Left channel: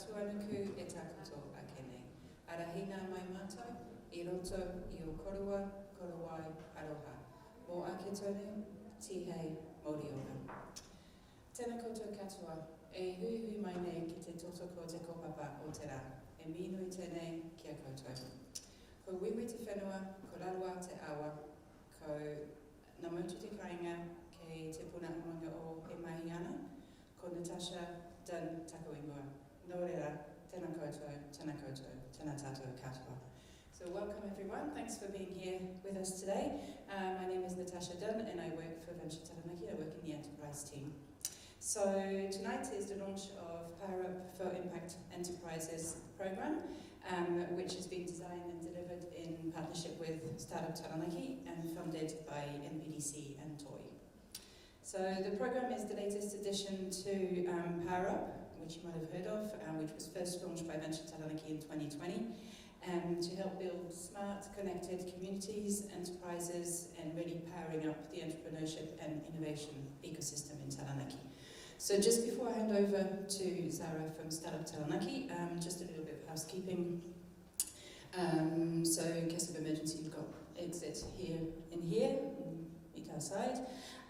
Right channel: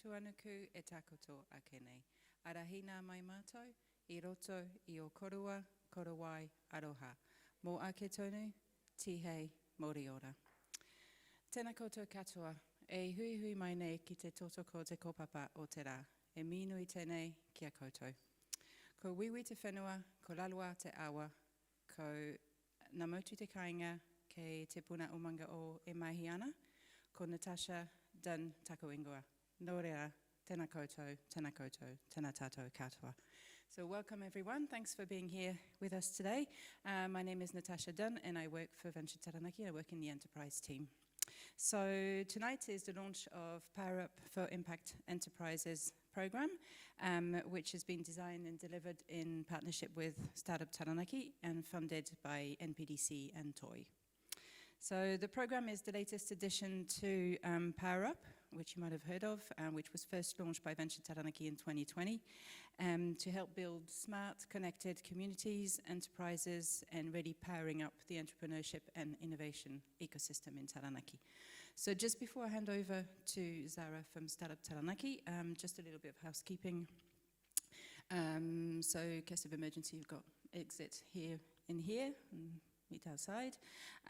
Tatuanuku e takoto akene. Arahina mai mātou, I roto I o korua, korowai, aroha. Mō ake tonu, tihei, moriora. Tēnā koutou katoa, e hui mai nei ki te totoko te kopapa o te rā. E minui tēnei kia koutou. Ko wiwi te whenua, ko rarua te awa, ko ngā mautu te kāinga kei te puna umanga o e mahi ana, ko Natasha Dunn tako ingoa. Nō reira, tēnā koutou, tēnā tātou katoa. So welcome everyone, thanks for being here with us today. My name is Natasha Dunn and I work for Untitled Taranaki. I work in the enterprise team. So tonight is the launch of PowerUp for Impact Enterprises program, which has been designed and delivered in partnership with StartUp Taranaki and funded by NPDC and TOY. So the program is the latest addition to PowerUp, which you might have heard of, which was first launched by Venture Taranaki in 2020, to help build smart, connected communities, enterprises, and really powering up the entrepreneurship and innovation ecosystem in Taranaki. So just before I hand over to Zara from StartUp Taranaki, just a little bit of housekeeping. So in case of emergency, you've got exit here, meet outside.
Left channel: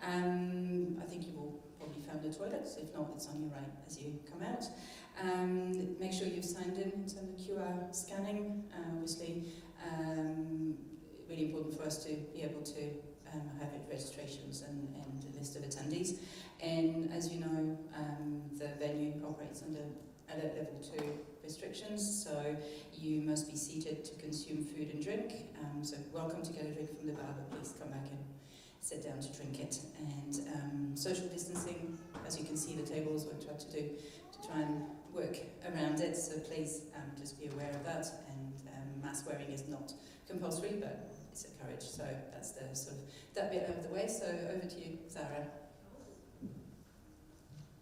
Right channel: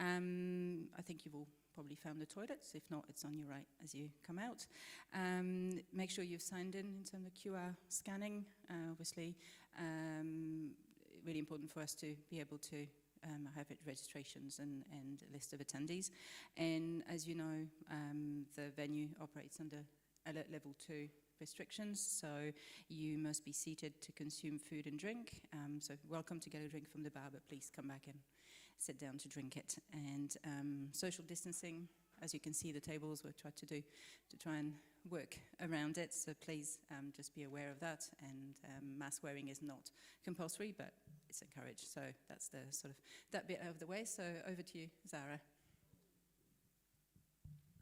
I think you've all probably found the toilets. If not, it's on your right as you come out. Make sure you've signed in terms of QR scanning. Obviously, really important for us to be able to have registrations and a list of attendees. And as you know, the venue operates under alert level 2 restrictions, so you must be seated to consume food and drink. So welcome to get a drink from the bar, but please come back and sit down to drink it. And social distancing, as you can see the tables, we've tried to do to try and work around it, so please just be aware of that. And mask wearing is not compulsory, but it's encouraged. So that's the sort of that bit out of the way. So over to you, Zara.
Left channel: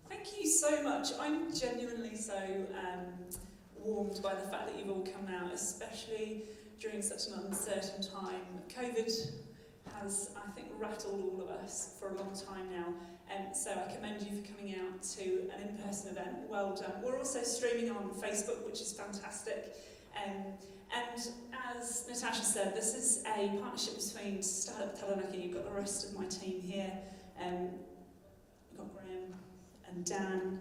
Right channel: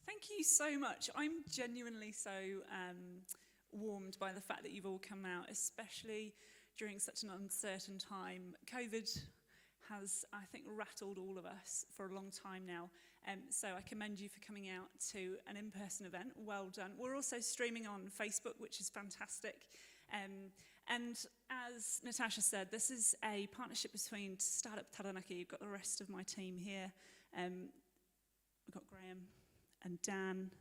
Thank you so much. I'm genuinely so warmed by the fact that you've all come out, especially during such an uncertain time. COVID has, I think, rattled all of us for a long time now, and so I commend you for coming out to an in-person event. Well done. We're also streaming on Facebook, which is fantastic. And as Natasha said, this is a partnership between StartUp Taranaki. You've got the rest of my team here. We've got Graham and Dan.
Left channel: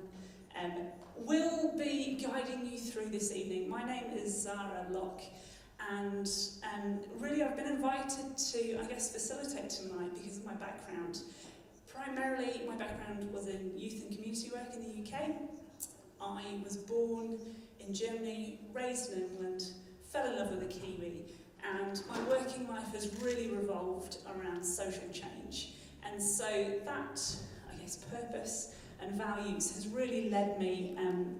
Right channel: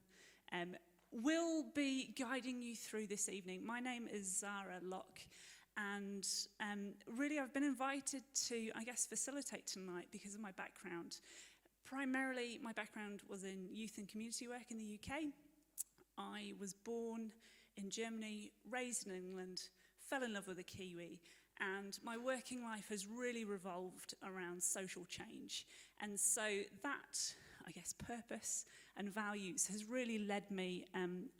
We'll be guiding you through this evening. My name is Zara Lok, and really I've been invited to, I guess, facilitate tonight because of my background. Primarily, my background was in youth and community work in the UK. I was born in Germany, raised in England, fell in love with a Kiwi, and my working life has really revolved around social change. And so that, I guess, purpose and values has really led me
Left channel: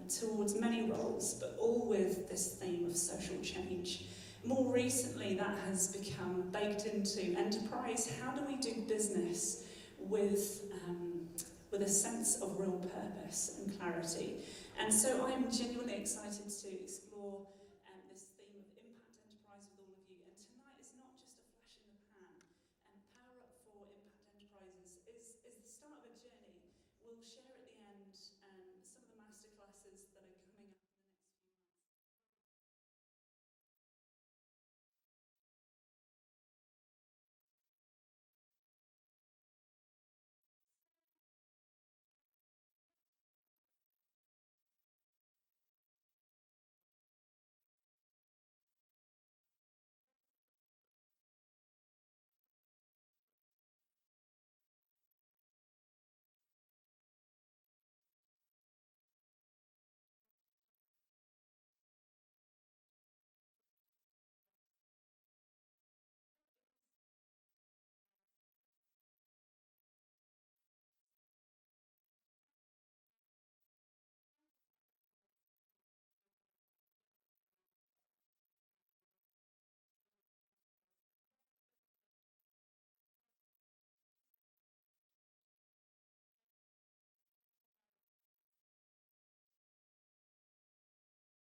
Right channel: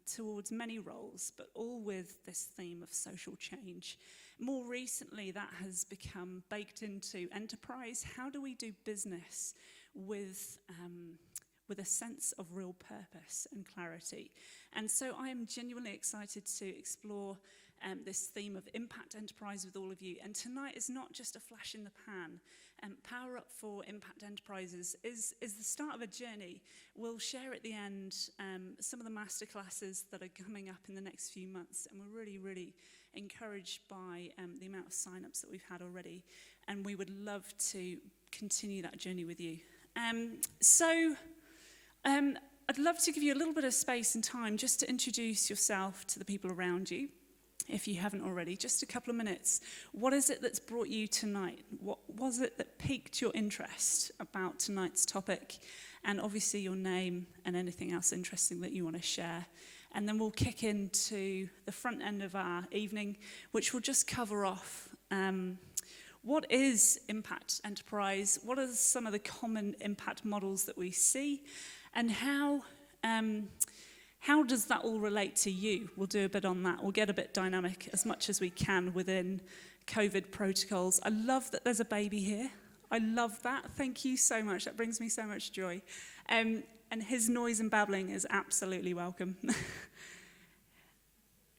towards many roles, but all with this theme of social change. More recently, that has become baked into enterprise. How do we do business with a sense of real purpose and clarity? And so I'm genuinely excited to explore this theme of impact enterprise with all of you. And tonight is not just a flash in the pan. PowerUp for Impact Enterprises is the start of a journey. We'll share at the end some of the masterclasses that are coming up in the next few months, and we're really, really encouraged by the amount of sign-ups that we've had already, and we would love to continue that journey with you. I'd love to give you a little bit of space and time just to introduce yourself to the people around you, if you haven't already. Just a couple of minutes. What is it that's brought you tonight? What was it that piqued your interest about tonight's topic? And obviously your name and anything else interesting that you want to share. And then we'll kick into the front end of our evening, which will just cover off what is impact enterprise, what are some of the common impact models that we see, and how does that all relate to you? We'll do a bit on that. We'll get a bit dynamic as much as we can within COVID protocols. I love that there's a baby here. I love that. Thank you so much. That brings me so much joy. And his noise and babbling is absolutely welcome.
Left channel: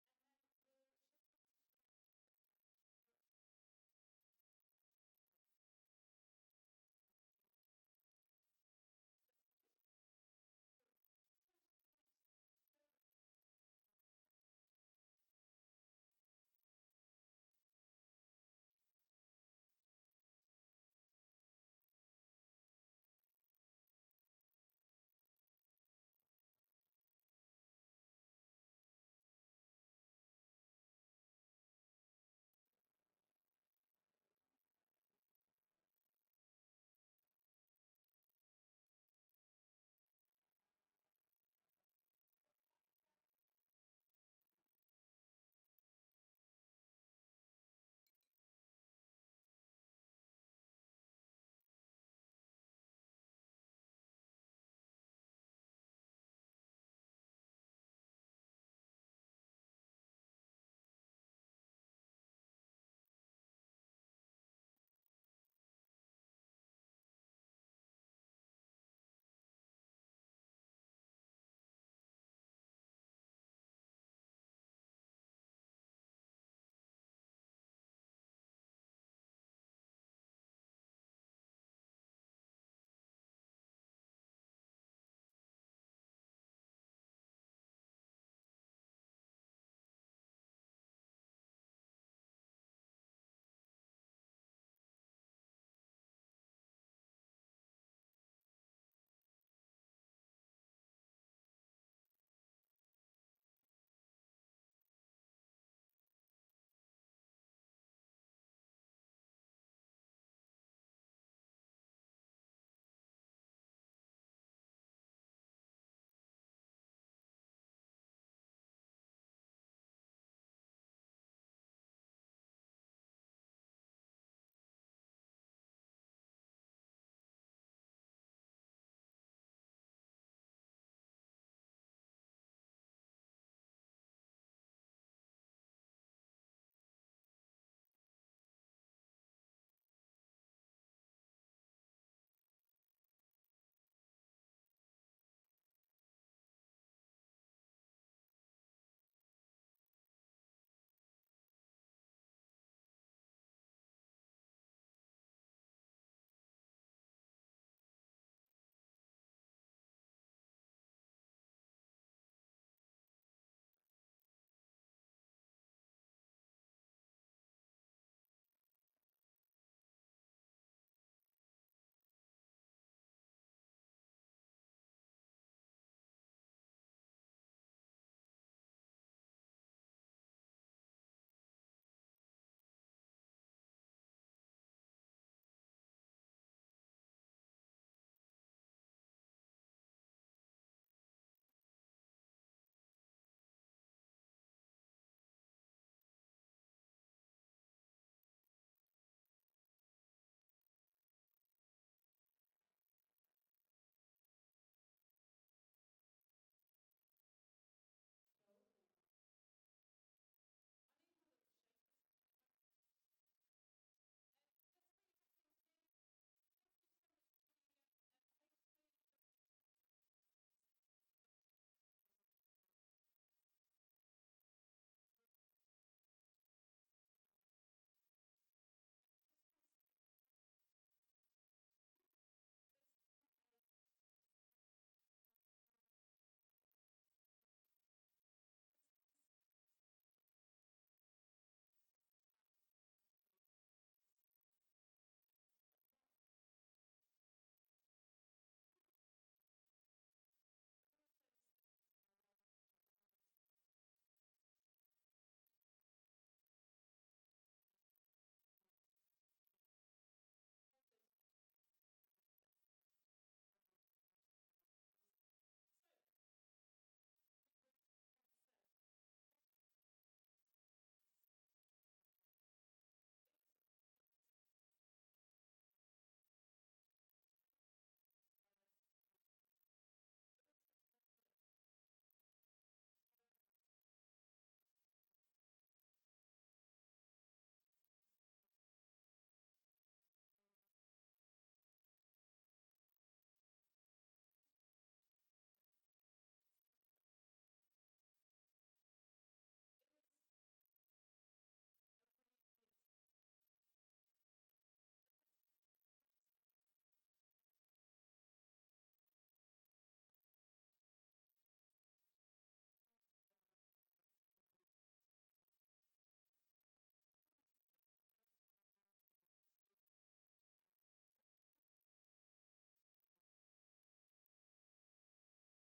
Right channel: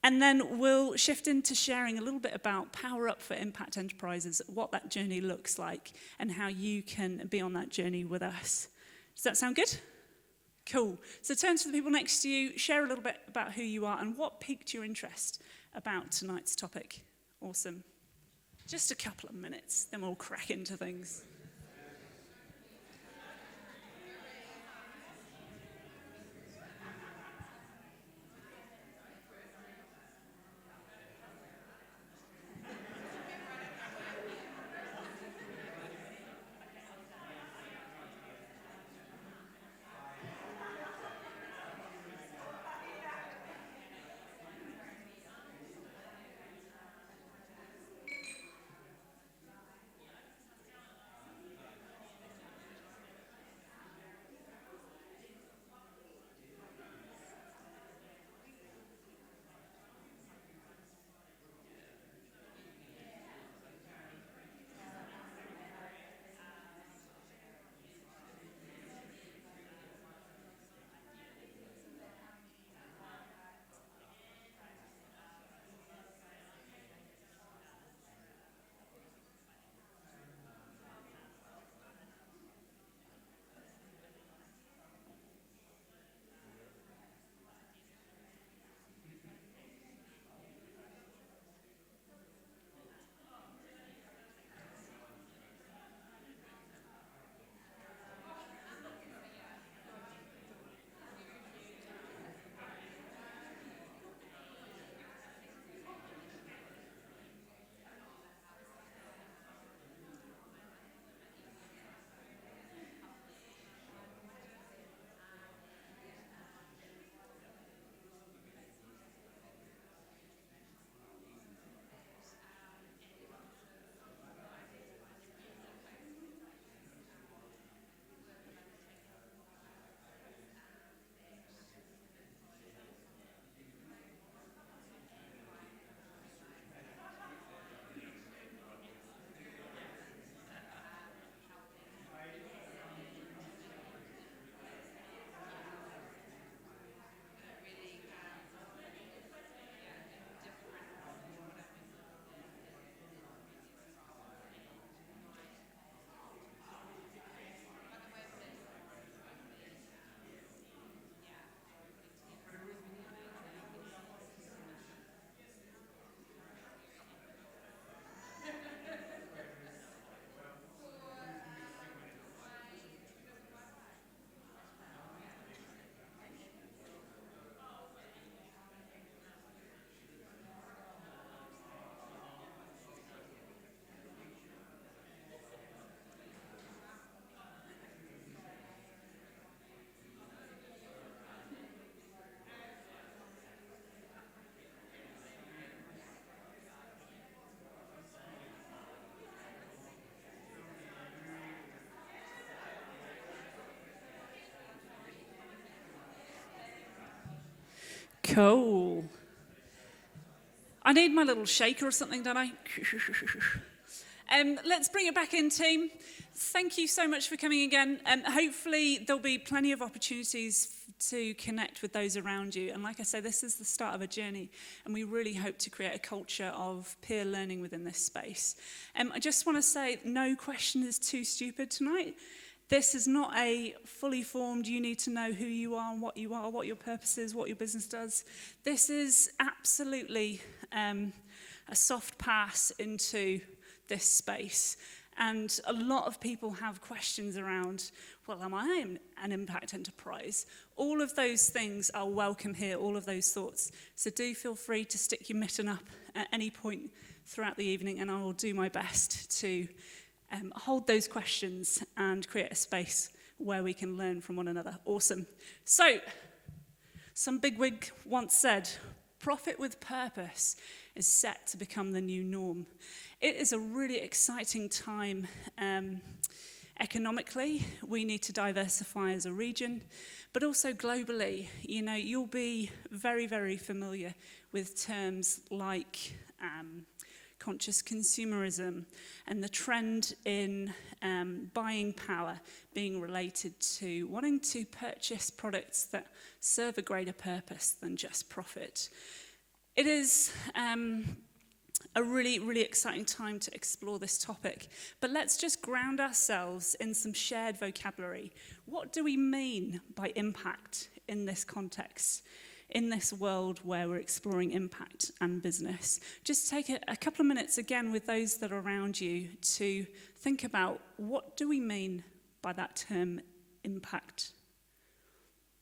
And then we'll shift into sharing a little bit about PowerUp for Impact Enterprises, what that journey looks like, and how you can be on that journey with us. Does that sound good? Cool. So turn to the people next to you, share a little bit about who you are and what piqued your interest about tonight's topic. Awesome. Just a couple of minutes, then we'll crack into things. Cool. I need my little shaker or something, don't I? Let's bring it back in, team. Thank you so much for coming again. Hopefully there'll be plenty of opportunities to connect with those around you. And like I say, this is the start of a journey, and we really hope to create a culture of peer learning within this space. I just want to say no question is too stupid tonight. This is not a fully formed, you need to know who you are, what your purpose is, what your business does. This is absolutely a soft pass into this space. And a lot of people have questions around, well, am I an impact enterprise? All of those things are welcome here, all of those thoughts. So do feel free to stick your mitten up at any point throughout the evening, and I will do my best to hold those questions and create a space where we can learn from one another. Awesome. So, some bigwig once said, profit with purpose is set to become the new norm. It is a really exciting time economically. We need to diversify as a region, but also globally. You know, you'll be very, very familiar with terms like conscious consumerism and the trend in buying power being related to wanting to purchase products that serve a greater purpose than just profit. It is a really, really exciting time to explore this topic. But let's just ground ourselves in some shared vocabulary. What do we mean by impact in this context, in this world where we're exploring impact and business? Just take a couple of minutes again with those that are around you to think about, what do we mean by that term impact?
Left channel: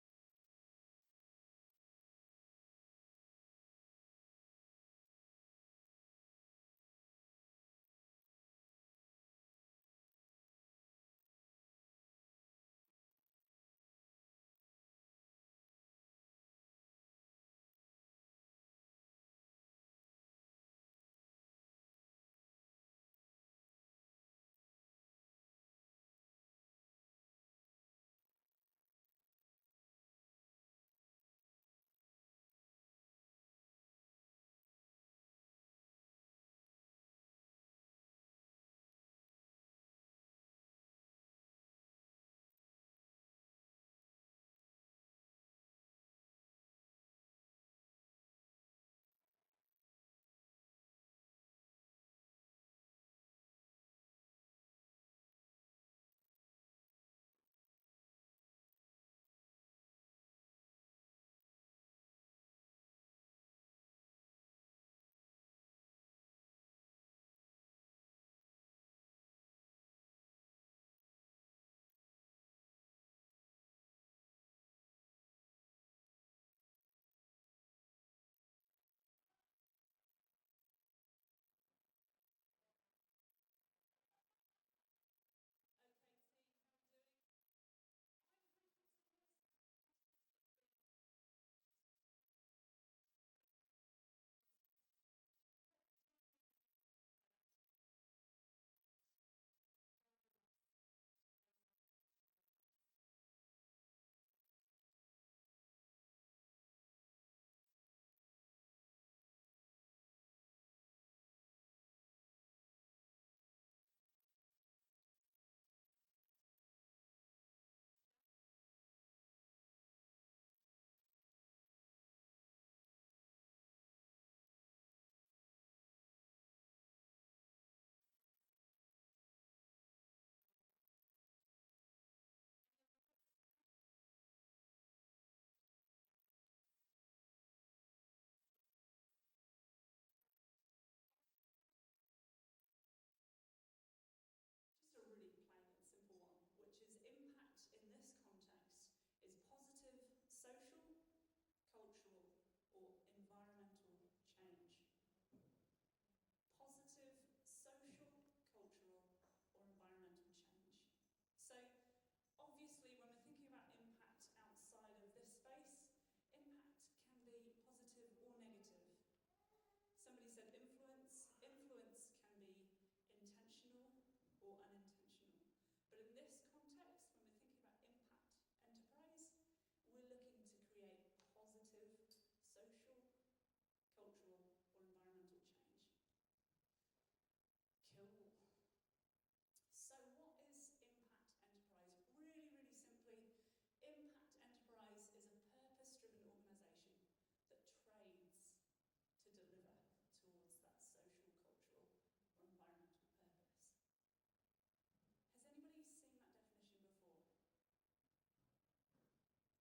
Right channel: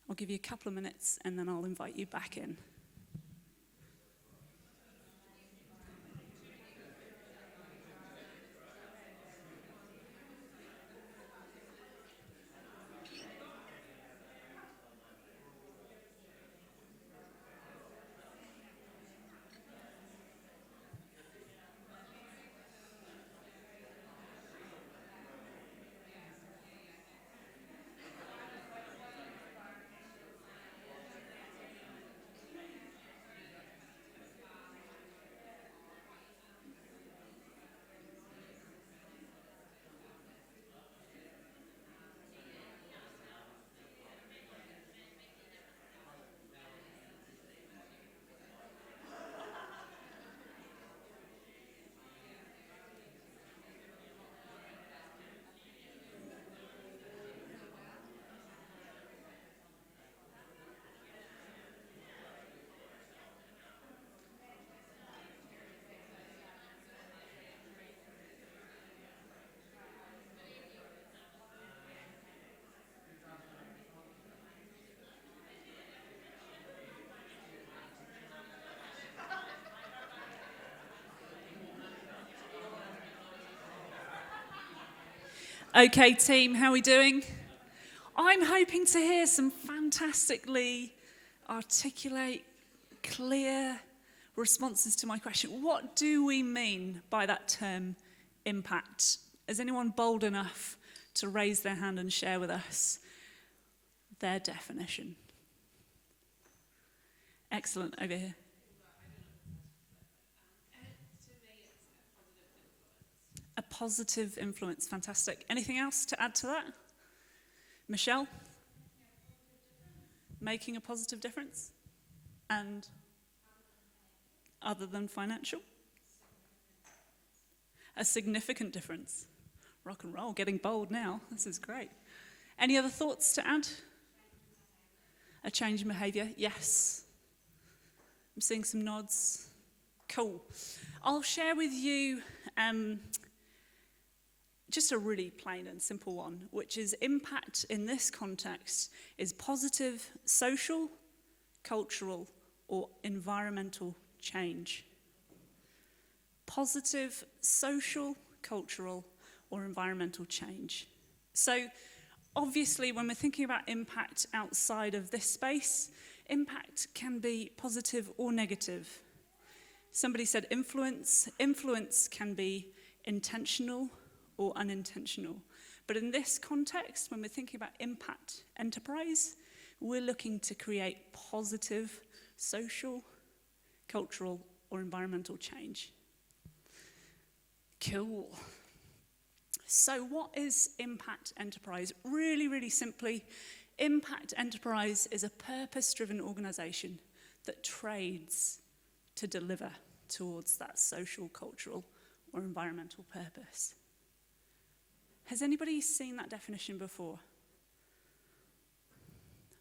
I'll give you a couple of minutes and then I'll invite you back in. Okay, team, how are we doing? I'm hoping to hear some fantastically articulate, clear responses to my question. What do we mean by that term impact? Is anyone bold enough to raise their hand and share with us their definition? Excellent, over here. A positive influence, fantastic. Anything else to add to that? Michelle? Making a positive difference? And other than financial? A significant difference. Rock and roll, getting bold now. This is great. Any other thoughts to add? A change in behaviour? Yes. I'm seeing some nods. Cool. I'll share with you just a really plain and simple one, which is impact in this context is positive social, cultural, or environmental change. Positive social, cultural, or environmental change. So obviously when we're thinking about impact outside of this space, impact can be positive or negative. Somebody said influence. Influence can be intentional or unintentional. But in this context, when we're thinking about impact enterprise, we're looking to create positive social, cultural, or environmental change. Cool. So what is impact enterprise? Really, really simply, impact enterprise is a purpose-driven organization that trades to deliver towards that social, cultural, or environmental purpose. Has anybody seen that definition before?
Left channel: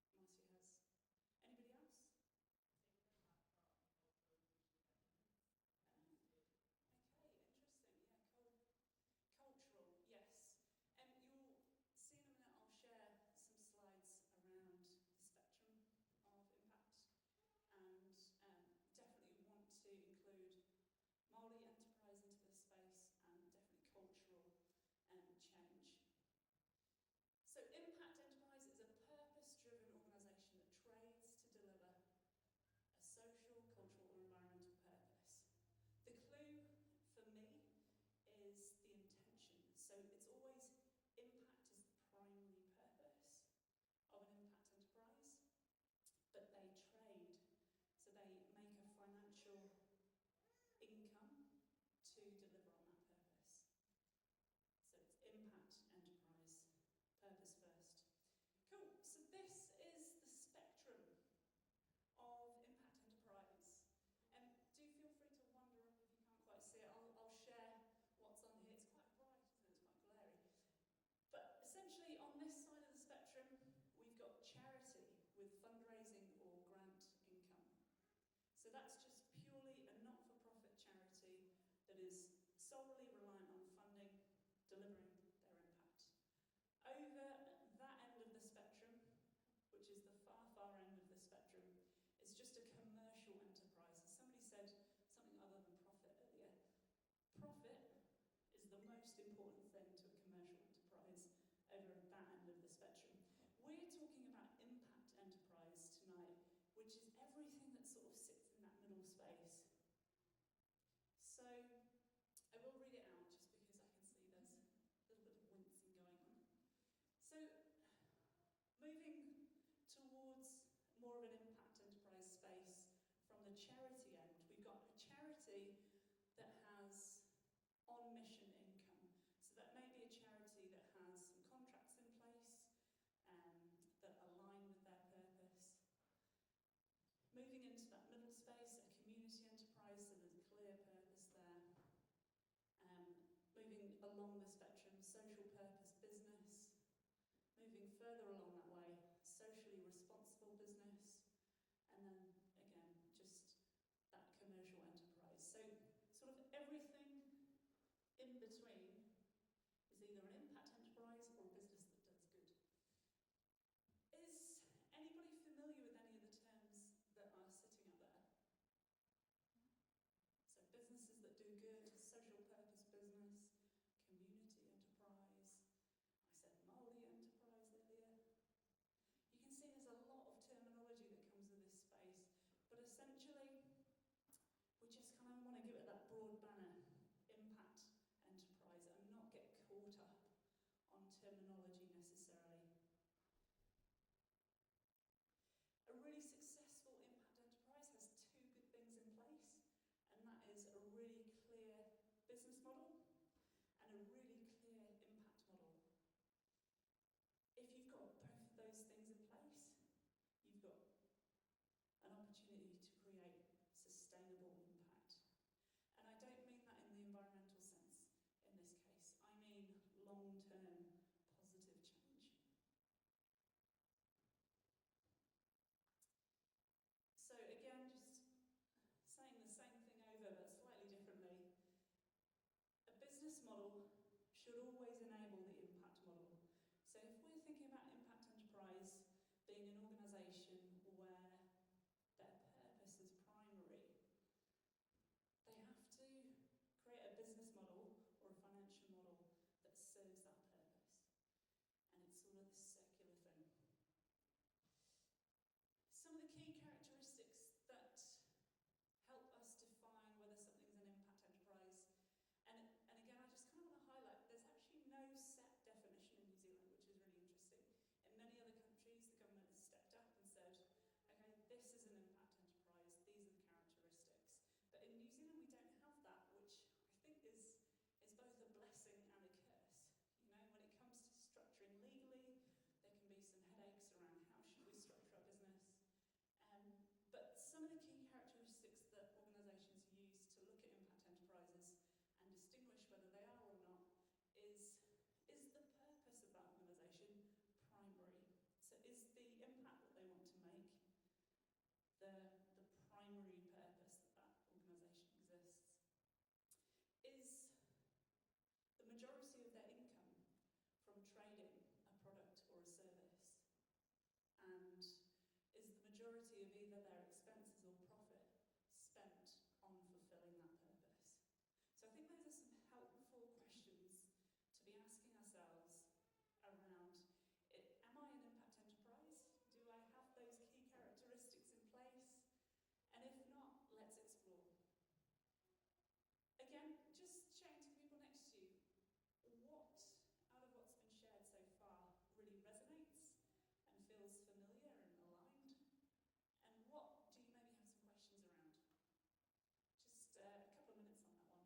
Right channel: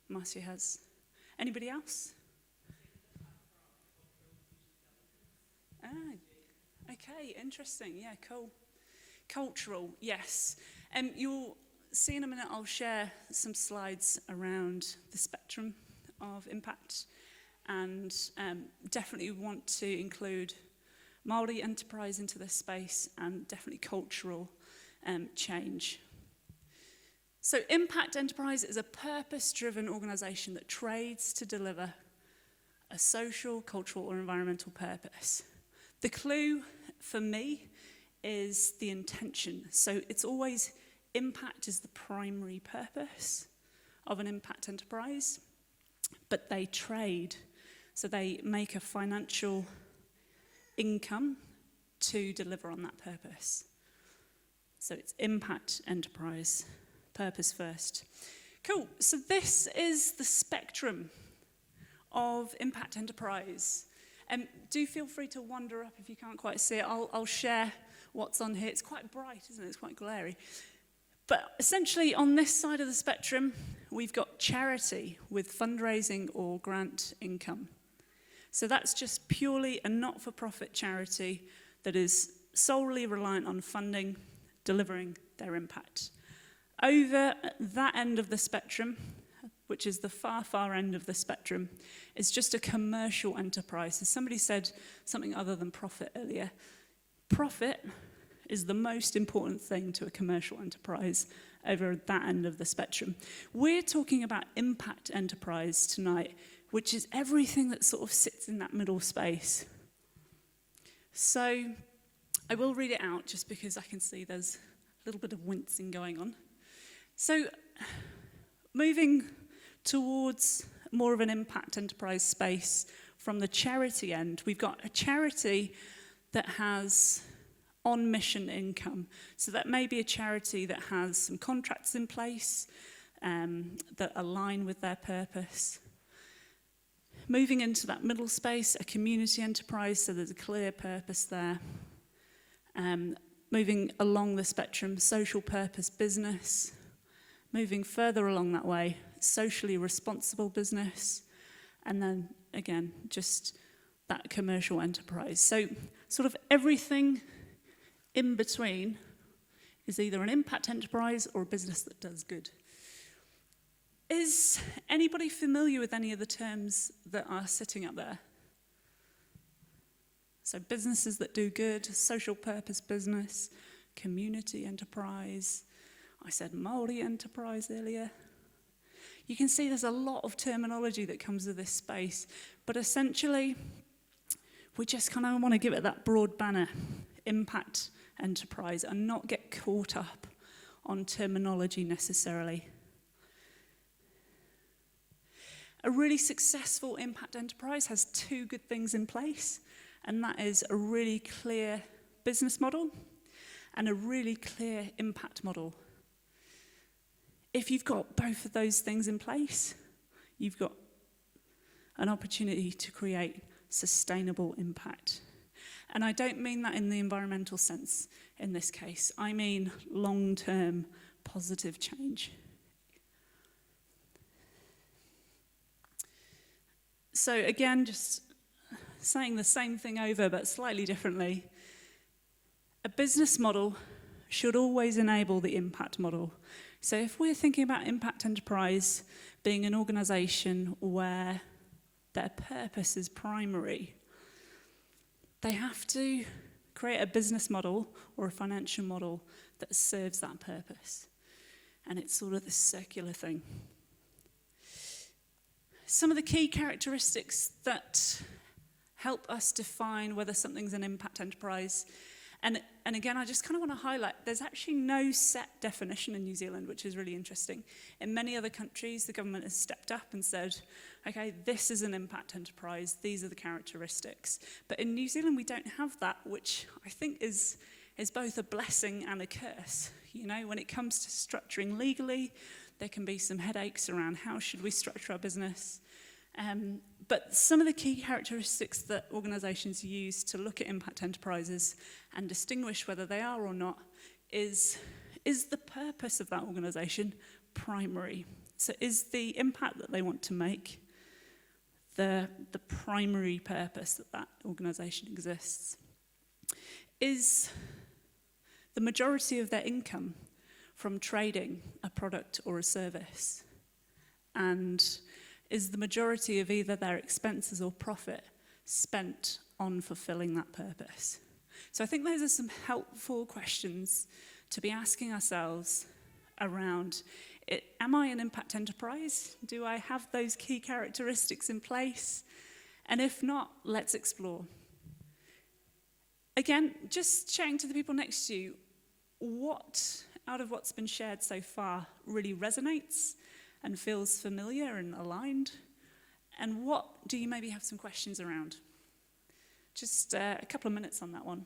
Marcia has. Anybody else? Ah, okay, interesting. Yeah, cool. Cultural, yes. You'll see in a minute, I'll share some slides around the spectrum of impact, and definitely want to include Māori enterprise into this space, and definitely cultural change. So impact enterprise is a purpose-driven organisation that trades to deliver a social, cultural, or environmental purpose. The clue for me is the intention. So it's always impact is the primary purpose of an impact enterprise, but they trade. So they make a financial income to deliver on that purpose. So it's impact enterprise, purpose first. Cool, so this is the spectrum of impact enterprise. Do feel free to wander up if you can't quite see it. I'll share what's on here. It's quite bright, isn't it? It's quite glary. But essentially, on this side of the spectrum, we've got charity with fundraising or grant income. So that's just purely a not-for-profit charity that is solely reliant on funding, delivering their impact. Over that end of the spectrum, which is the far, far end of the spectrum, is just a commercial enterprise. So somebody said something other than profit earlier. Profit is the most important thing to a commercial enterprise over that end of the spectrum. We're talking about impact enterprise tonight, which is everything that sort of sits in that middle space. So I will read it out just because I can see there's a little bit of wincing going on. So moving towards more of an impact enterprise space from the charity end, we've got a charity that has on-mission income. So that may be a charity that has some contracts in place that align with their purpose. Moving into that middle space, a community enterprise, so there's a clear purpose there. Moving along the spectrum, social purpose business. Moving further along that way, socially responsible business. And then, again, just that commercial enterprise. So sort of everything in between is either an impact enterprise or a business that does good. Is anybody familiar with any of the terms that are sitting up there? So businesses that do good, social purpose business, community enterprise. I said multi-enterprise earlier. You can see there's a lot of terminology that comes with this space, but essentially, we just kind of want to give it that broad banner, impact enterprise, and not get caught up on terminology necessarily. A really successful impact enterprise has two good things in place, and that is a really clear business model and a really clear impact model. If you've got both of those things in place, you've got an opportunity to create sustainable impact. And I don't mean that in the environmental sense in this case. I mean long-term positive change. So again, just saying the same thing over but slightly differently. A business model should always enable the impact model. So if we're thinking about impact enterprise being an organisation where their purpose is primary, they have to create a business model or a financial model that serves that purpose. And it's sort of this circular thing. Some of the key characteristics that help us define whether something's an impact enterprise. And again, I just kind of want to highlight, there's actually no set definition in New Zealand, which is really interesting. In many other countries, the government has stepped up and said, okay, this is an impact enterprise, these are the characteristics. But in New Zealand, we don't have that, which I think is both a blessing and a curse. You know, when it comes to structuring legally, there can be some headaches around how should we structure our business. But some of the key characteristics that organisations use to look at impact enterprises and distinguish whether they are or not is the purpose of that organisation primary? So is the impact that they want to make the primary purpose that organisation exists? Is the majority of their income from trading a product or a service? And is the majority of either their expenses or profit spent on fulfilling that purpose? So I think those are some helpful questions to be asking ourselves around, am I an impact enterprise? Do I have those key characteristics in place? And if not, let's explore. Again, just chatting to the people next to you, what out of what's been shared so far really resonates and feels familiar and aligned? And what do you maybe have some questions around? Just a couple of minutes on that one.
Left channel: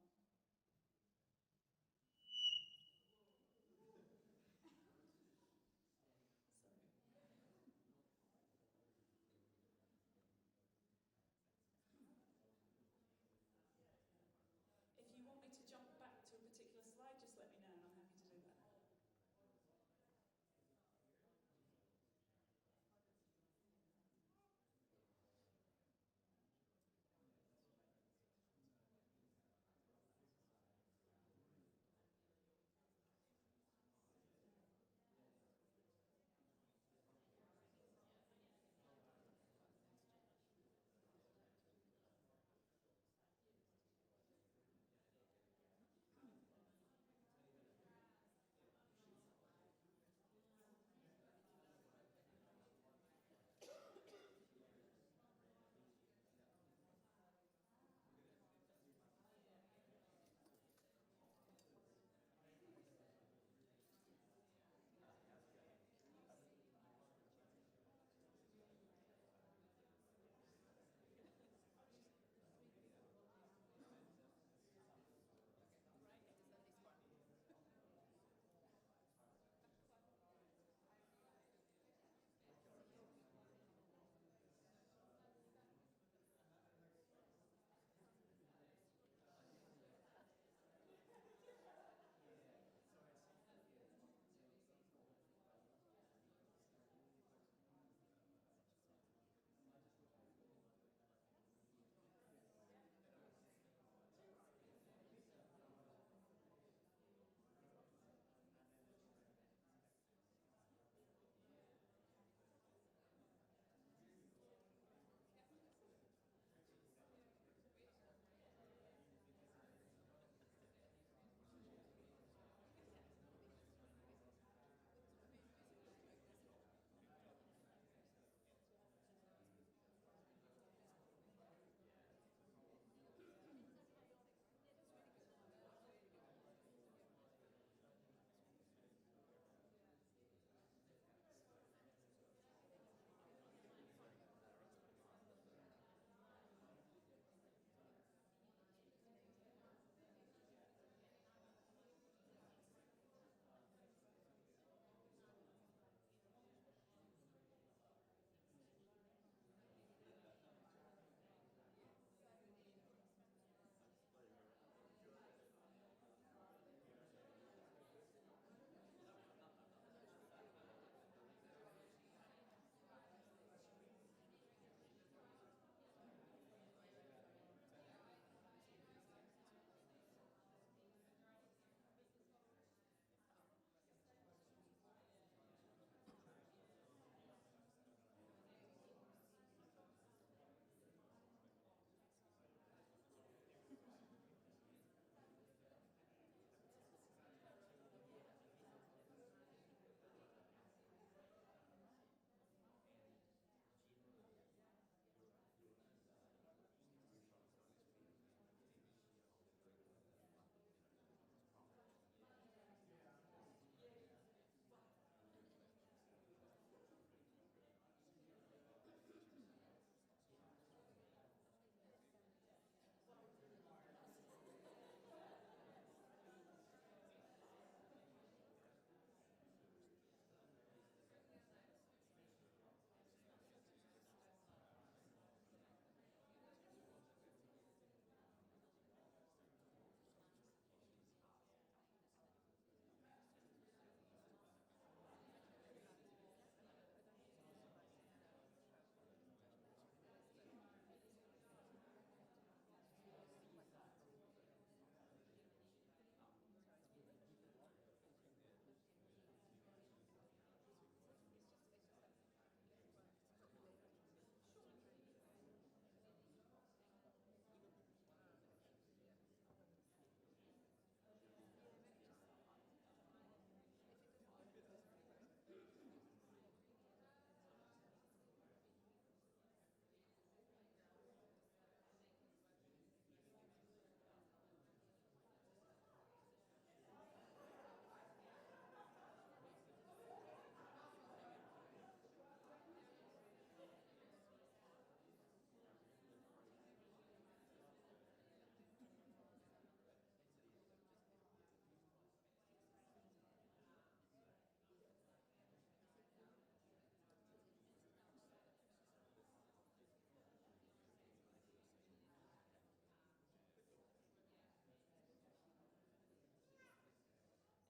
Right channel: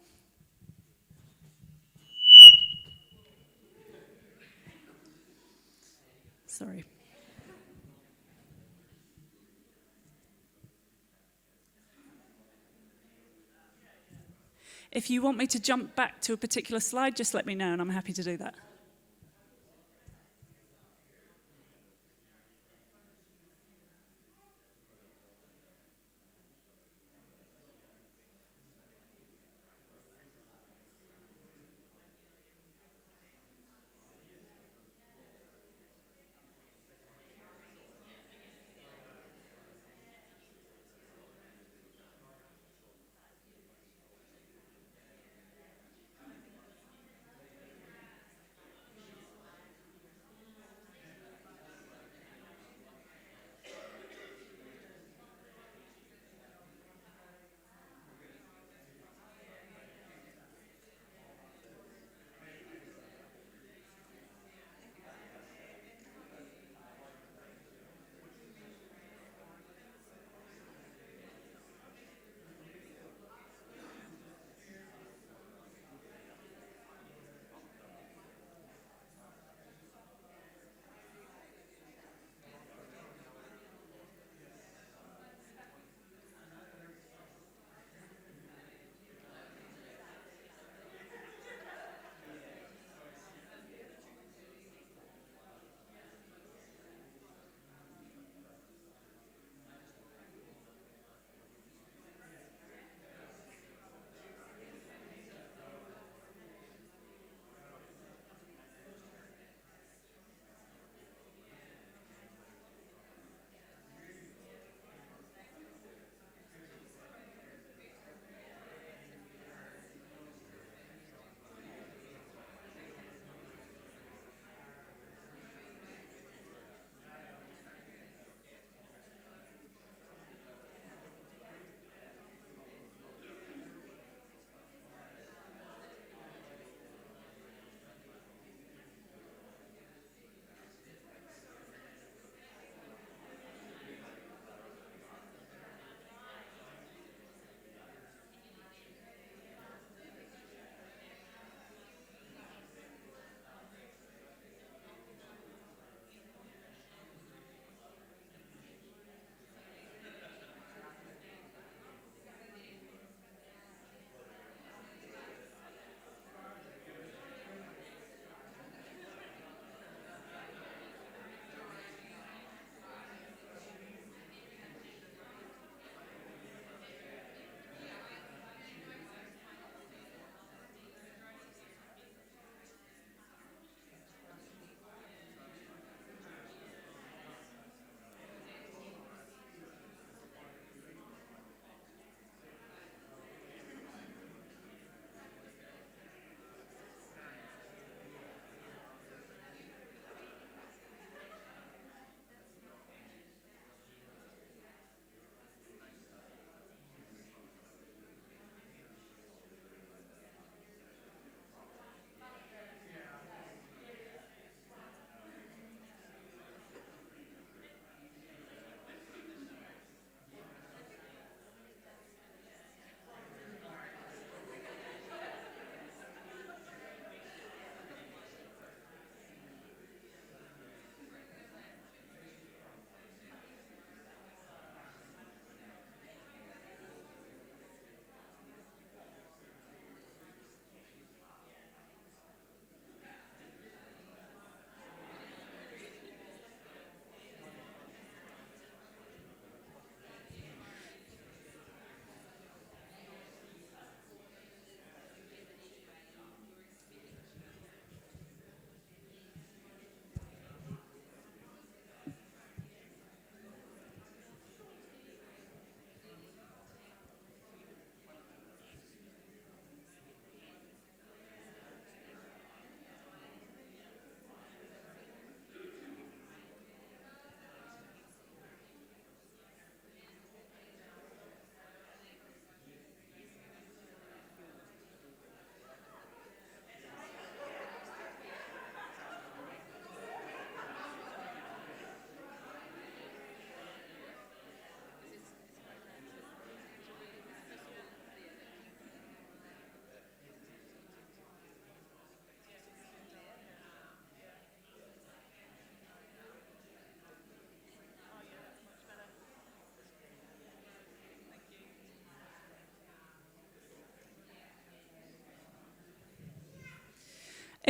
Sorry. If you want me to jump back to a particular slide, just let me know and I'm happy to do that.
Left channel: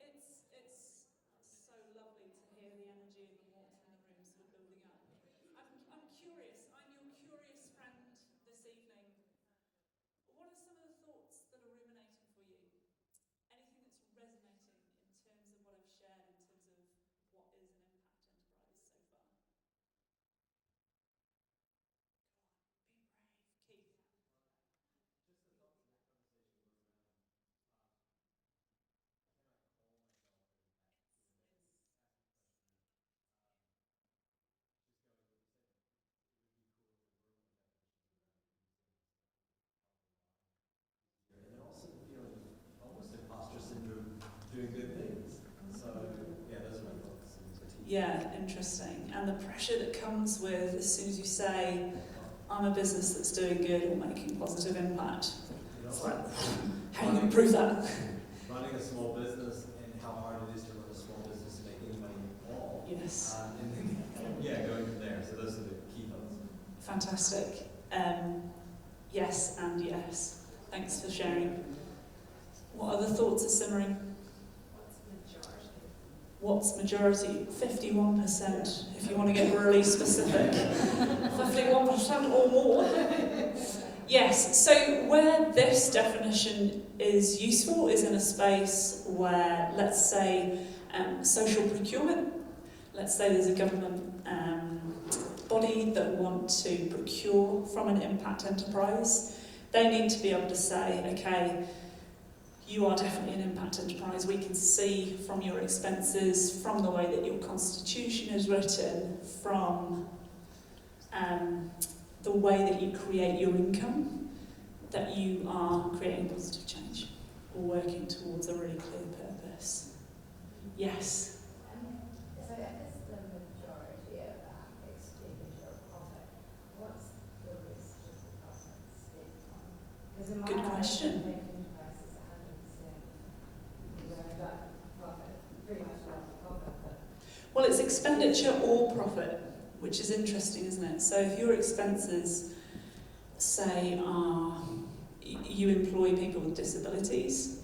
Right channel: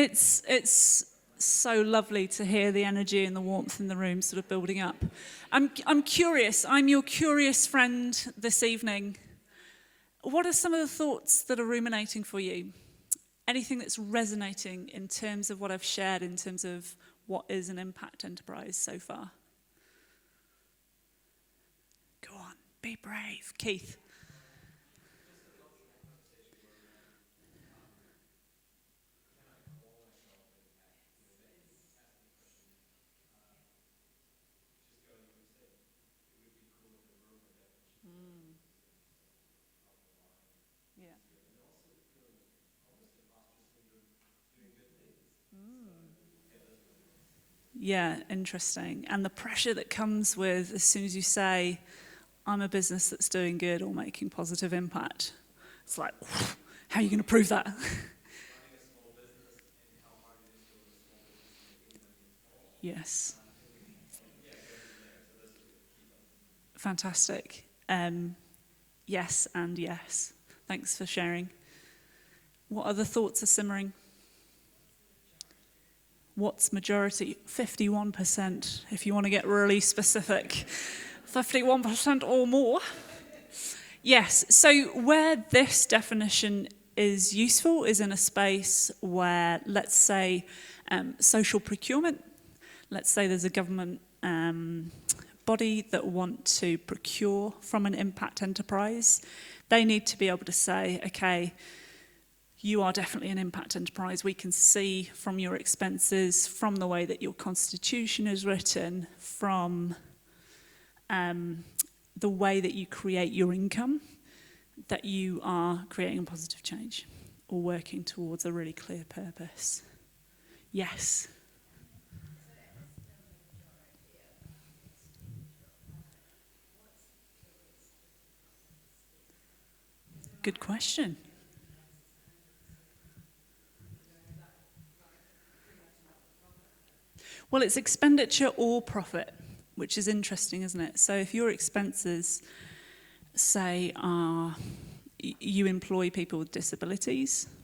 It's so lovely to hear the energy and the warmth in the room sort of building up. I'm curious. I'm your curious friend this evening. What are some of the thoughts that are ruminating for you? Anything that's resonating in terms of what I've shared, in terms of what is an impact enterprise so far? Go on, be brave. Keith. Yeah, interesting. And the pressure that comes with as soon as you say, I'm a business that's doing good or making positive impact. It's like, how are you going to prove that? Running a small business and how hard it is to run a small business and make any money at all. Yes. And then, going from there. So those are the key thoughts. Fantastic. Yes and yes. Thanks for sharing. What other thoughts are simmering? What's majority? 51%, if you want to get really specific. 51% or more. Yes, so where this definition is useful is in a space where, let's say, social procurement. Let's say there's a government body that want to procure from an impact enterprise. They need to be able to say, okay, you are definitely an impact enterprise. We can see from your expenses, from the way that your constitution is written, from the way that you create your income, that you are creating positive change or working towards a really clear purpose. Yes? So if it's the majority of that expenditure of profit, what's the rest of the profit spent on? Good question. Well, it's expenditure or profit, which is interesting, isn't it? So if your expenses, say, are you employ people with disabilities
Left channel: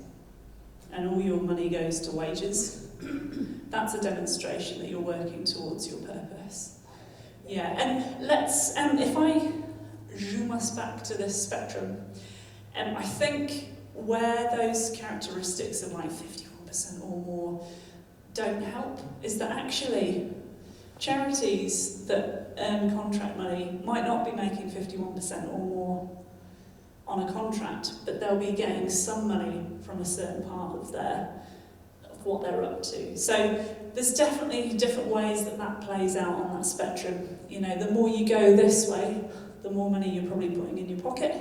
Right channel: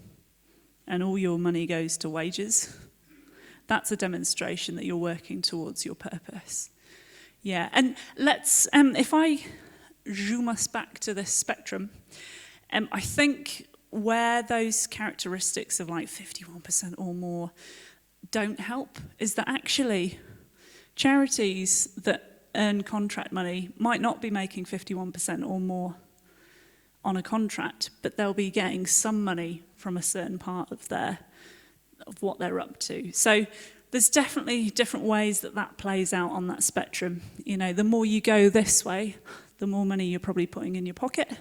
and all your money goes to wages, that's a demonstration that you're working towards your purpose. Yeah, and let's, if I zoom us back to this spectrum, I think where those characteristics of like 51% or more don't help is that actually charities that earn contract money might not be making 51% or more on a contract, but they'll be getting some money from a certain part of what they're up to. So there's definitely different ways that plays out on that spectrum. You know, the more you go this way, the more money you're probably putting in your pocket.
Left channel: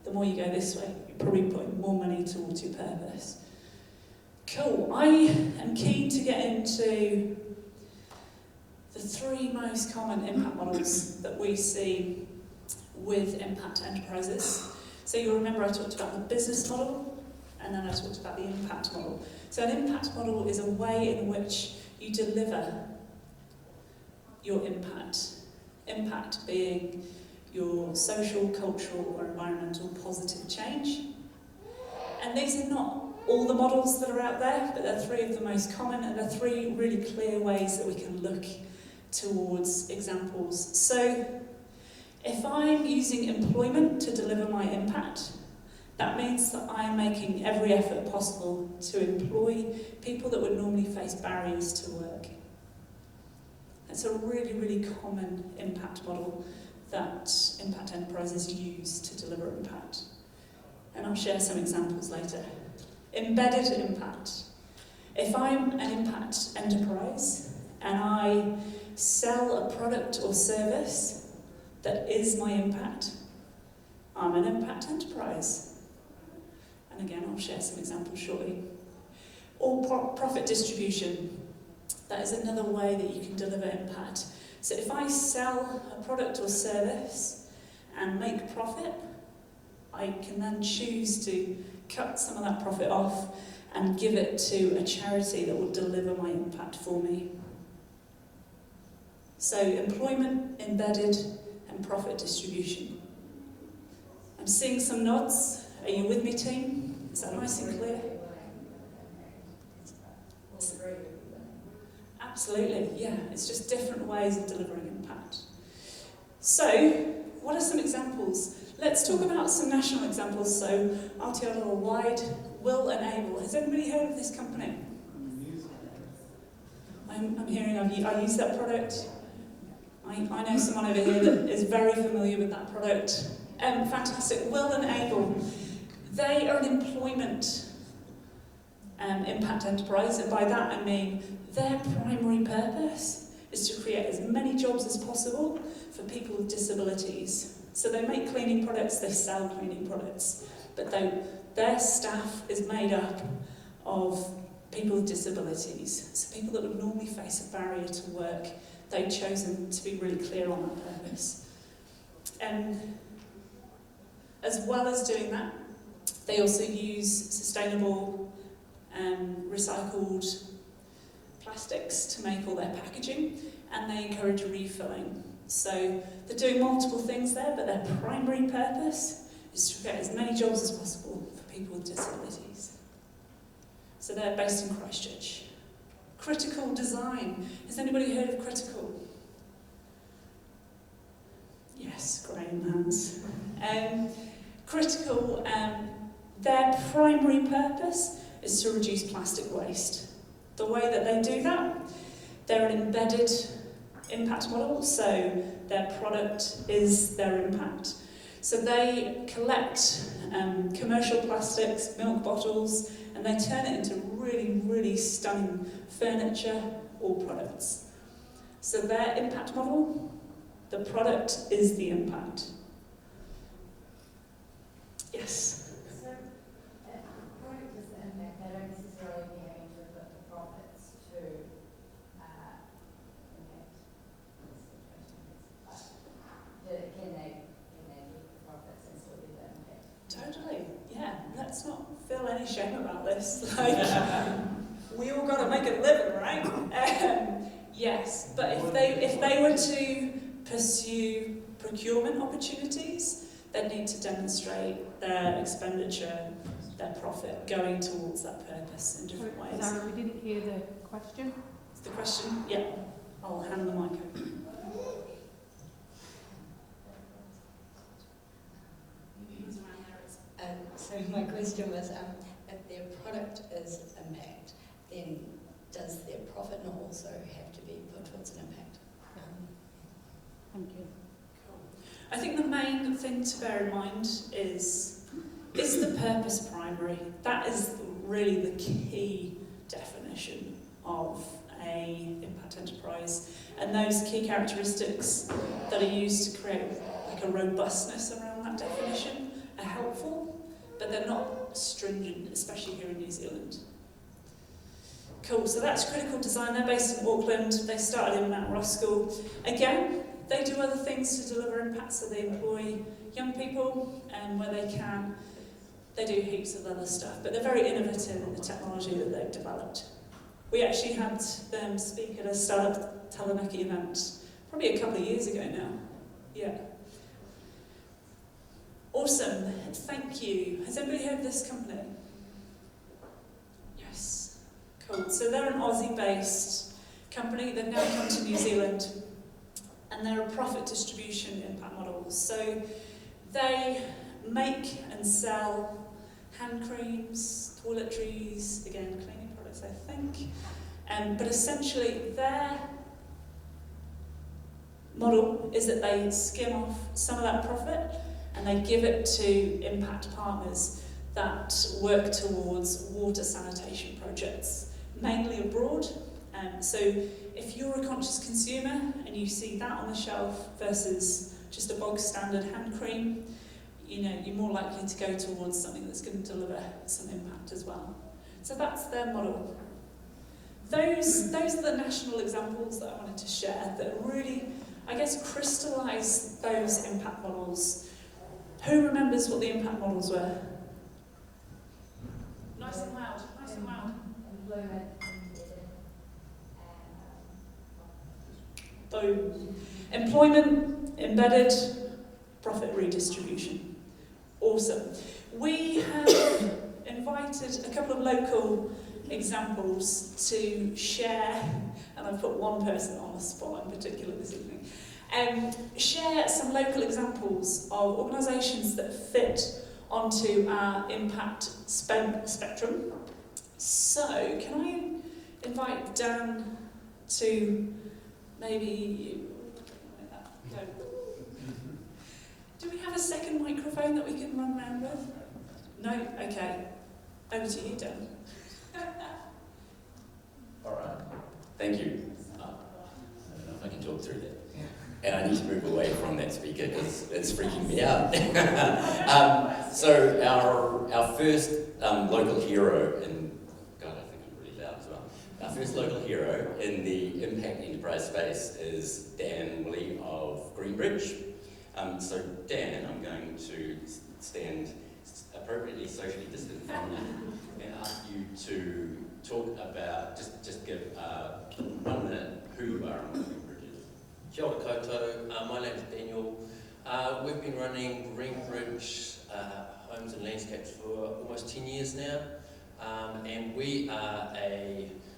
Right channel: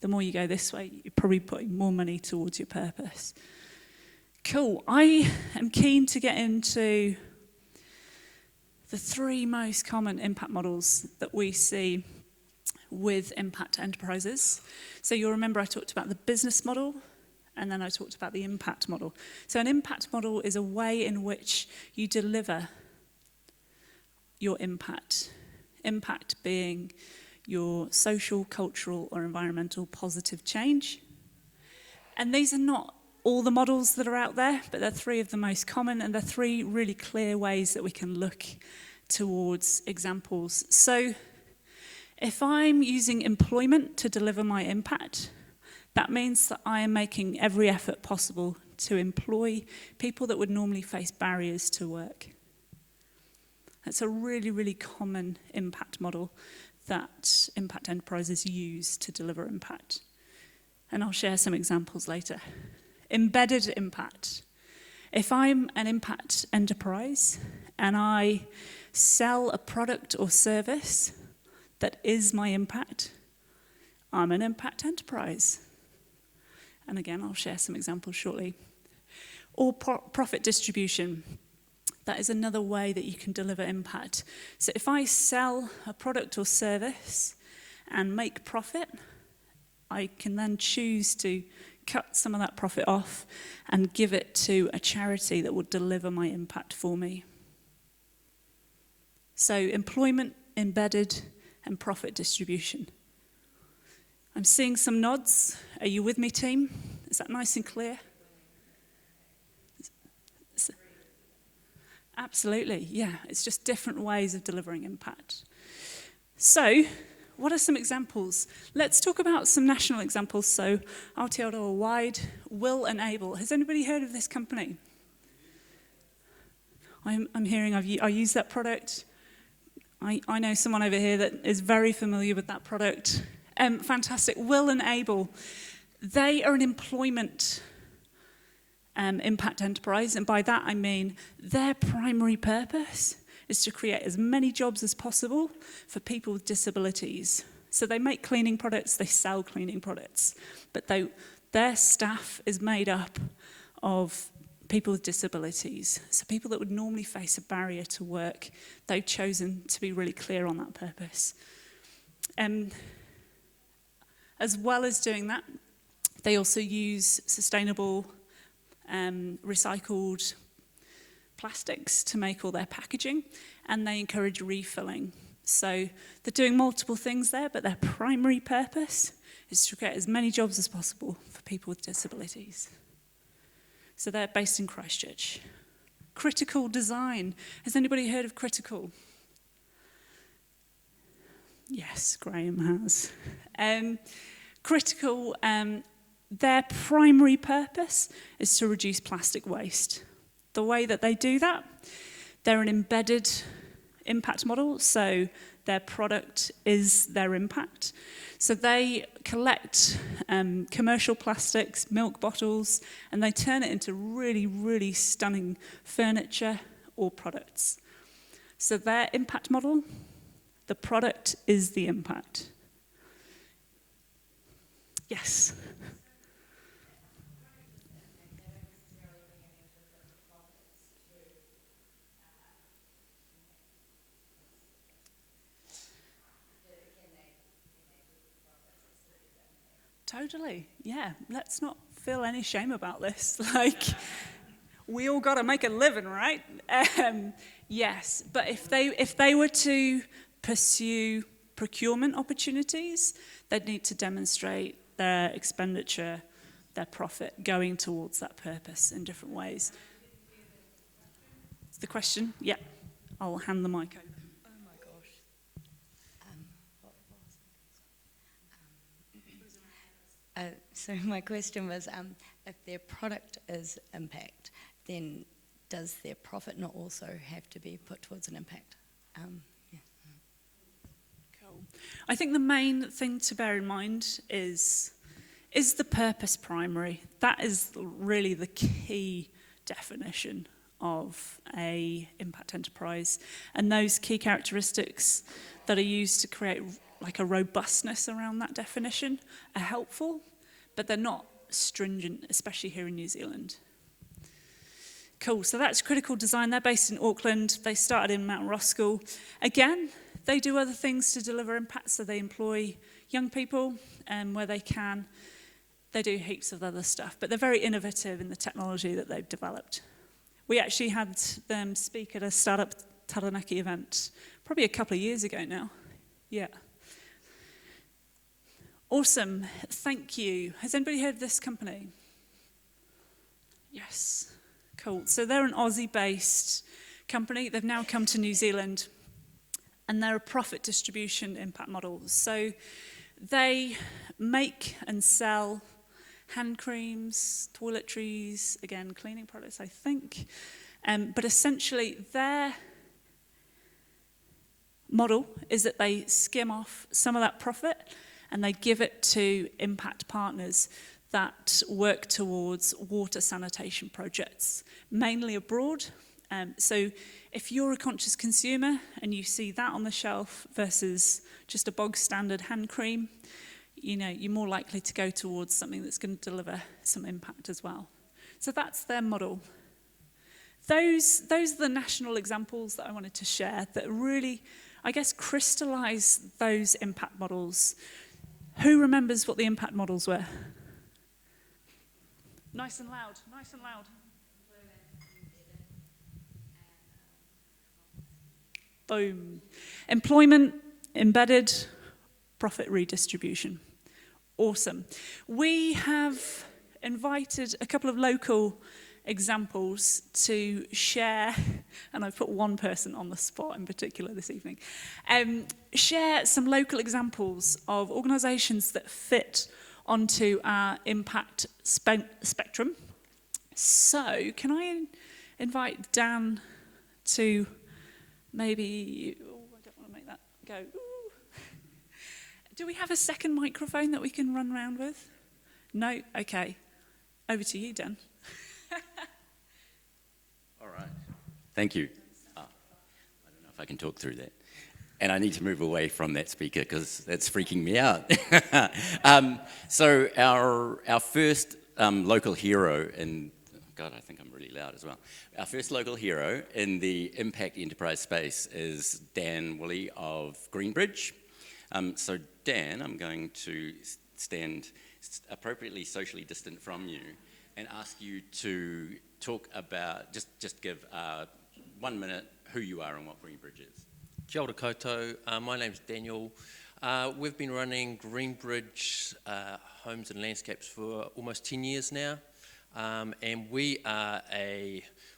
The more you go this way, you're probably putting more money towards your purpose. Cool. I am keen to get into the 3 most common impact models that we see with impact enterprises. So you'll remember I talked about the business model, and then I talked about the impact model. So an impact model is a way in which you deliver your impact. Impact being your social, cultural, or environmental positive change. And these are not all the models that are out there, but they're 3 of the most common, and they're 3 really clear ways that we can look towards examples. So if I'm using employment to deliver my impact, that means that I am making every effort possible to employ people that would normally face barriers to work. That's a really, really common impact model that impact enterprises use to deliver impact. And I'll share some examples later. Embedded impact. If I'm an impact enterprise and I sell a product or service that is my impact, I'm an impact enterprise. And again, I'll share some examples shortly. Or profit distribution. That is another way that you can deliver impact. So if I sell a product or service and make profit, I can then choose to cut some of that profit off and give it to a charity that will deliver my impact for me. So employment, embedded, and profit distribution. I'm seeing some nods. Are you with me, team? Is that nice and clear? Absolutely, yeah. It's just different ways of delivering impact. So, what are some examples? Let's talk about some national examples. So, Aotearoa wide, will enable. Has anybody heard of this company? I'm hearing I use that product. I know someone over here that is very familiar with that product. Fantastic. Will enable. They are an employment impact enterprise, and by that I mean their primary purpose is to create as many jobs as possible for people with disabilities. So they make cleaning products, they sell cleaning products, but their staff is made up of people with disabilities. So people that would normally face a barrier to work, they've chosen to be really clear on that purpose. As well as doing that, they also use sustainable recycled plastics to make all their packaging, and they encourage refilling. So they're doing multiple things there, but their primary purpose is to create as many jobs as possible for people with disabilities. So they're based in Christchurch. Critical design. Has anybody heard of Critical? Yes, Graham has. Critical, their primary purpose is to reduce plastic waste. The way that they do that, they're an embedded impact model, so their product is their impact. So they collect commercial plastics, milk bottles, and they turn it into really, really stunning furniture or products. So their impact model, the product is the impact. Yes? Totally, yeah. Let's not feel any shame about this. Like, we all got to make a living, right? Yes, but if they were to pursue procurement opportunities, they'd need to demonstrate their expenditure, their profit going towards that purpose in different ways. Zara, we didn't hear the question. The question? Yeah. I'll hand the mic over. So my question was, if their product is impact, then does their profit not also have to be put towards an impact? Thank you. Cool. I think the main thing to bear in mind is the purpose primary? That is really the key definition of a impact enterprise, and those key characteristics that are used to create like a robustness around that definition are helpful, but they're not stringent, especially here in New Zealand. Cool, so that's Critical Design. They're based in Auckland. They started in Mount Roskill. Again, they do other things to deliver impact, so they employ young people where they can. They do heaps of other stuff, but they're very innovative in the technology that they've developed. We actually had them speak at a StartUp Taranaki event probably a couple of years ago now. Yeah. Awesome, thank you. Has anybody heard of this company? Yes, cool. So they're an Aussie-based company. They've now come to New Zealand, and they're a profit distribution impact model. So they make and sell hand creams, toiletries, again, cleaning products, I think. But essentially, their model is that they skim off some of that profit and they give it to impact partners that work towards water sanitation projects, mainly abroad. So if you're a conscious consumer and you see that on the shelf versus just a bog standard hand cream, you know, you're more likely to go towards something that's going to deliver some impact as well. So that's their model. Those are the national examples that I wanted to share that really, I guess, crystallise those impact models. Who remembers what the impact models were? Nice and loud, nice and loud. Boom. Employment, embedded, profit redistribution. Awesome. We have invited a couple of local examples to share, and I've put one person on the spot in particular this evening, share some local examples of organisations that fit onto our impact spectrum. So, can I invite Dan to maybe make that go? Do we have a second microphone that we can run around with? No? Okay. Over to you, Dan. All right. Thank you. I don't know if I can talk through that. And I need to move away from that speaker because it's freaking me out. So our first local hero in, God, I think I'm really loud as well. Our first local hero in the impact enterprise space is Dan Willey of Greenbridge. So Dan, I'm going to stand appropriately socially distant from you and ask you to talk about, just give 1 minute who you are and what Greenbridge is. Kia ora koutou, my name's Daniel. We've been running Greenbridge Homes and Landscapes for almost 10 years now, and we are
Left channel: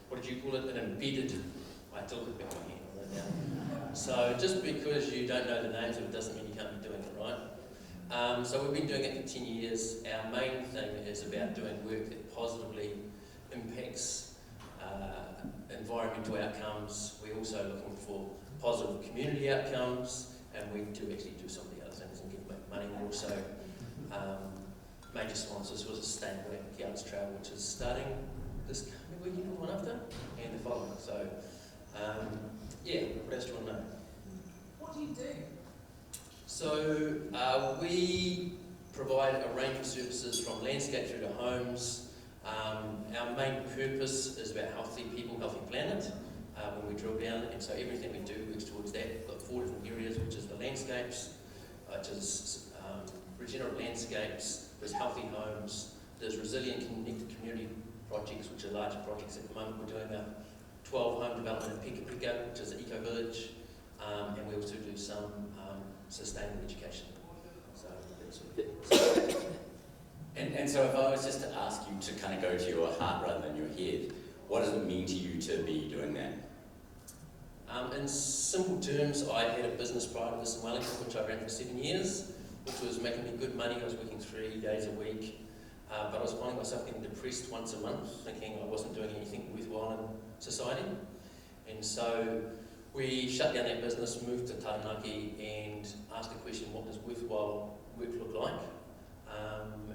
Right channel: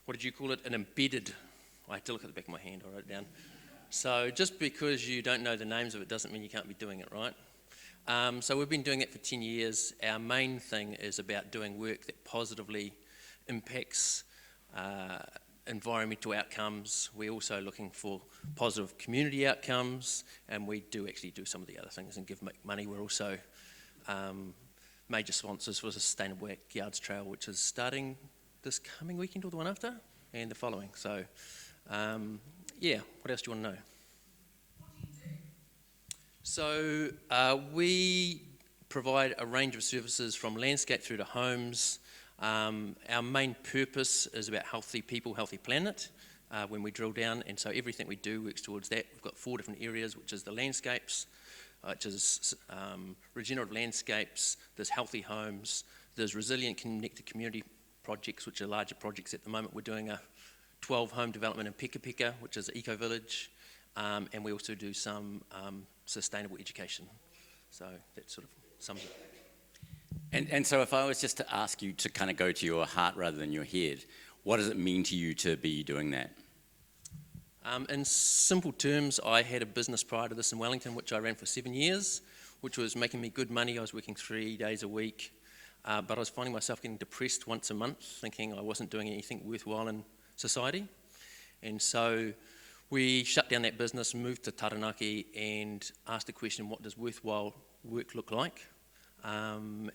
what did you call it, an embedded, I have to look at the back of my hand, I wrote it down. So just because you don't know the names of it doesn't mean you can't be doing it right. So we've been doing it for 10 years. Our main thing is about doing work that positively impacts environmental outcomes. We're also looking for positive community outcomes, and we do actually do some of the other things and give money. We're also major sponsors for the Sustainable Yards Trail, which is starting this coming weekend or the one after, and the following. So, yeah, what else do you want to know? What do you do? So we provide a range of services from landscape through to homes. Our main purpose is about healthy people, healthy planet when we drill down, and so everything we do works towards that. We've got 4 different areas, which is the landscapes, which is regenerative landscapes, there's healthy homes, there's resilient connected community projects, which are larger projects. At the moment we're doing a 12 home development in Pika Pika, which is an eco-village, and we also do some sustainable education. So that's sort of it. And so if I was just to ask you to kind of go to your heart rather than your head, what does it mean to you to be doing that? In simple terms, I had a business prior to this in Wellington, which I ran for 7 years, which was making me good money. I was working 3 days a week, but I was finding myself getting depressed once a month, thinking I wasn't doing anything worthwhile in society. And so we shut down that business, moved to Taranaki, and asked the question, what does worthwhile work look like?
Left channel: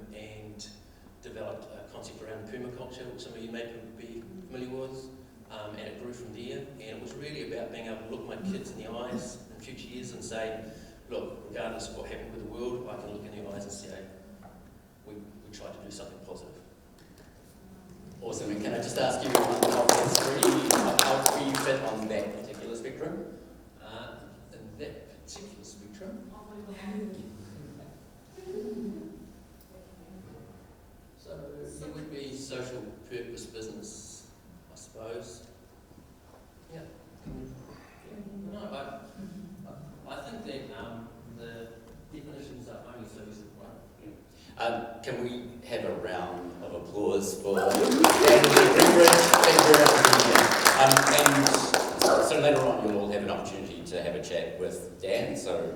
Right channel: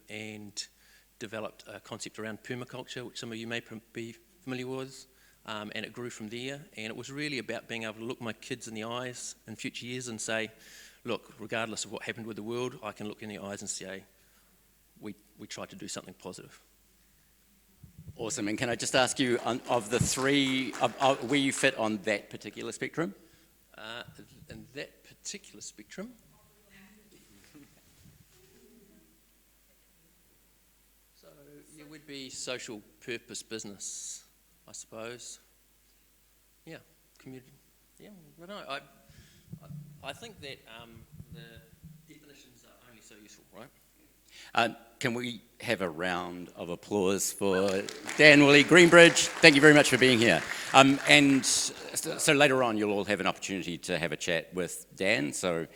And developed a concept around permaculture, which some of you may be familiar with, and it grew from there. And it was really about being able to look my kids in the eyes in future years and say, look, regardless of what happened with the world, I can look in the eyes and say, we tried to do something positive. Awesome, and can I just ask you, of the 3, where you fit on that particular spectrum? In that particular spectrum, so it would be social purpose business, I suppose. Yeah, community. Yeah, no, I think that the definitions are only so useful, right? Can we have a round of applause for Dan Willey Greenbridge? Thank you very much for being here. And so later on you'll all have an opportunity to have a chat with Dan, so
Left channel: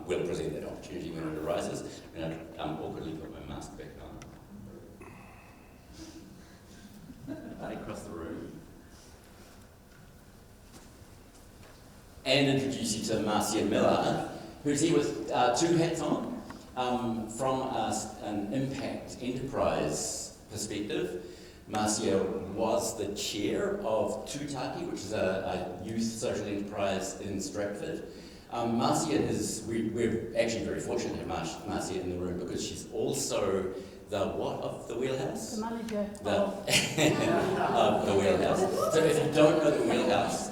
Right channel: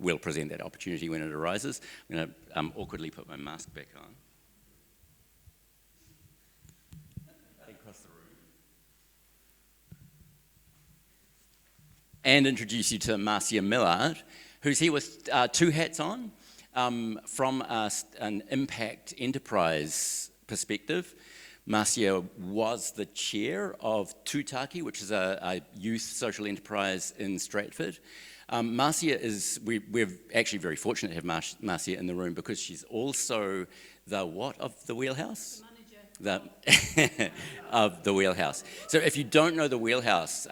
we'll present that opportunity when it arises. I'm going to awkwardly put my mask back on. Right across the room. And introduce you to Marcia Miller, who's here with 2 hats on. From an impact enterprise perspective, Marcia was the chair of Tūtaki, which is a youth social enterprise in Stratford. Marcia is, we're actually very fortunate to have Marcia in the room because she's also the what of the Wheelhouse? The manager. Of the Wheelhouse. So if you don't know the Wheelhouse,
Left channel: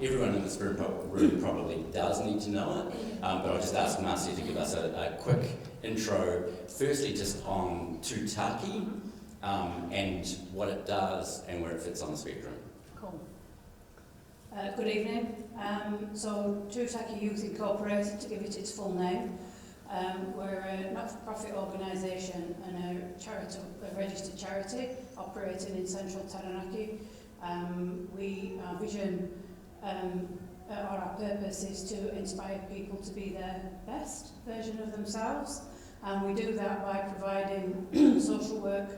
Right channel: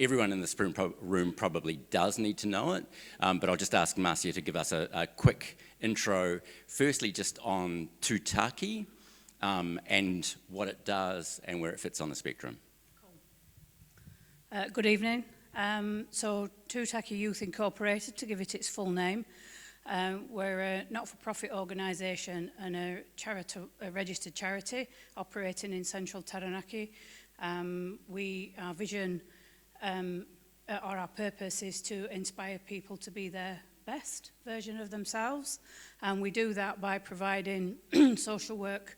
everyone in this room probably does need to know it, but I'll just ask Marcia to give us a quick intro, firstly just on Tūtaki and what it does and where it fits on the spectrum. Cool. Good evening. So Tūtaki Youth Incorporated, to give it its full name, We're a not-for-profit organisation and a registered charity operating in central Taranaki. Our vision or our purpose is to inspire people to be their best version of themselves, and we do that by providing social work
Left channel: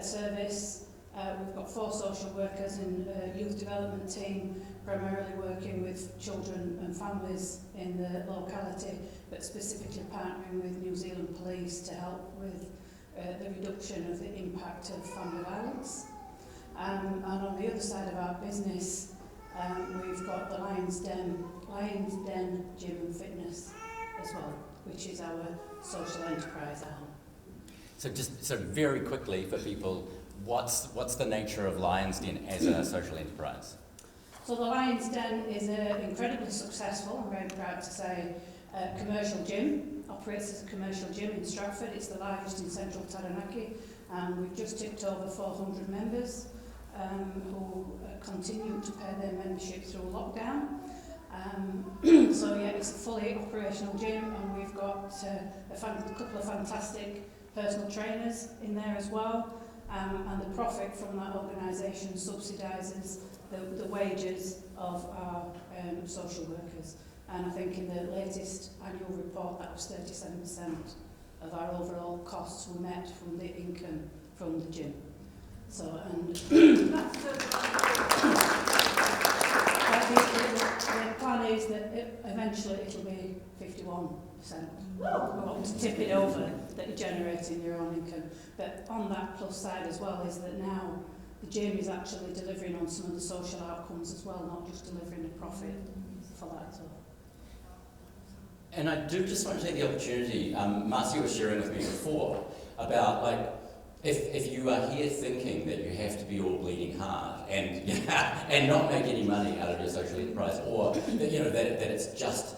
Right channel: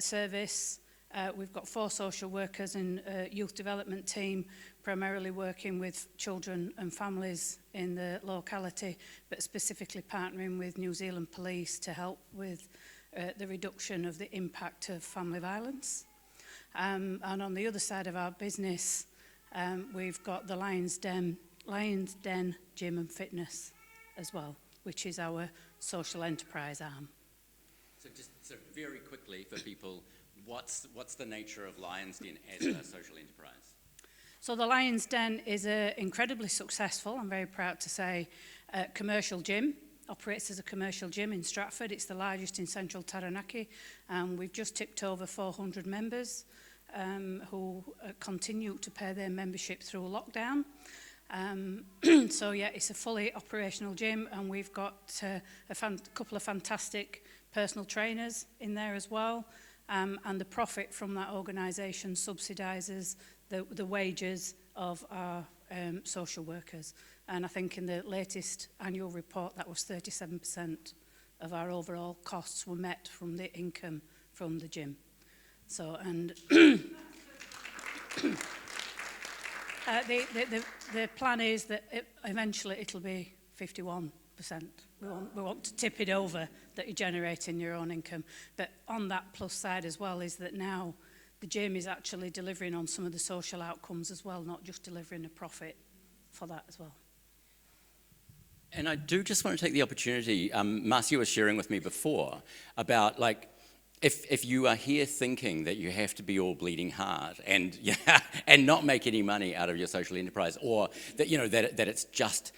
service. We've got 4 social workers and a youth development team, primarily working with children and families in the locality, but specifically partnering with New Zealand Police to help with the reduction of the impact of family violence. And on the other side of our business, we've got the Lions Den Gym and Fitness as well, which is our social enterprise arm. So very quickly for people, what's the nature of Lions Den as a social enterprise? So the Lions Den is an incredibly successful, I'm very proud to say, commercial gym. Operates as a commercial gym in Stratford. It's the largest in central Taranaki. We've just tipped over 400 members who continue to pay their membership through lockdown. So yeah, it's a fully operational gym, and we've got a couple of fantastic personal trainers in there as well. And the profit from that organisation subsidises the wages of our social workers. And I think in the latest annual report, that was 37% of our overall costs were met from the income from the gym. So, and the plan is that eventually it'll be 51%. We want to tip it over, that you're generating your own income. But on that plus side as well is that now the gym is actually delivering on some of the social outcomes as well, not just delivering a profit for that as well. And I do just want to take the opportunity, Marcia was sharing with me before about like, if you are here thinking that you have to be all bleeding hard and not make any money out of your social enterprise, or that that it's just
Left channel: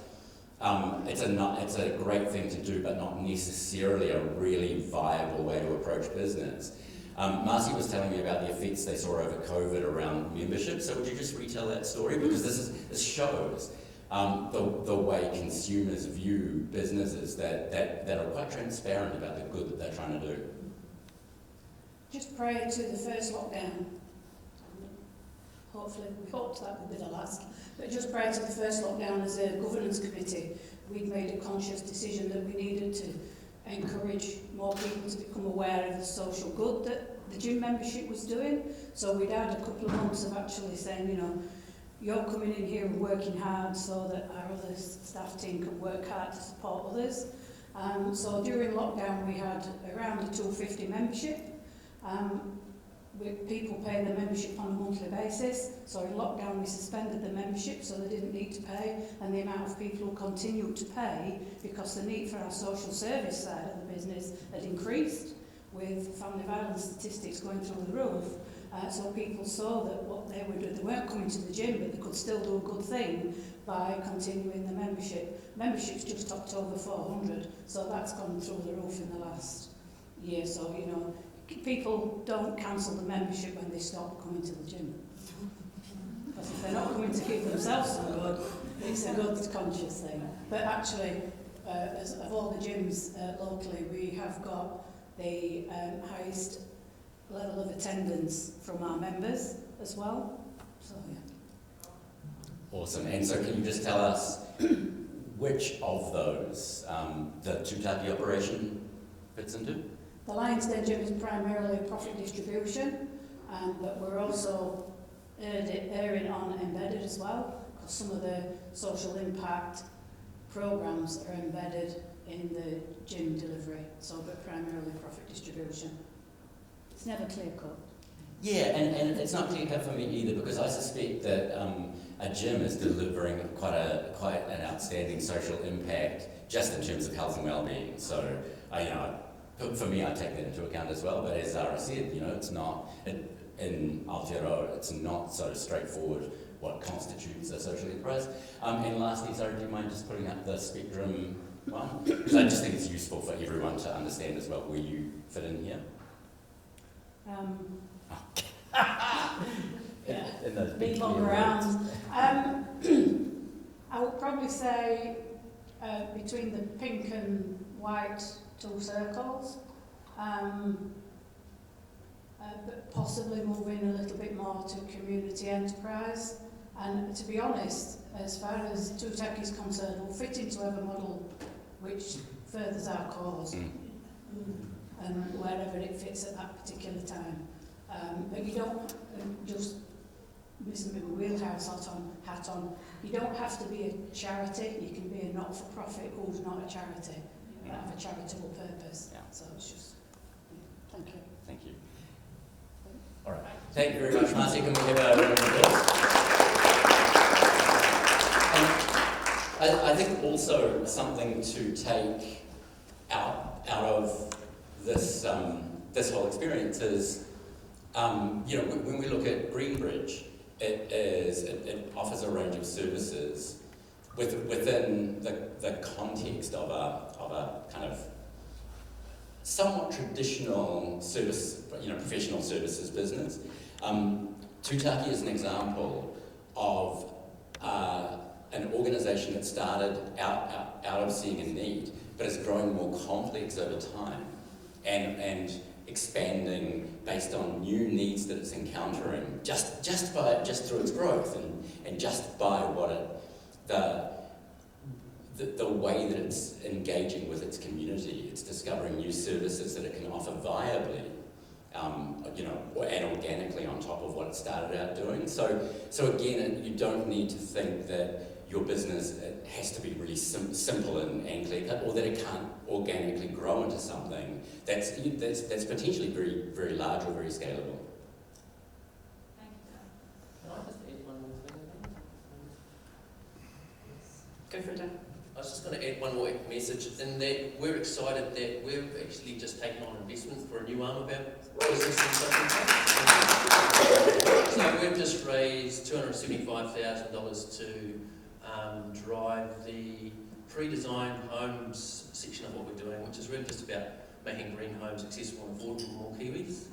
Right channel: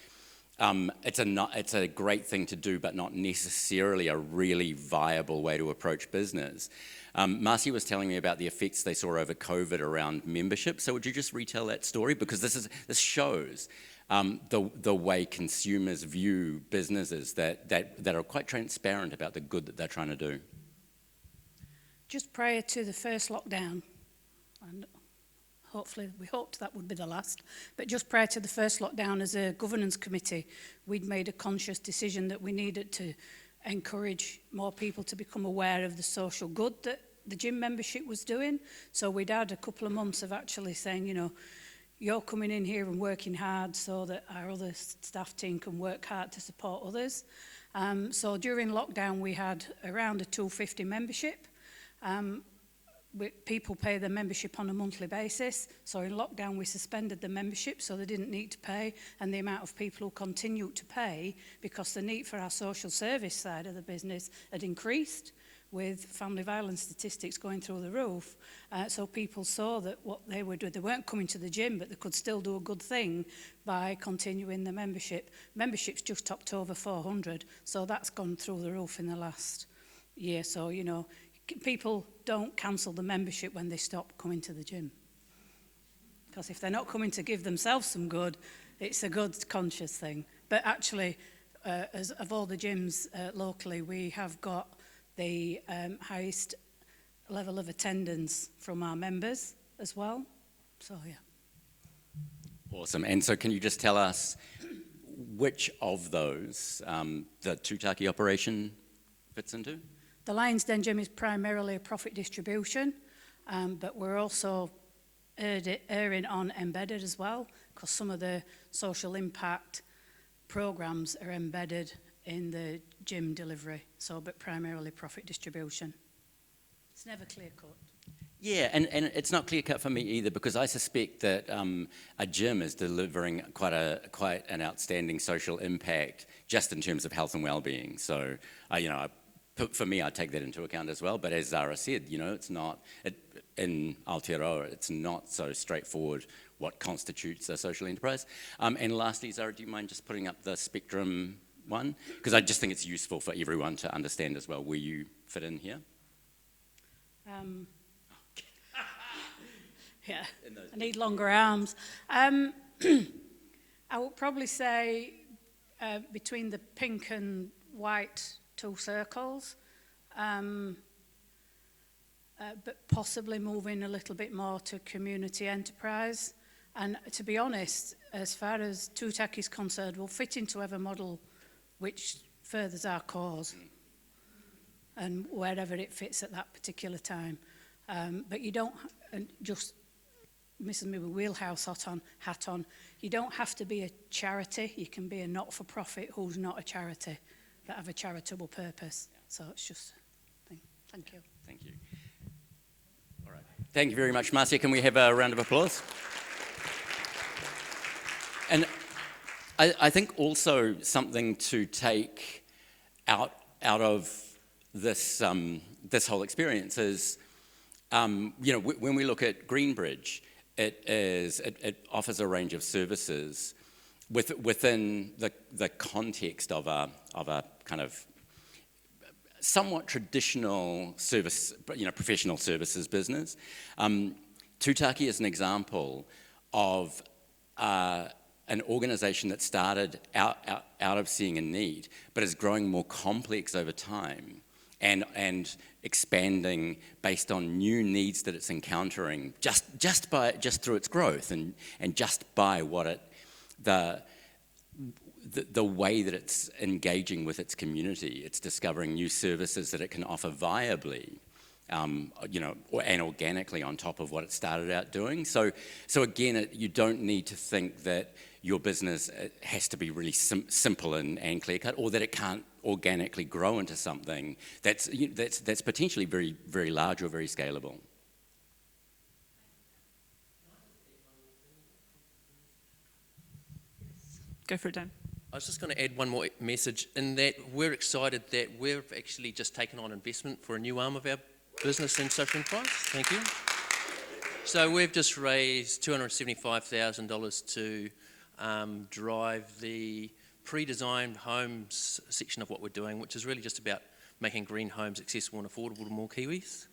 it's a great thing to do, but not necessarily a really viable way to approach business. Marcy was telling me about the effects they saw over COVID around membership. So would you just retell that story? Because this shows the way consumers view businesses that are quite transparent about the good that they're trying to do. Just prior to the first lockdown, and hopefully we hoped that would be the last, but just prior to the first lockdown, as a governance committee, we'd made a conscious decision that we needed to encourage more people to become aware of the social good that the gym membership was doing. So we'd had a couple of months of actually saying, you're coming in here and working hard so that our other staff team can work hard to support others. So during lockdown we had around a $250 membership. People pay their membership on a monthly basis. So in lockdown we suspended the membership so they didn't need to pay, and the amount of people who continued to pay because the need for our social service side of the business had increased with family violence statistics going through the roof. So people saw that what they were doing, they weren't coming to the gym, but they could still do a good thing by continuing the membership. Membership's just topped over 400, so that's gone through the roof in the last year. So, people don't cancel the membership when they stop coming to the gym. Because if they're not coming to give themselves some good, it's a good conscious thing. But actually, as of all the gyms locally, we have got the highest level of attendance from our members as well. So, yeah. Awesome. And so can you just tell us which of those the Tutaki operation fits into? The Lions Den Gym is primarily a profit distribution, but we're also erring on embedded as well, because some of the social impact programs are embedded in the gym delivery, but primarily profit distribution. It's never clear cut. Yeah, and it's not clear cut for me either, because I suspect that a gym is delivering quite an outstanding social impact just in terms of health and well-being. So, for me, I take that into account as well. But as Zara said, it's not in Aotearoa, it's not so straightforward what constitutes a social enterprise. And lastly, Zara, do you mind just putting up the spectrum one? Because I just think it's useful for everyone to understand as well where you fit in here. Yeah, need longer arms. I would probably say between the pink and white two circles, but possibly moving a little bit more to community enterprise. And to be honest, as far as TUTAC is concerned, we'll fit into whatever model which furthers our cause, and wherever it fits at that particular time. But you don't just, Mrs. Miller wheelhouse hat on, you don't have to be a charity, you can be a not-for-profit who's not a charity, that have a charitable purpose. Yeah. So it's just, thank you. Thank you. All right. Thank you very much, Marcia. Can we have a round of applause? And I think also something to take out of this this whole experience is, when we look at Greenbridge, it offers a range of services within the context of a kind of somewhat traditional service, professional services business. Tūtaki is an example of an organisation that started out of seeing a need, but is growing more complex over time and expanding based on new needs that it's encountering just through its growth and just by the way that it's engaging with its community. It's discovering new services that it can offer viably, and organically on top of what it started out doing. So again, you don't need to think that your business has to be really simple and clear cut, or that it can't organically grow into something that's potentially very, very large or very scalable. Go for it, Dan. I was just going to add one more message in that we're excited that we've actually just taken on investment for a new arm of our business in Southern So we've just raised $275,000 to drive the pre-designed homes section of what we're doing, which is really just about making green homes accessible and affordable to more Kiwis.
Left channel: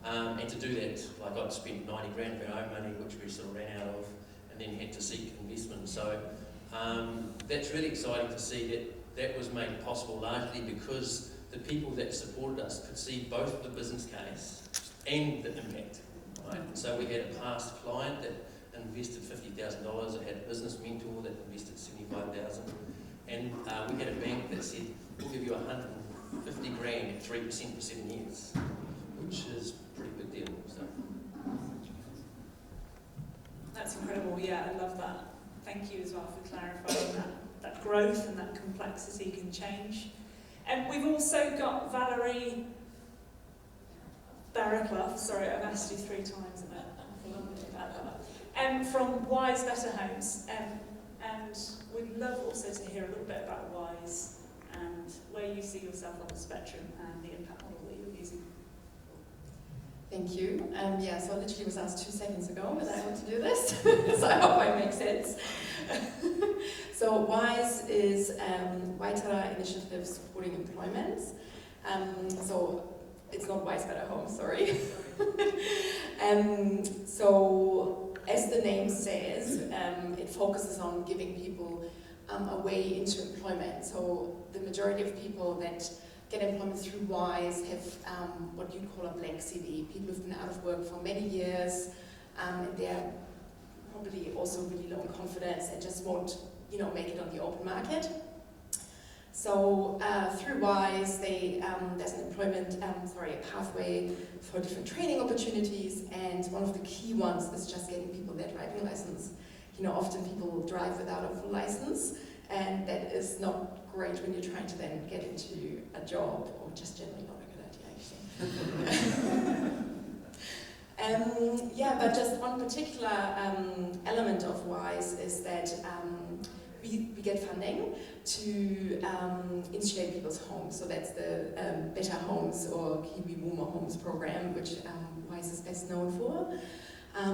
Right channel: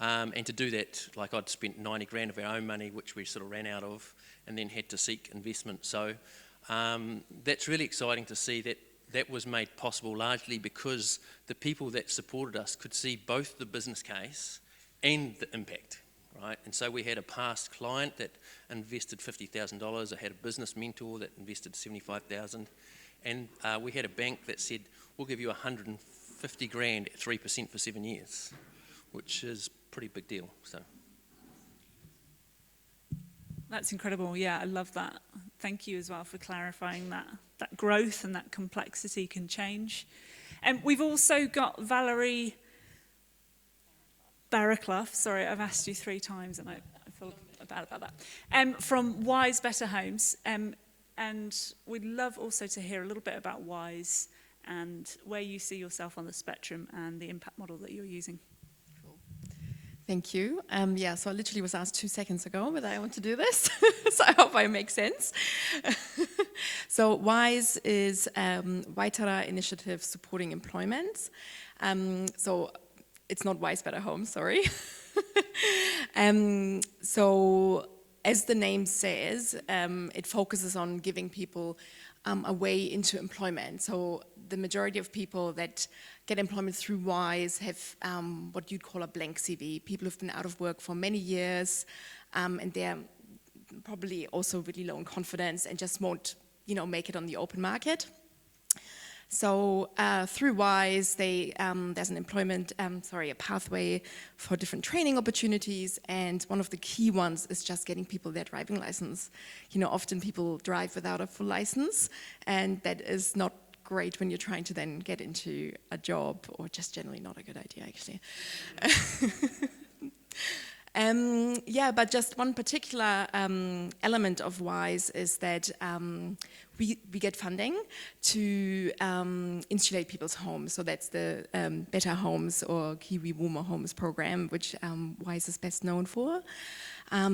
And to do that, I'd spent 90 grand of our own money, which we sort of ran out of, and then had to seek investment. So that's really exciting to see that was made possible largely because the people that supported us could see both the business case and the impact, right? And so we had a past client that invested $50,000. I had a business mentor that invested $75,000, and we had a bank that said, "We'll give you 150 grand at 3% for 7 years," which is a pretty big deal. So That's incredible. Yeah, I love that. Thank you as well for clarifying that growth and that complexity can change. And we've also got Valerie Barraclough. Sorry, I've asked you 3 times and I feel a little bit bad about that. From Wise Better Homes. And we'd love also to hear a little bit about Wise and where you see yourself on the spectrum and the impact model that you're using. Thank you. So I literally was asked 2 seconds ago whether I want to do this, so I hope I make sense. So WISE is Waitara Initiative Supporting Employment. So it's not Wise Better Home, sorry. So as the name says, it focuses on giving people a way into employment. So the majority of people that get employment through WISE have what you call a blank CV. People who've been out of work for many years, and they're probably also really low in confidence and just won't, make it on the open market. So through WISE, there's an a pathway for different training opportunities, and one of the key ones is just getting people their driving license. Often people drive without a full license, and that is not great when you're trying to then get into a job, or just generally not a good idea, actually. But just one particular element of WISE is that we get funding to insulate people's homes. So that's the Better Homes or Kiwi Warmer Homes program, which WISE is best known for.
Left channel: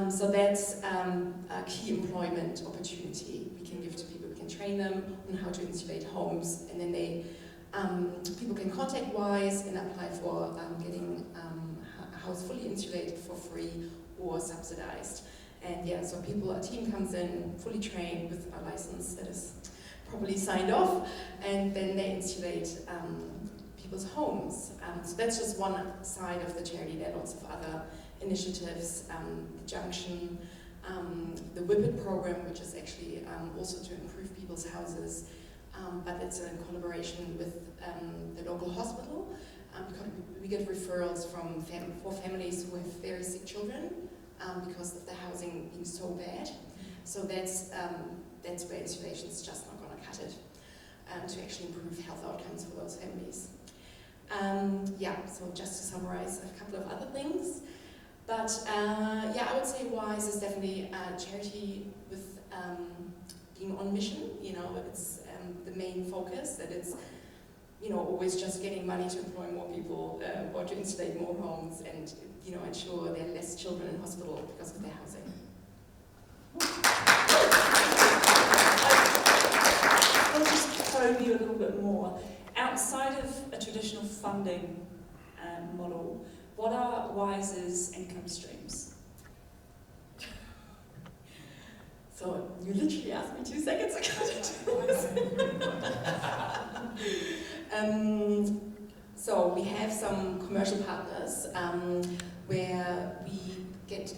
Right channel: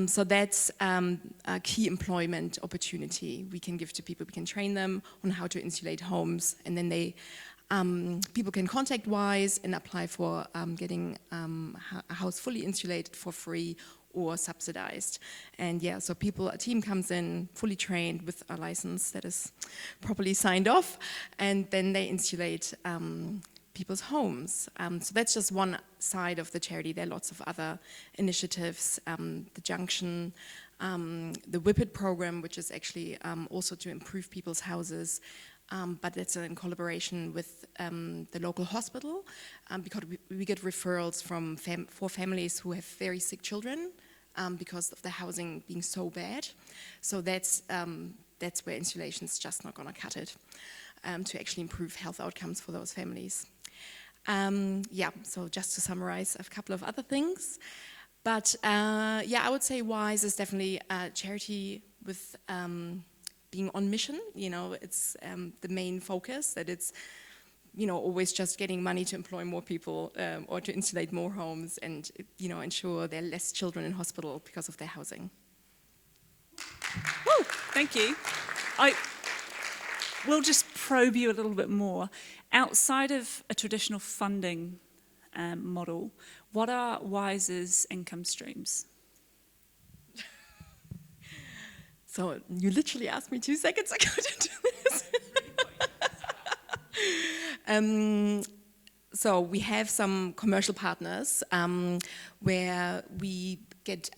So that's a key employment opportunity we can give to people. We can train them on how to insulate homes, and then people can contact WISE and apply for getting a house fully insulated for free or subsidized. And so a team comes in fully trained with a license that is properly signed off, and then they insulate people's homes. So that's just one side of the charity. There are lots of other initiatives, the Junction, the Whippet program, which is actually also to improve people's houses, but it's in collaboration with the local hospital, because we get referrals from for families who have very sick children because of the housing being so bad. So that's where insulation is just not going to cut it, to actually improve health outcomes for those families. So just to summarize a couple of other things. But I would say WISE is definitely a charity with being on mission. It's the main focus, that it's always just getting money to employ more people or to insulate more homes and ensure there are less children in hospital because of their housing. Thank you. I'll just probe you a little bit more. Outside of a traditional funding model, what are WISE's income streams? So you literally asked me 2 seconds ago to do this. So we have some commercial partners where we get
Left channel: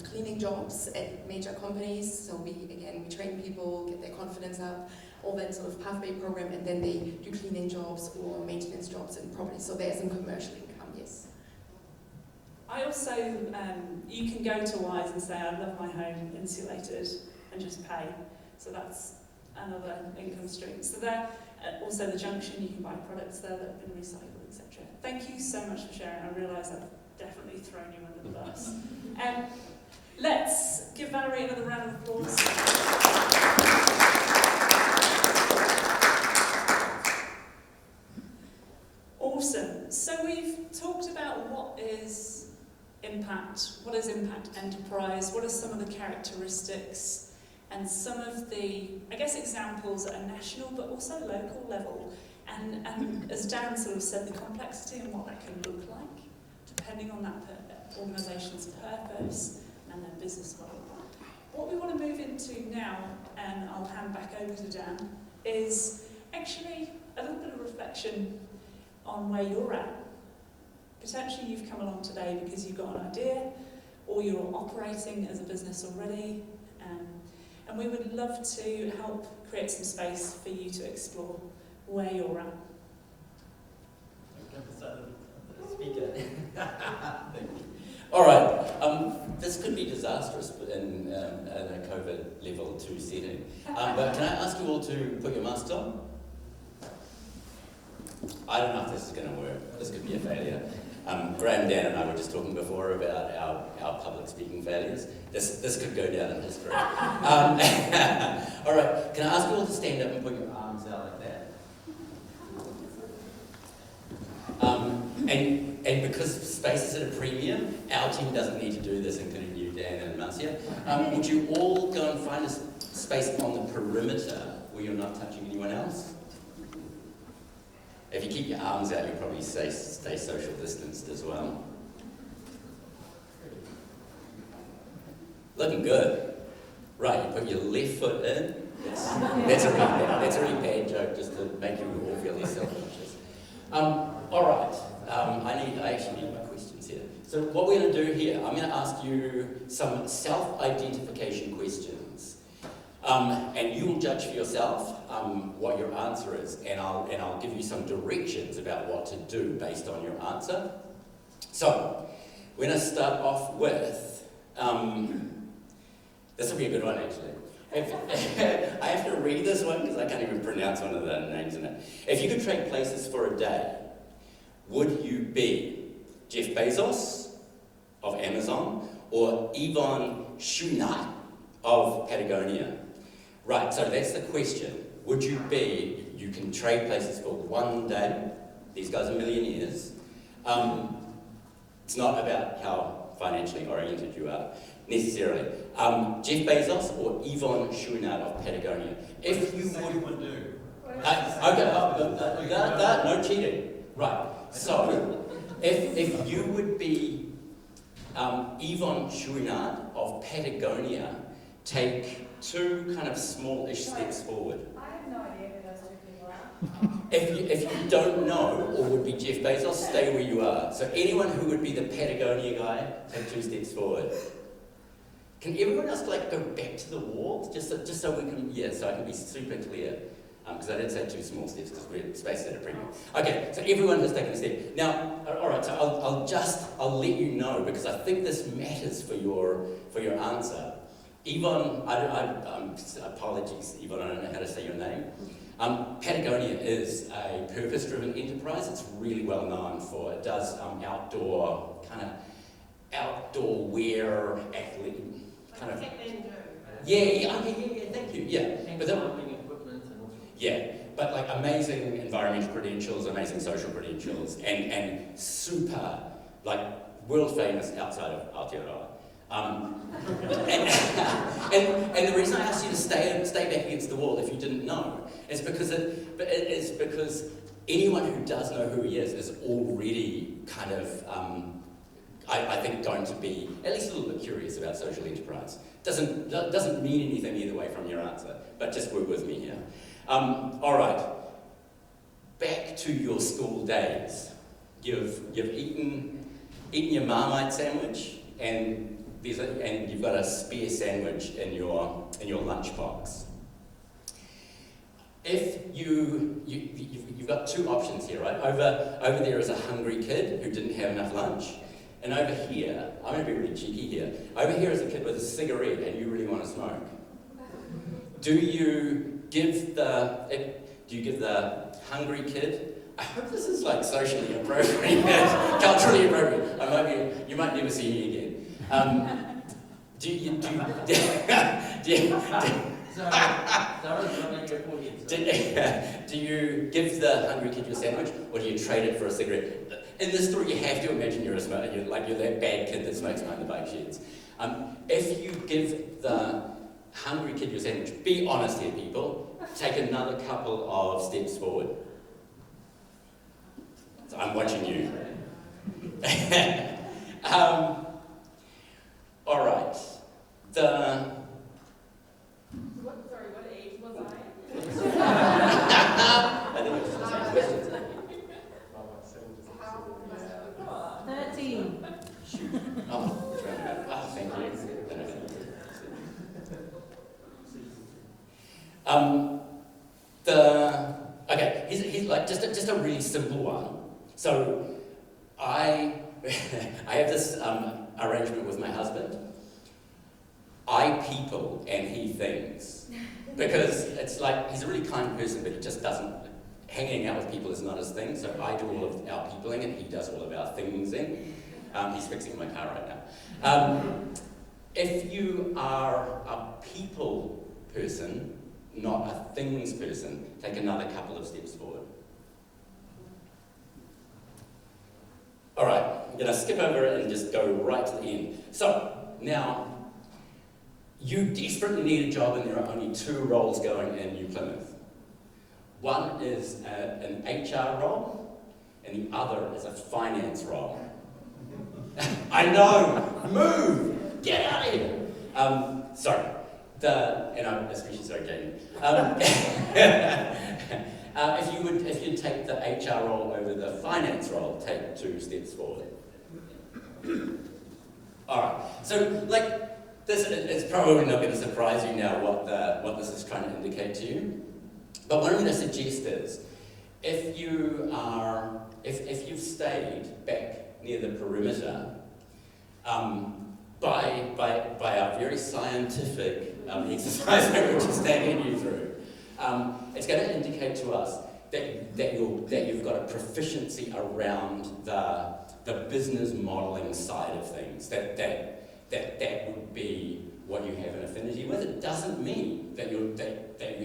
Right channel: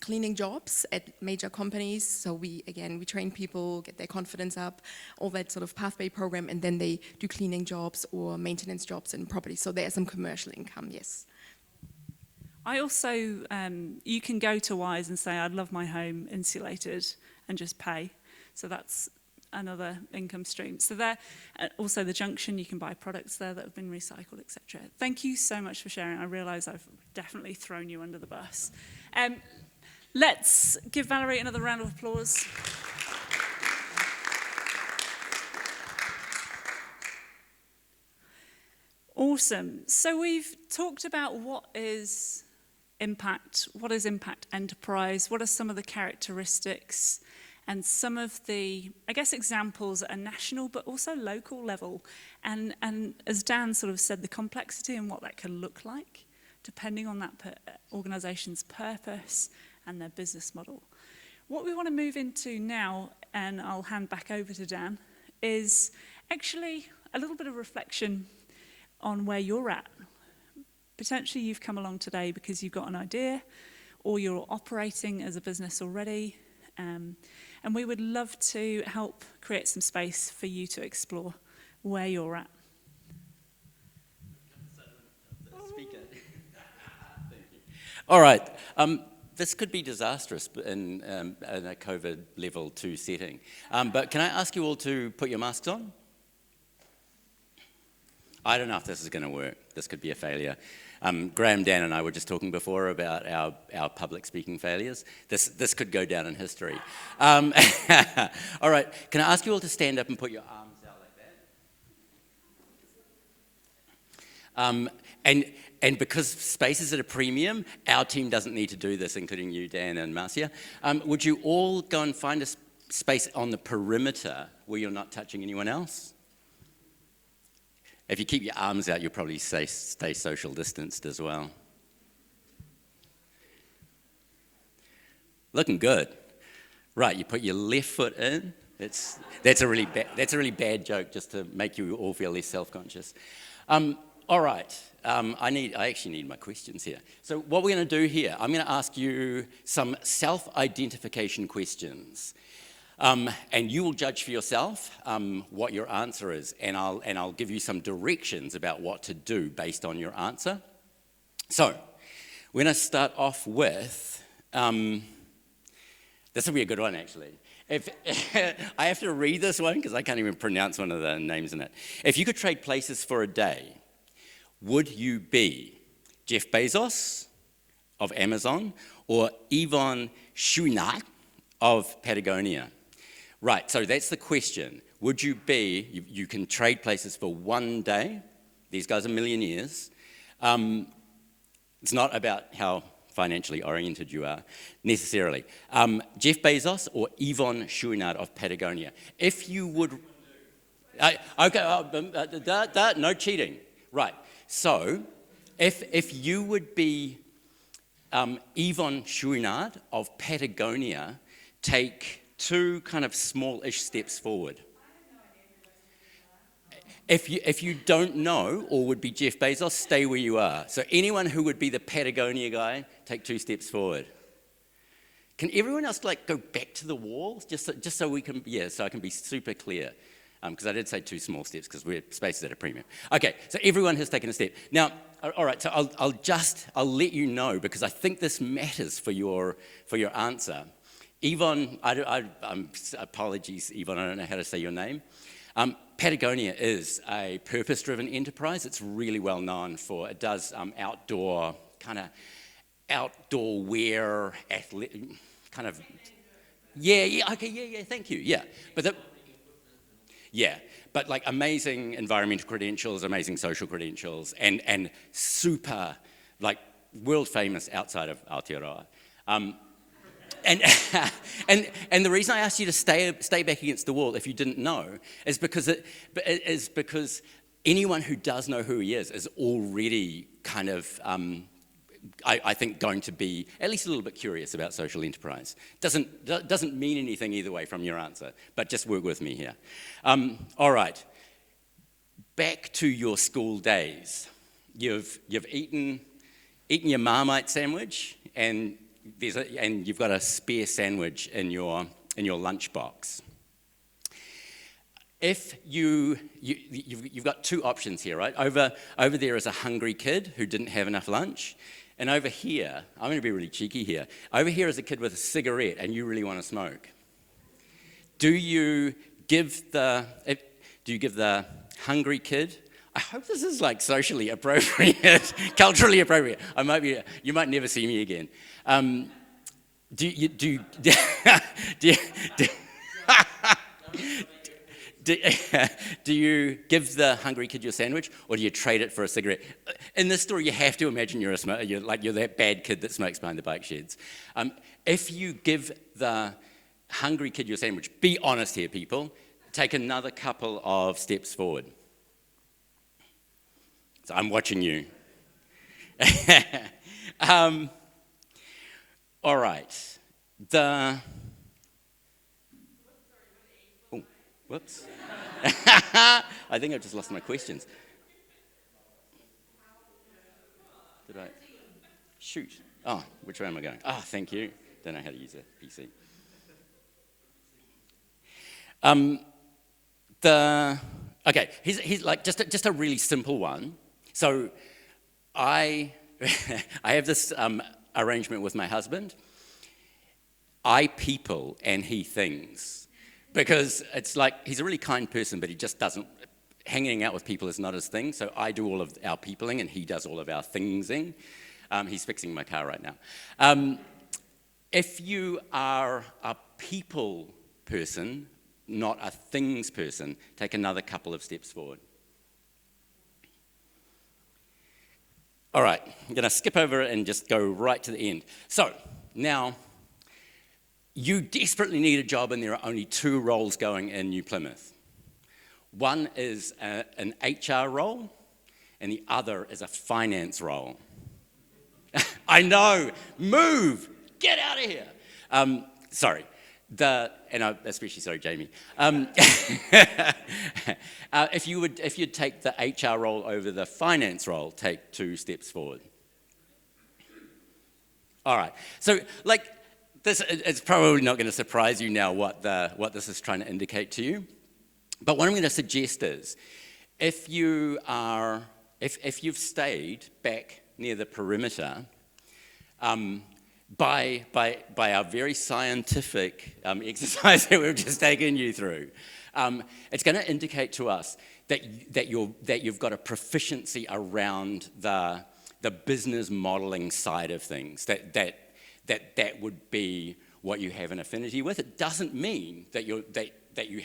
cleaning jobs at major companies. So we train people, get their confidence up, all that sort of pathway program, and then they do cleaning jobs or maintenance jobs in property. So there's some commercial income, yes. I also, you can go to WISE and say, I'd love my home insulated, and just pay. So that's another income stream. So there, also the Junction, you can buy products there that have been recycled, etc. Thank you so much for sharing. I realise I've definitely thrown you under the bus. Let's give Valerie another round of applause. Awesome. So we've talked about what is impact enterprise, what are some of the characteristics, and some of the, examples at a national but also local level. And as Dan sort of said, the complexity and what that can look like, depending on that organisation's purpose and their business model. What we want to move into now, and I'll hand back over to Dan, is actually a little bit of reflection on where you're at. Potentially you've come along today because you've got an idea, or you're operating as a business already, and we would love to help create some space for you to explore where you're at. All right, this could be disastrous in a COVID level 2 setting, but can I ask you all to put your masks on? I don't know if this is going to work. This could be a failure. Graham, Dan and I were just talking before about our public speaking failures. This could go down in history. All right, can I ask you all to stand up and put your arms out like that? And because space is at a premium, our team doesn't need to do this, including you, Dan and Marcia. Would you all go and find a space on the perimeter where you're not touching anyone else? If you keep your arms out, you'll probably stay social distanced as well. Looking good. Right, you put your left foot in. That's a really bad joke, just to make you all feel less self-conscious. All right. I actually need my questions here. So what we're going to do here, I'm going to ask you some self-identification questions. And you will judge for yourself what your answer is, and I'll give you some directions about what to do based on your answer. So, we're going to start off with, this will be a good one actually. I have to read this one because I can't even pronounce one of the names in it. If you could trade places for a day, would you be Jeff Bezos of Amazon or Yvon Chouinard of Patagonia? Right, so that's the question. Would you be, you can trade places for one day. These guys are millionaires. It's not about how financially oriented you are, necessarily. Jeff Bezos or Yvon Chouinard of Patagonia. If you would... no cheating. Right, so if you would be Yvon Chouinard of Patagonia, take 2 kind of smallish steps forward. I have If you don't know or would be Jeff Bezos, stay where you are. So anyone who would be the Patagonia guy, take 2 steps forward. Can everyone else go back to the wall, just so we can, so I can be super clear, because I did say 2 small steps because we're spaced at a premium. Okay, so everyone has taken a step. Now, all right, so I'll let you know because I think this matters for your answer. Yvonne, apologies, Yvonne, I don't know how to say your name. Patagonia is a purpose-driven enterprise. It's really well known for, it does outdoor wear, kind of. Thank you. But like amazing environmental credentials, amazing social credentials, and super world famous outside of Aotearoa. And the reason I asked you to stay back against the wall, if you didn't know, is because anyone who does know who he is already kind of, I think, going to be at least a little bit curious about social enterprise. Doesn't mean anything either way from your answer, but just work with me here. All right, back to your school days. You've eaten your Marmite sandwich, and you've got a spare sandwich in your lunchbox. If you've got 2 options here, right? Over there is a hungry kid who didn't have enough lunch, and over here, I'm going to be really cheeky here. Over here is a kid with a cigarette, and you really want to smoke. Do you give the hungry kid? I hope this is socially appropriate, culturally appropriate. You might never see me again. Do you give the hungry kid your sandwich, or do you trade it for a cigarette? In this story, you have to imagine you're that bad kid that smokes behind the bike sheds. If you give the hungry kid your sandwich, be honest here, people. Take another couple of steps forward. So I'm watching you. All right. What age was I? Whoops. I think I've just lost my questions. 13. Shoot. Oh, which way am I going? Thank you. Don't know how to use it. Let's see. Just a really simple one. So I have this arrangement with my husband. I people and he things, because it's he's a really kind person, but he just doesn't. Hanging out with people is not his thing. So I do all of our peopling, and he does all of our thingsing. He's fixing my car right now. If you are a people person, not a things person, take another couple of steps forward. All right, I'm going to skip over it and just go right to the end. So, now, you desperately need a job, and there are only 2 roles going in New Plymouth. One is an HR role, and the other is a finance role. I know, move, get out of here. Sorry. And I'm especially sorry, Jamie. If you'd take the HR role over the finance role, take 2 steps forward. All right. So, this, it's probably not going to surprise you now what this is trying to indicate to you. But what I'm going to suggest is, if you've stayed back near the perimeter, by our very scientific exercise that we've just taken you through, it's going to indicate to us that you've got a proficiency around the business modelling side of things. That would be what you have an affinity with. It doesn't mean that you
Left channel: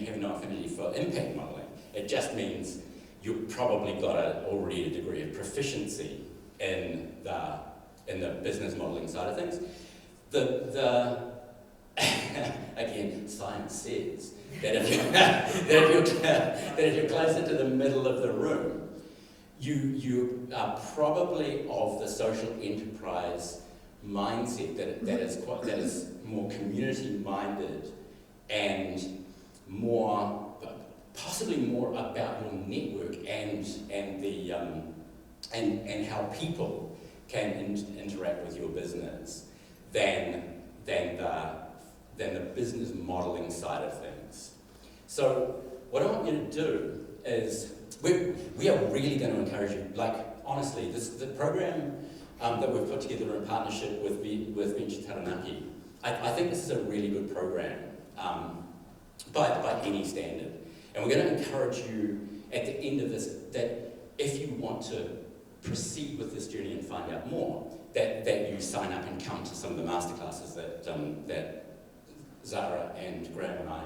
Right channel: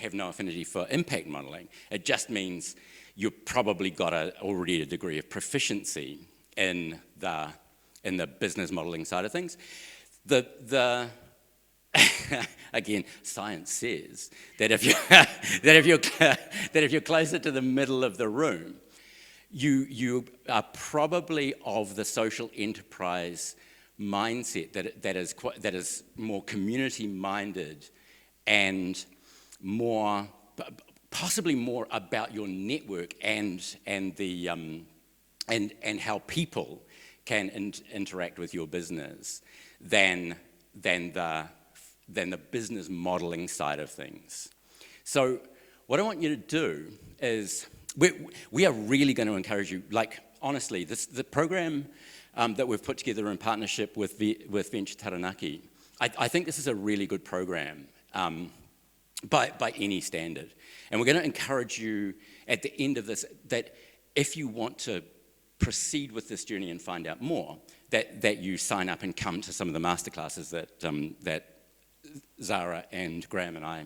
have no affinity for impact modelling. It just means you've probably got already a degree of proficiency in the business modelling side of things. Again, science says that if you're closer to the middle of the room, you are probably of the social enterprise mindset that is more community minded and more possibly more about your network and how people can interact with your business than the business modelling side of things. So what I want you to do is, we are really going to encourage you, like honestly, the program that we've put together in partnership with Venture Taranaki, I think this is a really good program by any standard. And we're going to encourage you at the end of this that if you want to proceed with this journey and find out more, that you sign up and come to some of the masterclasses that Zara and Graham and I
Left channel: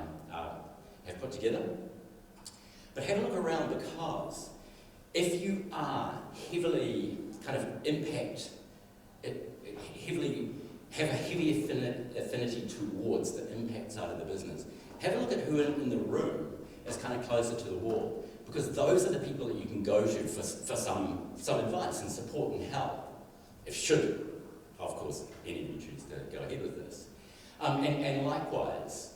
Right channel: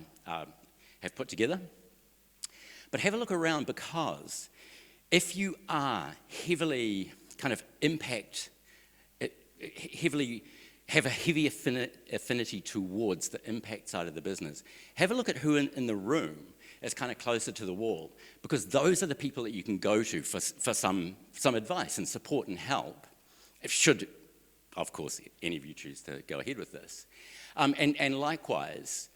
have put together. But have a look around, because if you are heavily kind of have a heavy affinity towards the impact side of the business, have a look at who in the room is kind of closer to the wall, because those are the people that you can go to for some advice and support and help, should, of course, any of you choose to go ahead with this. And likewise,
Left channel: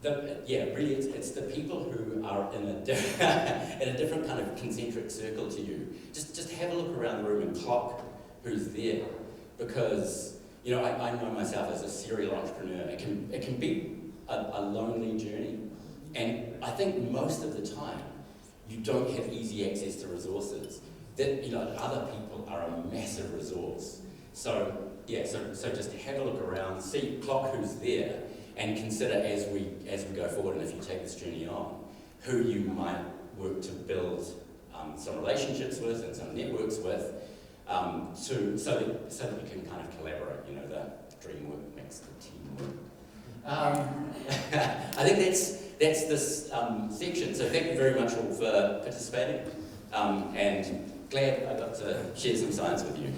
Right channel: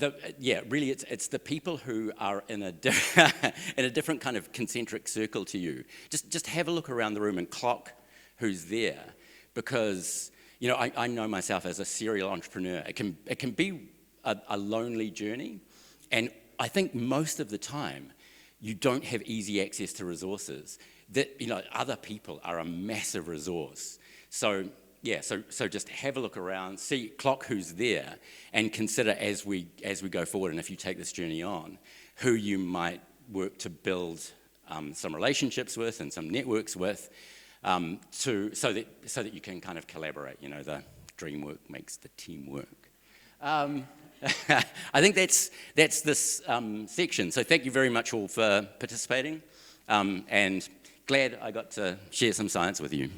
really it's the people who are in a different kind of concentric circle to you. Just have a look around the room and clock who's there, because I know myself as a serial entrepreneur. It can be a lonely journey, and I think most of the time you don't have easy access to resources. That other people are a massive resource. So just have a look around, clock who's there, and consider as we go forward, and if you take this journey on, who you might work to build some relationships with and some networks with, so that you can kind of collaborate. The dream work makes the team work. I think that's this section. So thank you very much all for participating, and glad I got to share some science with you.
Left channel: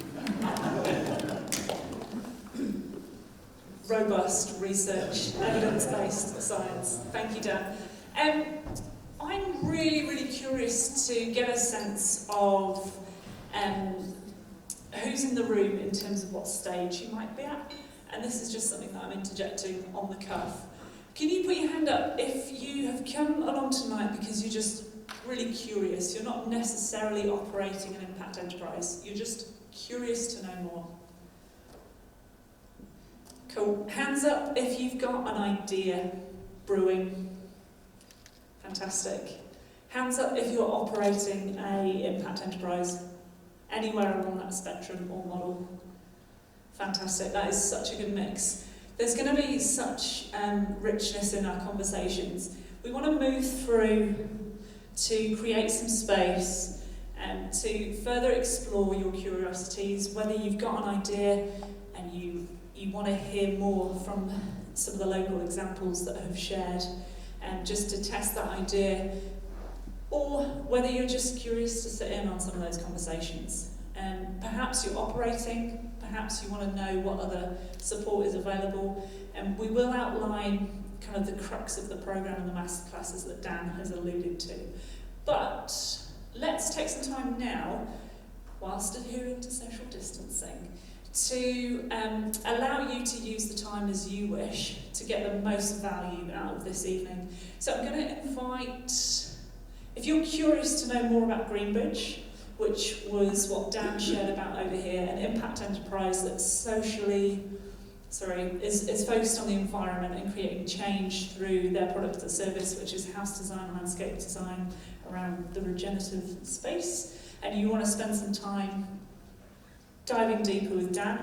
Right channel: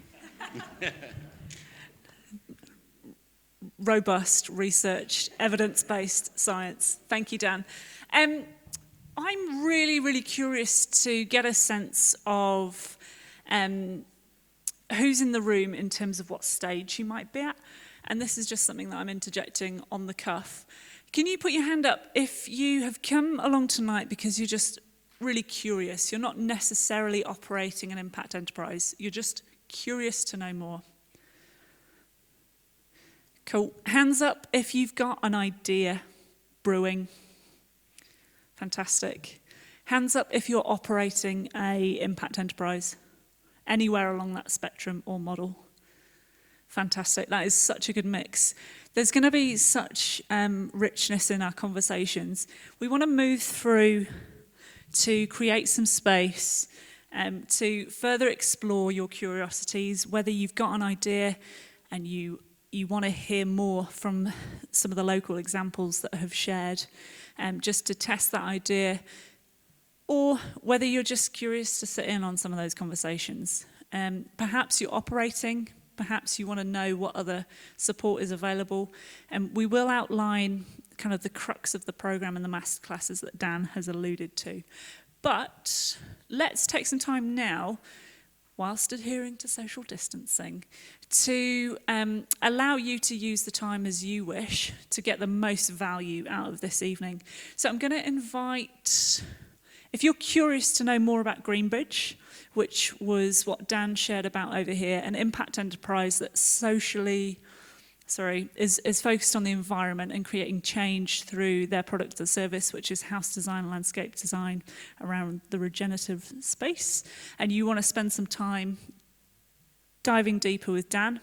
Robust research, evidence-based science. Thank you, Dan. I'm really, really curious to get a sense of who's in the room in terms of what stage you might be at. And this is just something that I'm interjecting on the cuff. Can you put your hand up if you have come along tonight because you're just really curious? You're not necessarily operating an impact enterprise. You're just curious to know more. Cool. Hands up if you've got an idea brewing. Fantastic. Hands up if you're operating a impact enterprise, anywhere along that spectrum or model. Fantastic. That is such a good mix. There's going to be such richness in our conversations. We want to move through to create some space and to further explore your curiosities, whether you've got an idea and you want to hear more from some of the local examples that have shared, just to test that idea, or whether you're just curious to sit in on some of those conversations. Perhaps you're operating, perhaps you want to know what other support is available, and we will outline kind of the crux of the program and the masterclasses that Dan has alluded to. But let's take some time now, whilst adhering to social distancing, to allow you to use the time as you wish to get the most value out of this evening. So I'm going to invite, if you're curious to know more about Greenbridge, which was what Dan shared about over here, an impact enterprise that's is focused on the environment and creating change through their product or service, which is house design, landscape design around the regenerative space, and you want to spend some time diving deeper with Dan,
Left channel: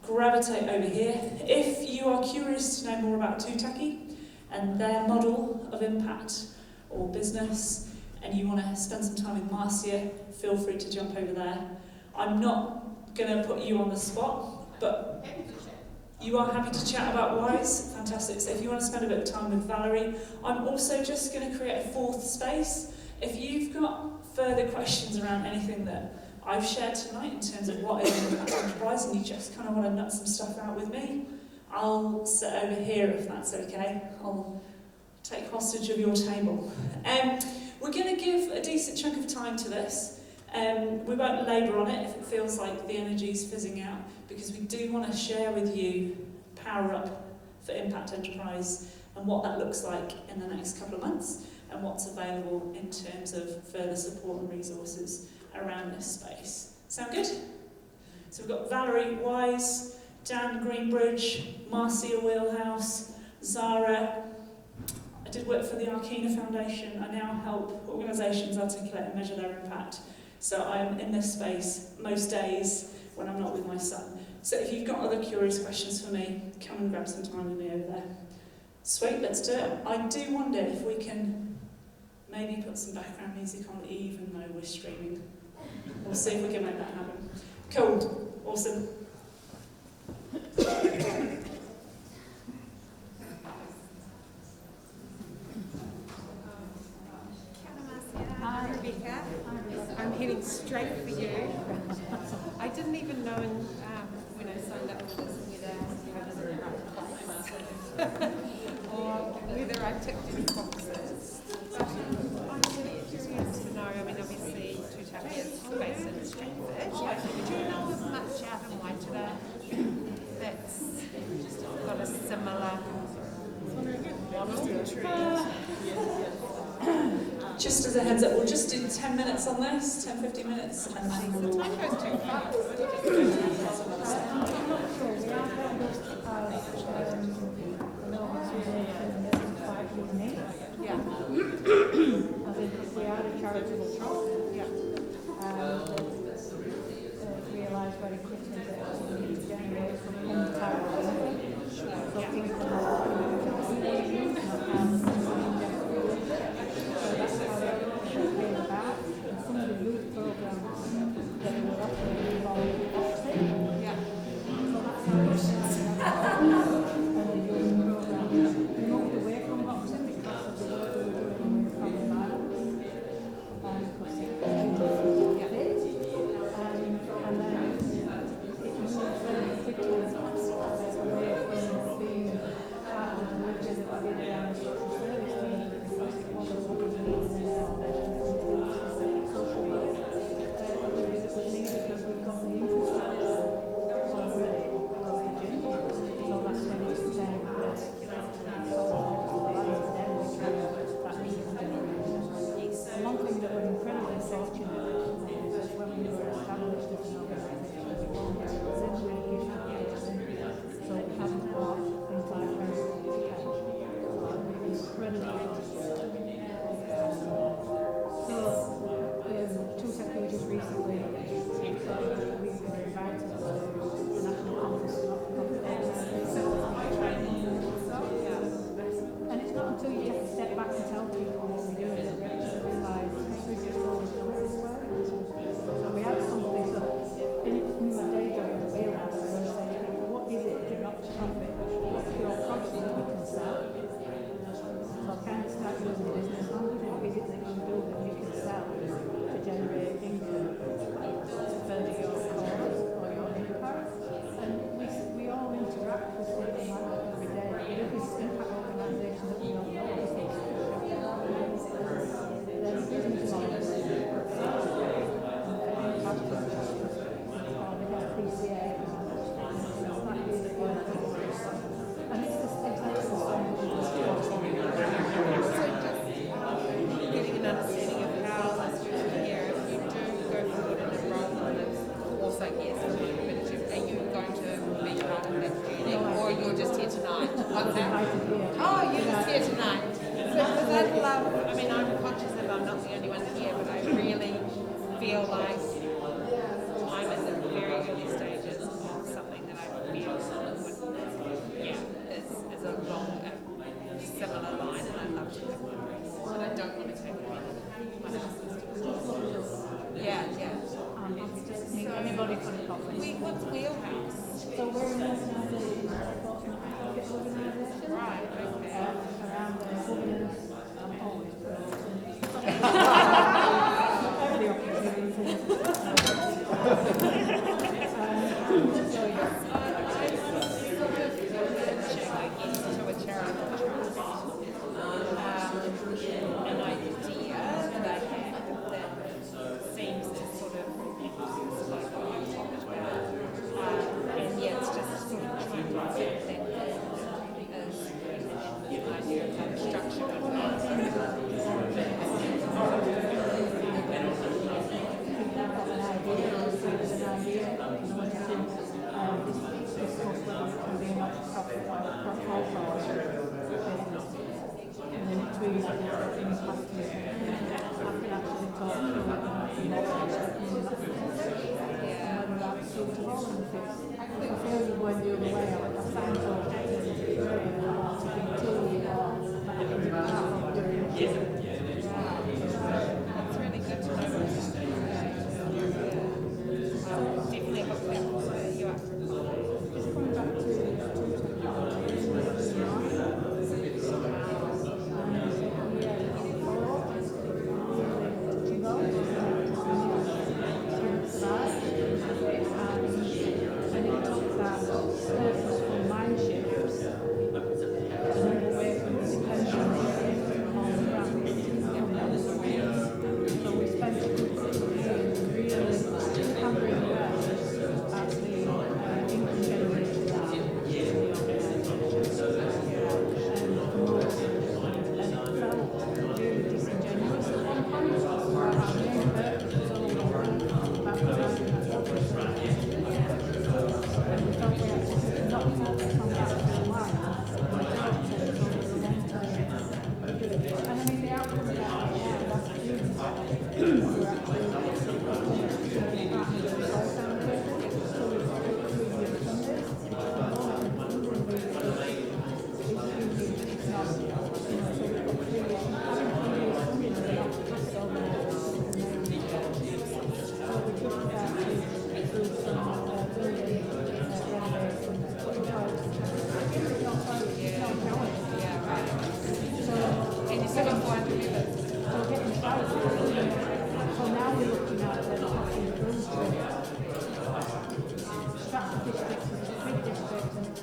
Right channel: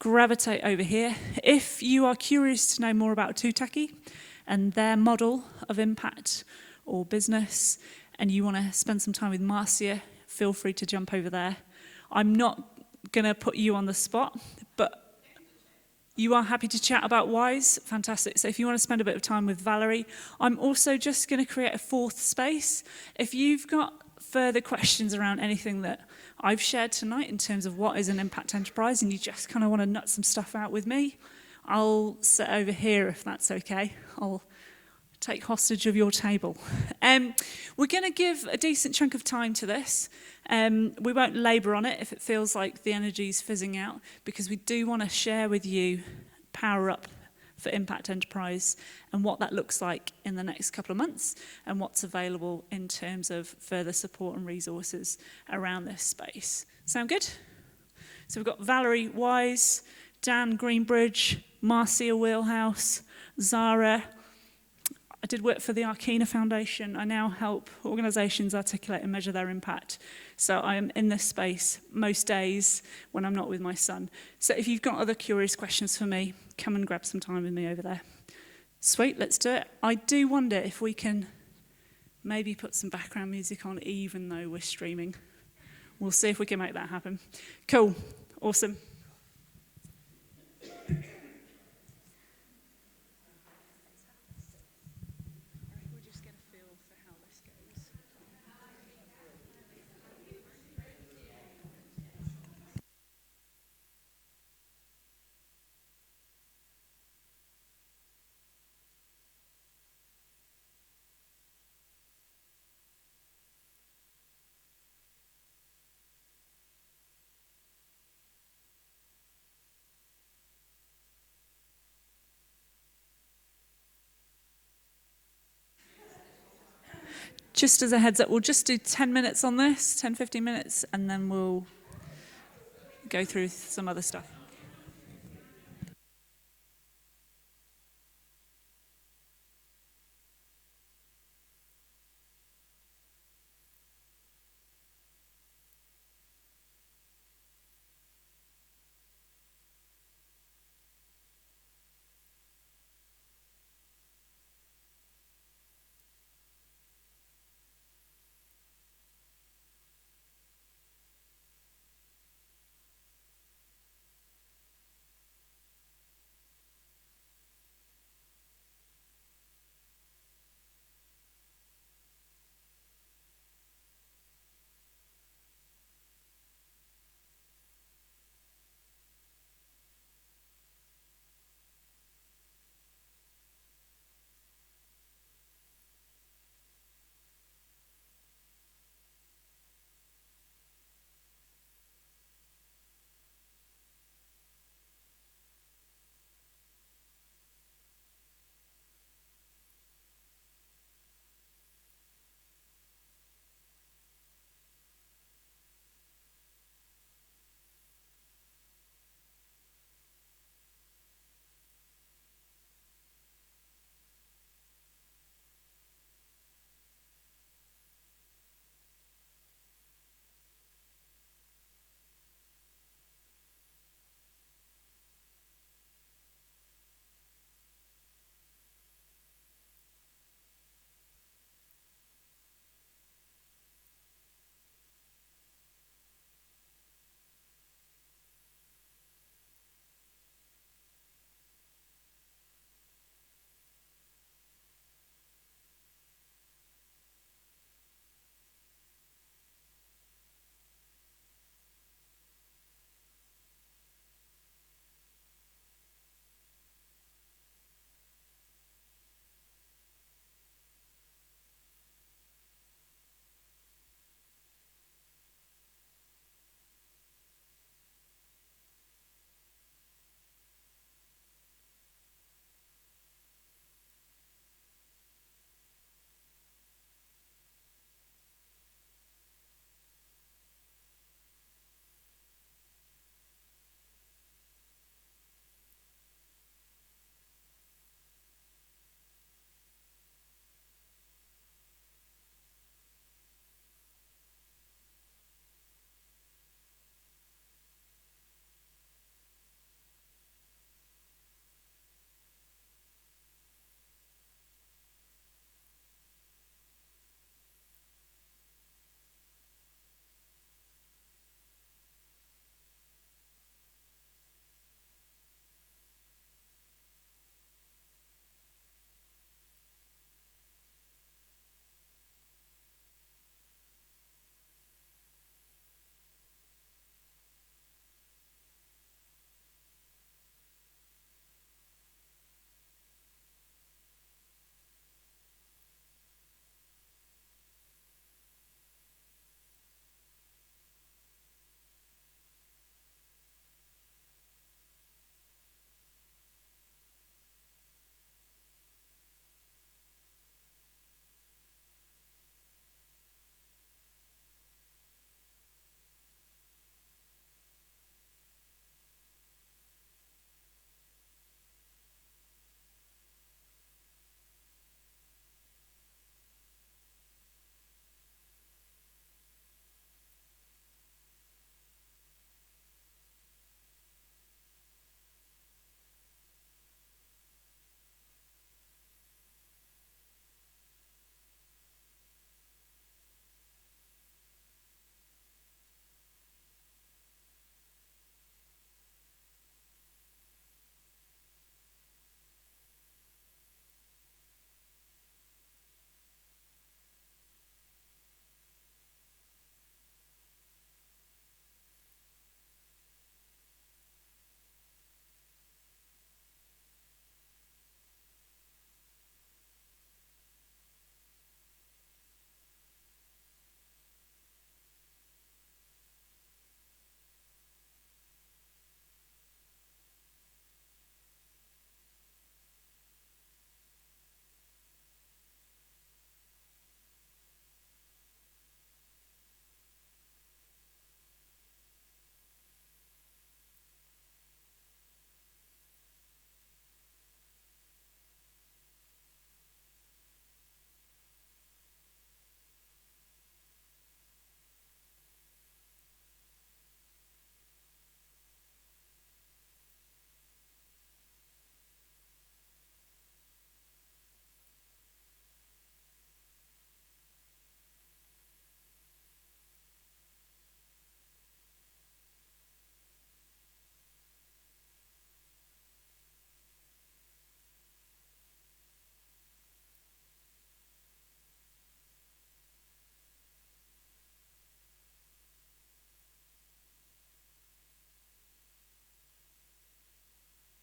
gravitate over here. If you are curious to know more about Tutaki and their model of impact or business, and you want to spend some time with Marcia, feel free to jump over there. I'm not going to put you on the spot, but you are happy to chat about Wise. Fantastic. So if you want to spend a bit of time with Valerie, I'm also just going to create a fourth space. If you've got further questions around anything that I've shared tonight in terms of what is an impact enterprise, and you just kind of want to nut some stuff out with me, I'll sit over here if that's okay. I'll take hostage of your table. We're going to give a decent chunk of time to this. We won't labour on it if it feels like the energy's fizzing out, because we do want to share with you PowerUp for Impact Enterprise and what that looks like in the next couple of months and what's available in terms of further support and resources around this space. Sound good? So we've got Valerie Wise, Dan Greenbridge, Marcia Wheelhouse, Zara. I did work for the Arkina Foundation. I now help organisations articulate and measure their impact. So I'm in this space most days when I'm not with my son. So if you've got other curious questions for me, come and grab some time with me over there. Sweet, let's do it. I do wonder if we can maybe put some background music on even though we're streaming. We'll see if we can make that happen. Cool, awesome. Hi, Rebecca. I'm heading straight for you. I didn't even know when I signed up for this whether I was in the right place or whether I ticked any boxes. But I'm really curious to know, I mean, obviously, Tutaki is based in Stratford. Do you know of much out in Waitara that's got a similar model? Just as a heads up, we'll just do 10 minutes on this, 10, 15 minutes, and then we'll go through some other stuff.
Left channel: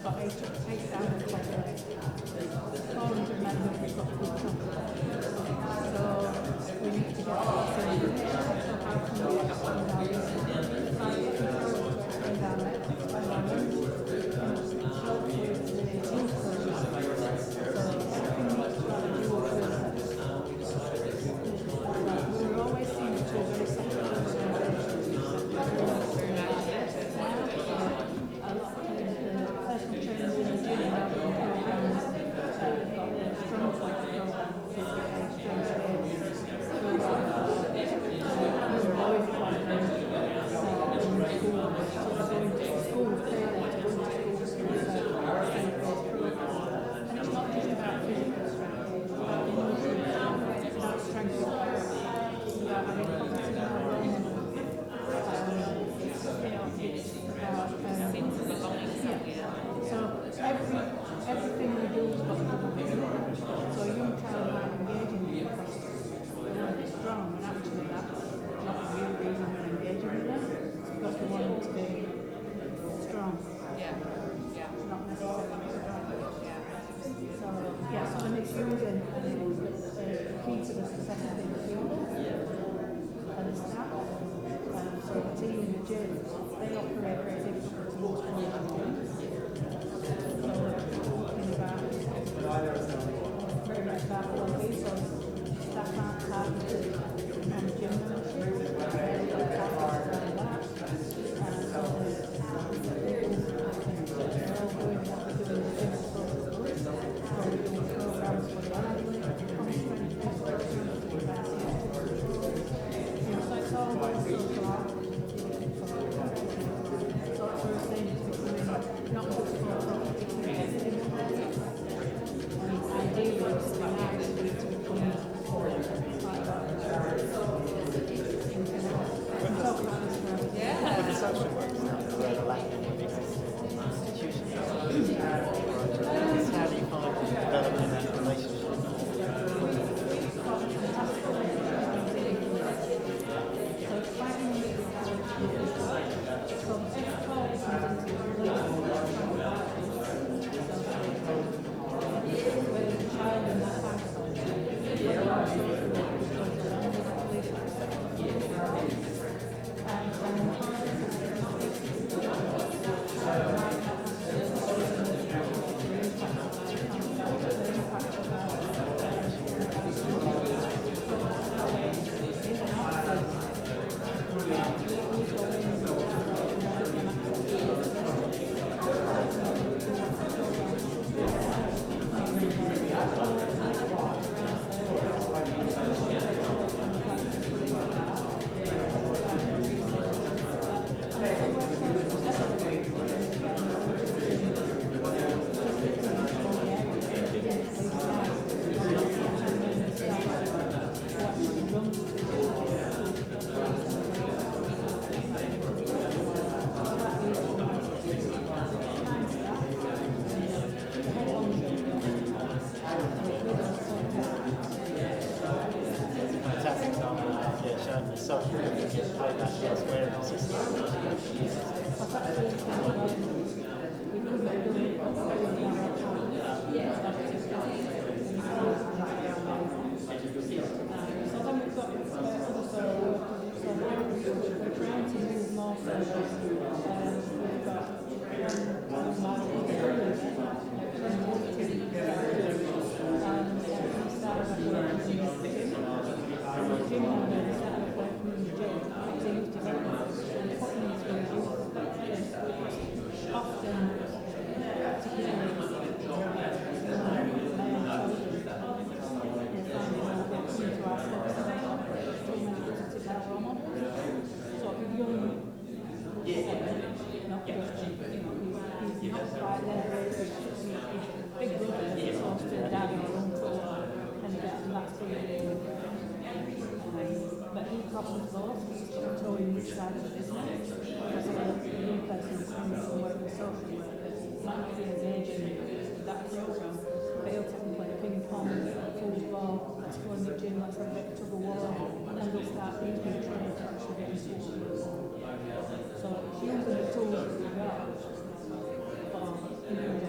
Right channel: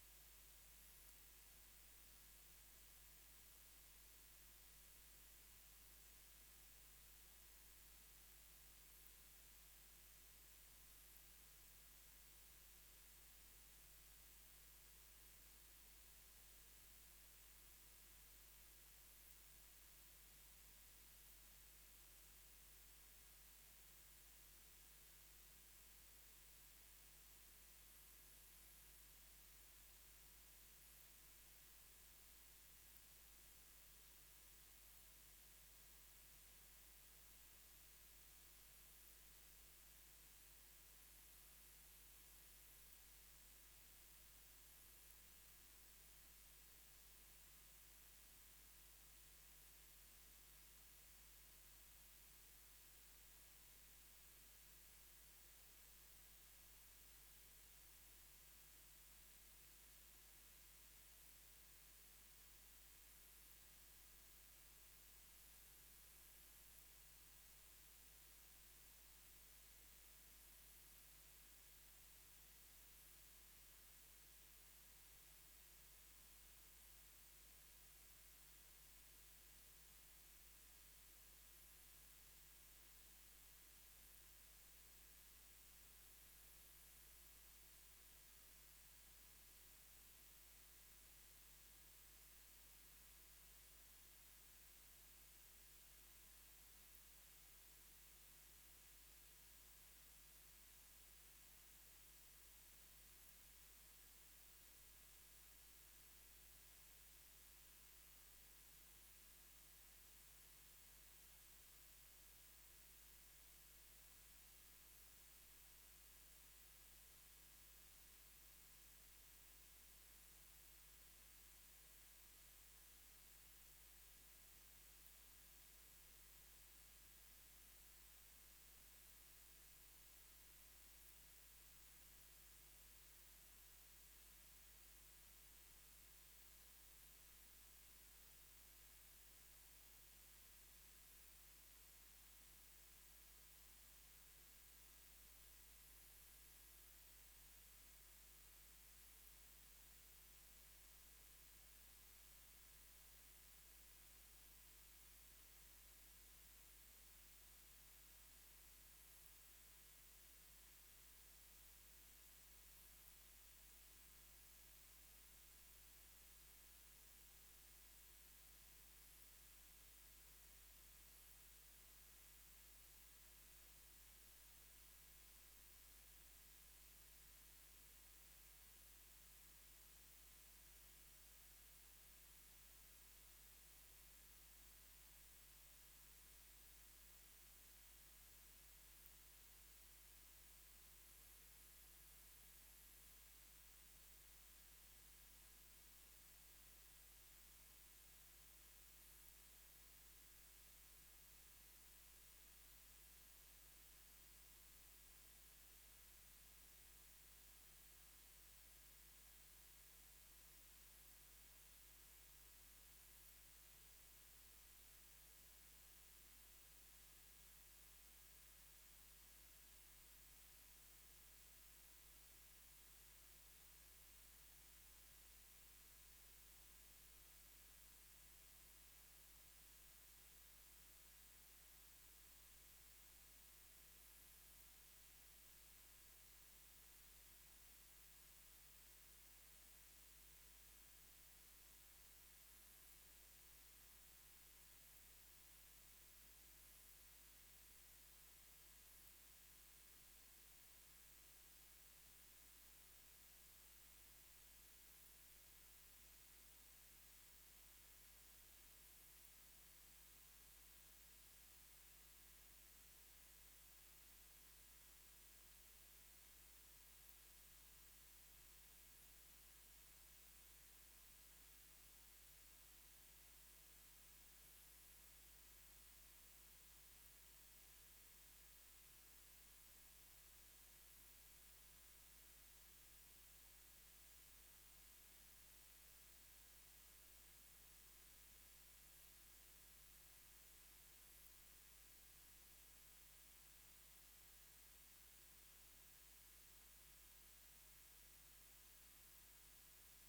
got 8,000 followers. 400 members have got good chocolate. So we need to get that through. So how can we expand our business? Expand our reach. And hopefully it's the team process. So everything looks like a dual process. We're always seeing two very separate organisations. A lot of the personal trainers in the gym have programs. They've got their strong point program, strength training. We're always planning school pay them to go to school and it's not just about physical strength, it's about strength of character, it's about having confidence in our own it's about so everything we do has got to do with it. So a young child might engage in it because they want to be strong, and actually that's not the real reason we're engaging with them, it's because we want them to be strong. Not necessarily strong. So the misusing the key to the success of the field and the staff. So the team in the gym, they operate very differently to most organisations. So we're talking about very much about well-being. So staff aren't targeted on gym membership. They're targeted on that. So So using the tools that we got for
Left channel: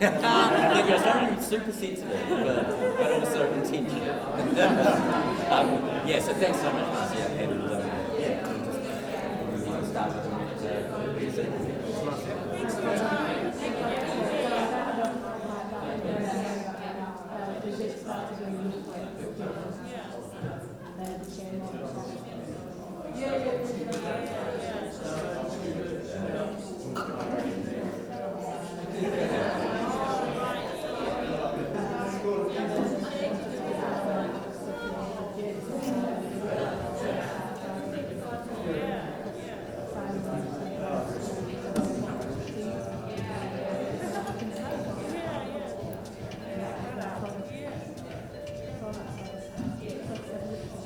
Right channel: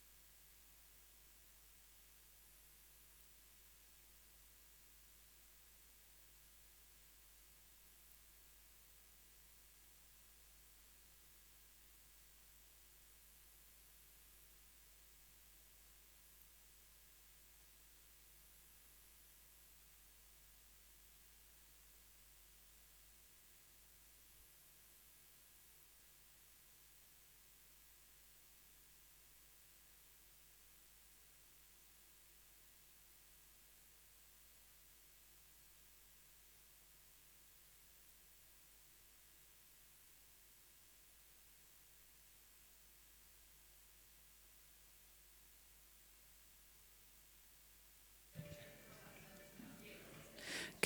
But you're sounding super sensitive, but also intentional. Yeah, so thanks so much, Marcia. And just start with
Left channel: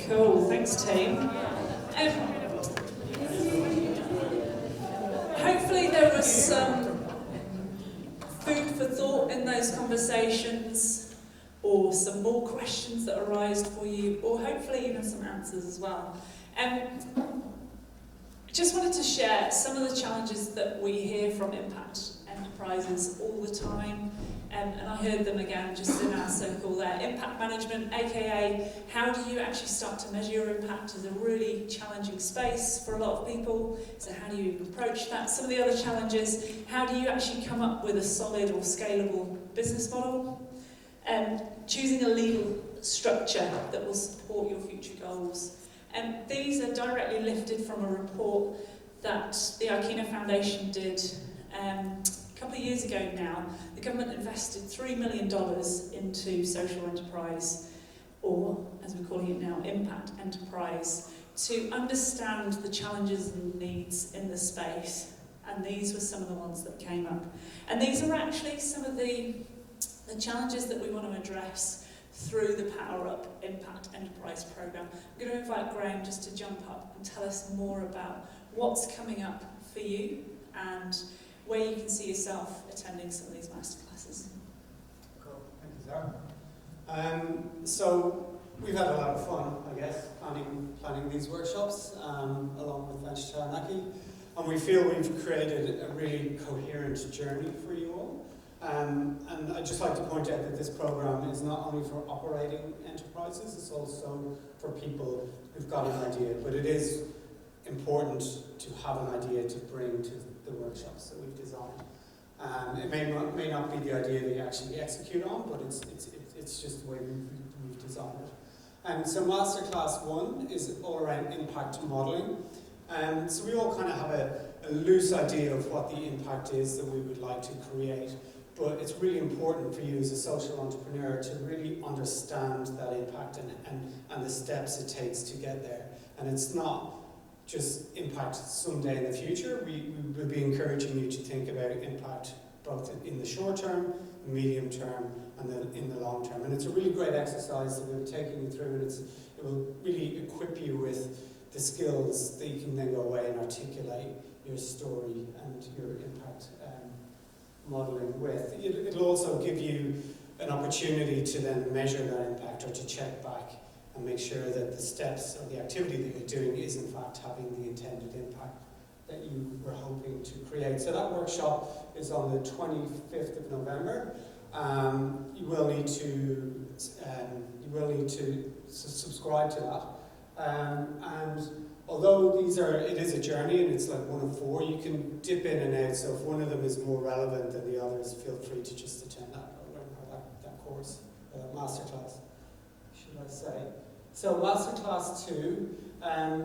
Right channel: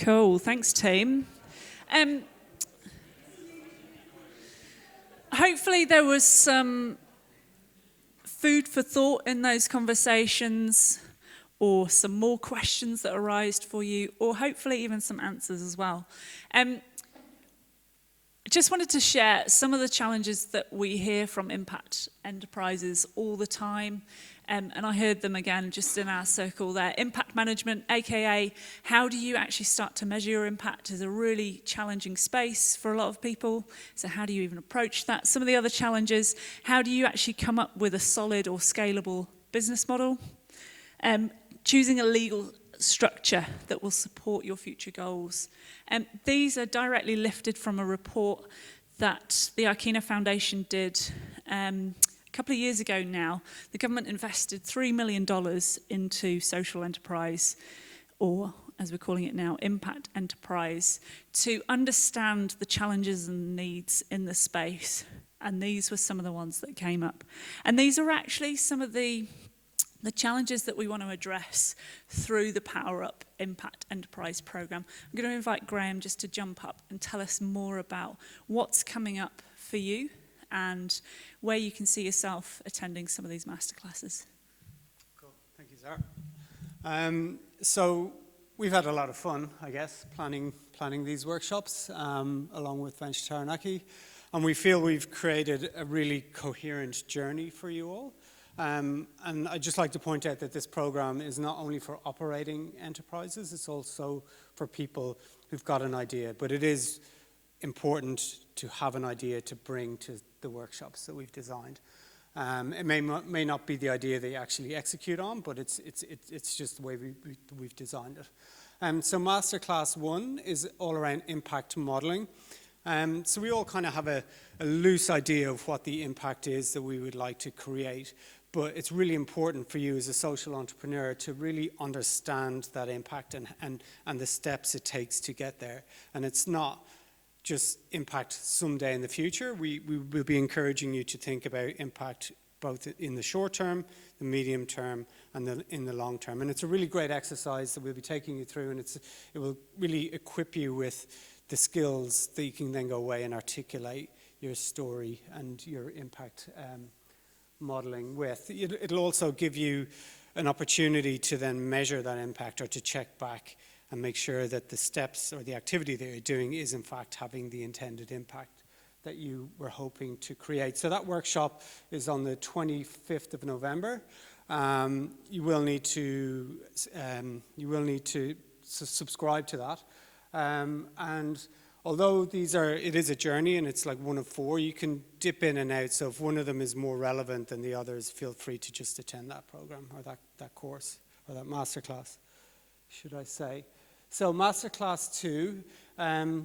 Cool, thanks team. Hopefully there was some food for thought in those conversations, or some more questions that arised for you, or hopefully even some answers as well. Just wanted to share some of the challenges that we hear from impact enterprises all the time. And I heard them again just in our circle there. Impact management, aka how do you actually start to measure your impact, is a really challenging space for a lot of people. So how do you even approach that? Some of the other challenges, how do you actually come up with a solid or scalable business model? Choosing a legal structure that will support your future goals. These are directly lifted from a report that the Arkina Foundation did a couple of years ago now. The government invested $3 million into social enterprise, or as we're calling it now, impact enterprise, to understand the challenges and needs in the space. And these were some of the ones that came up. And these are actually some of the challenges that we want to address through the PowerUp Impact Enterprise Programme. I'm going to invite Graham just to jump up and tell us more about what's coming up for you and where you can see yourself attending some of these masterclasses. Cool. Thank you, Zara. So we've had a lot of fun, I guess, planning these workshops along with Venture Taranaki, and we feel we've created a really coherent journey for you all. And I'd just like to point out that this program is not only for operating enterprises, it's also for people who've got an idea, but it is important to have an idea to bring to the workshops that we've designed. It may not be the idea that you actually execute on, but it's just the way we've designed it. So Masterclass 1 is all around impact modelling. So we all kind of have a loose idea of what the impact is that we would like to create, but it's really important for you as a social entrepreneur to really understand that impact and the steps it takes to get there. And it's not just impact someday in the future. We will be encouraging you to think about impact both in the short term, the medium term, and in the long term. And it's a really great exercise that we'll be taking you through, and it will really equip you with the skills that you can then go away and articulate your story and your impact modelling with. It'll also give you an opportunity to then measure that impact or to check back and make sure that the steps or the activity that you're doing is in fact having the intended impact that you were hoping to create. So that workshop is on the 25th of November. You will need to subscribe to that. And although it is a journey and it's like one of 4, you can dip in and out. So if one of them is more relevant than the others, feel free to just attend that program or that course or that masterclass, should I say. So Masterclass 2,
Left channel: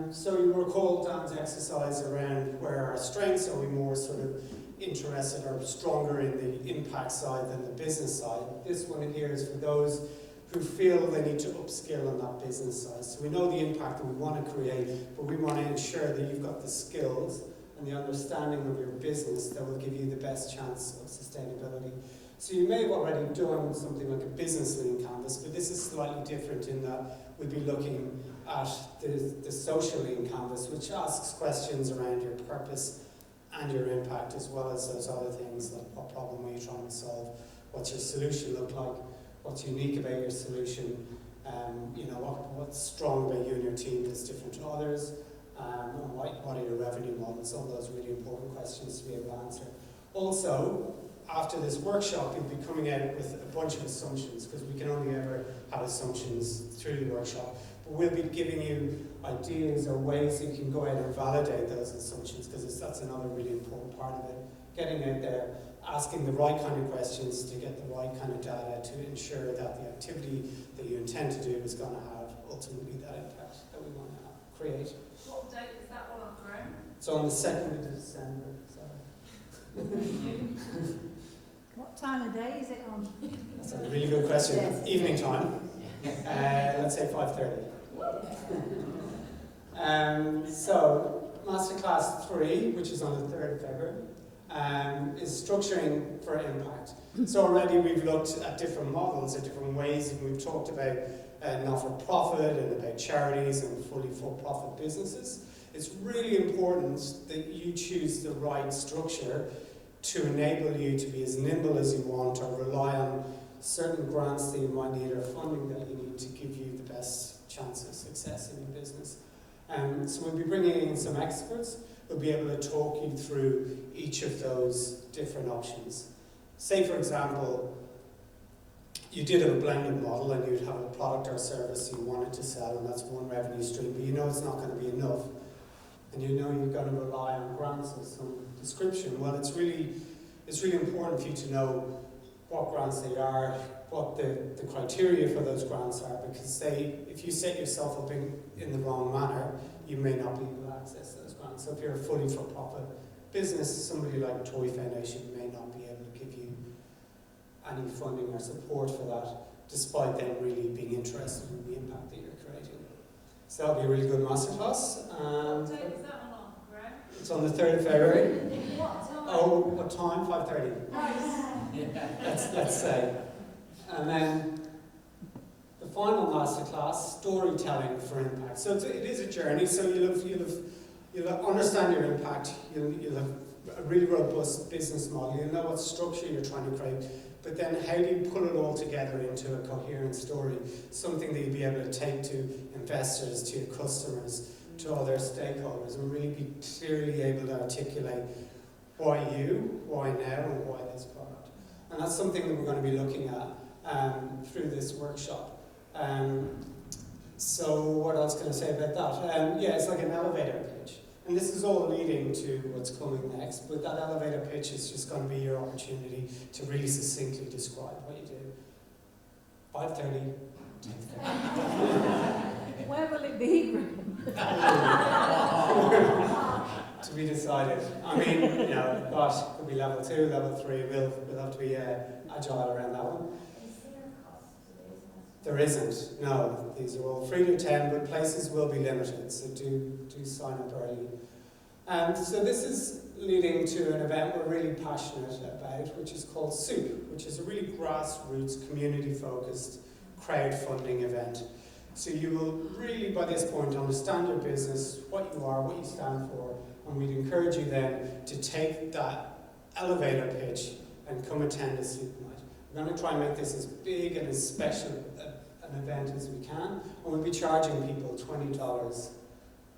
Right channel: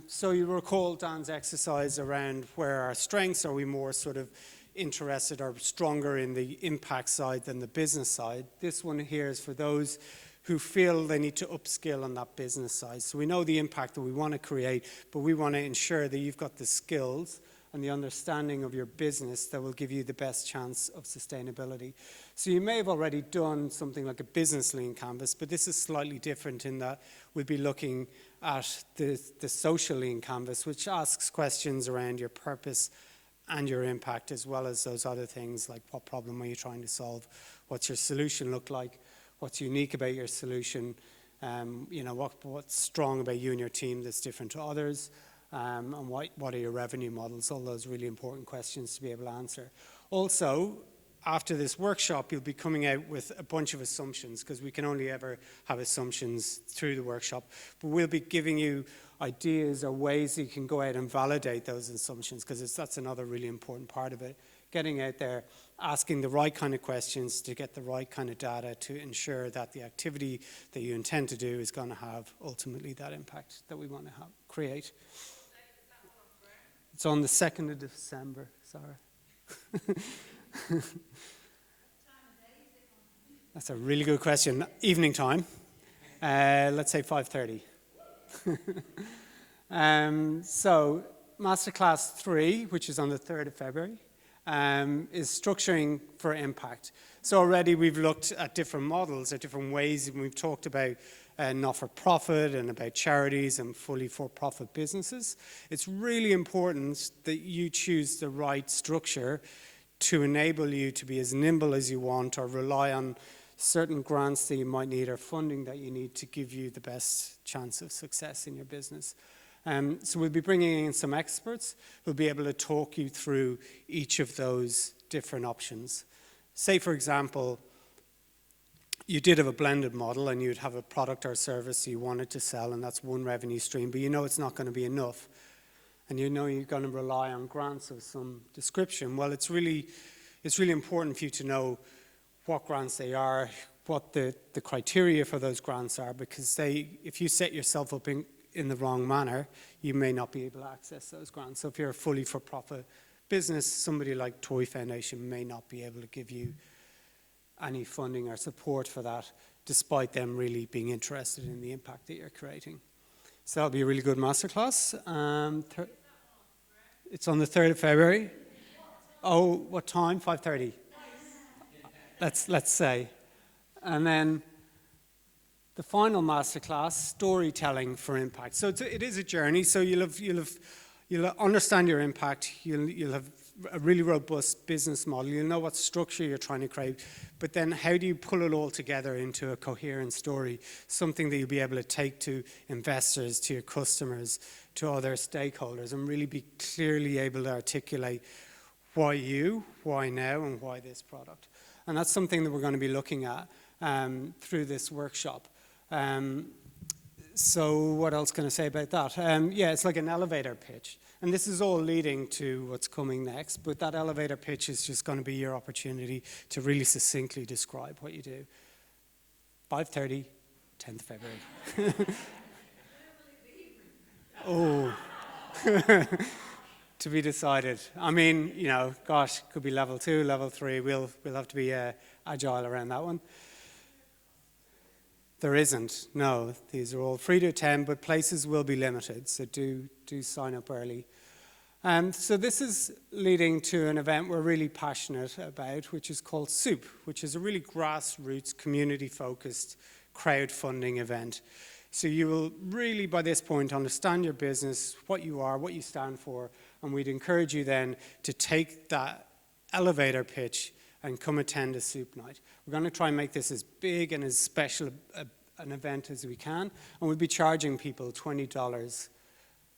so you recall Dan's exercise around where our strengths, are we more sort of interested or stronger in the impact side than the business side? This one here is for those who feel they need to upskill on that business side. So we know the impact that we want to create, but we want to ensure that you've got the skills and the understanding of your business that will give you the best chance of sustainability. So you may have already done something like a business lean canvas, but this is slightly different in that we'll be looking at the social lean canvas, which asks questions around your purpose and your impact, as well as those other things like what problem are you trying to solve, what's your solution look like, what's unique about your solution, what's strong about you and your team that's different to others, and what are your revenue models, all those really important questions to be able to answer. Also, after this workshop, you'll be coming out with a bunch of assumptions, because we can only ever have assumptions through the workshop. But we'll be giving you ideas or ways you can go out and validate those assumptions, because that's another really important part of it. Getting out there, asking the right kind of questions to get the right kind of data to ensure that the activity that you intend to do is going to have ultimately that impact that we want to create. What date is that one on, Graham? It's on the 2nd of December, sorry. What time of day is it on? That's a really good question. Yes. Evening time. Let's say 5:30. So Masterclass 3, which is on the 3rd of February, is structuring for impact. So already we've looked at different models, at different ways, and we've talked about not-for-profit and about charities and fully for-profit businesses. It's really important that you choose the right structure to enable you to be as nimble as you want, or rely on certain grants that you might need or funding that you need to give you the best chance of success in your business. So we'll be bringing in some experts who'll be able to talk you through each of those different options. Say, for example, you did have a blended model and you'd have a product or service you wanted to sell, and that's one revenue stream, but you know it's not going to be enough, and you know you're going to rely on grants of some description. Well, it's really important for you to know what grants they are, what the criteria for those grants are, because if you set yourself up in the wrong manner, you may not be able to access those grants. So if you're a fully for-profit business, somebody like Toy Foundation may not be able to give you any funding or support for that, despite them really being interested in the impact that you're creating. So that'll be a really good masterclass. It's on the 3rd of February. Oh, what time? 5:30. Let's say. And then the final masterclass, storytelling for impact. So it is a journey. So you'll understand your impact. You'll have a really robust business model. You'll know what structure you're trying to create. But then how do you pull it all together into a coherent story? Something that you'll be able to take to investors, to your customers, to other stakeholders, and really be clearly able to articulate why you, why now, and why this product. And that's something that we're going to be looking at through this workshop. So what else can I say about that? Yeah, it's like an elevator pitch. And this is all leading to what's coming next, but that elevator pitch is just going to be your opportunity to really succinctly describe what you do. 5:30, 10th February. Where will it be? To be decided. I mean, gosh, it could be level 2, level 3. We'll have to be agile around that one. There isn't. No, these are all free to attend, but places will be limited, so do sign up early. So this is leading to an event we're really passionate about, which is called SOUP, which is a really grassroots, community-focused crowdfunding event. So you will really, by this point, understand your business, what you are, what you stand for, and we'd encourage you then to take that elevator pitch and come attend a SOUP night. We're going to try and make this as big and as special an event as we can, and we'll be charging people $20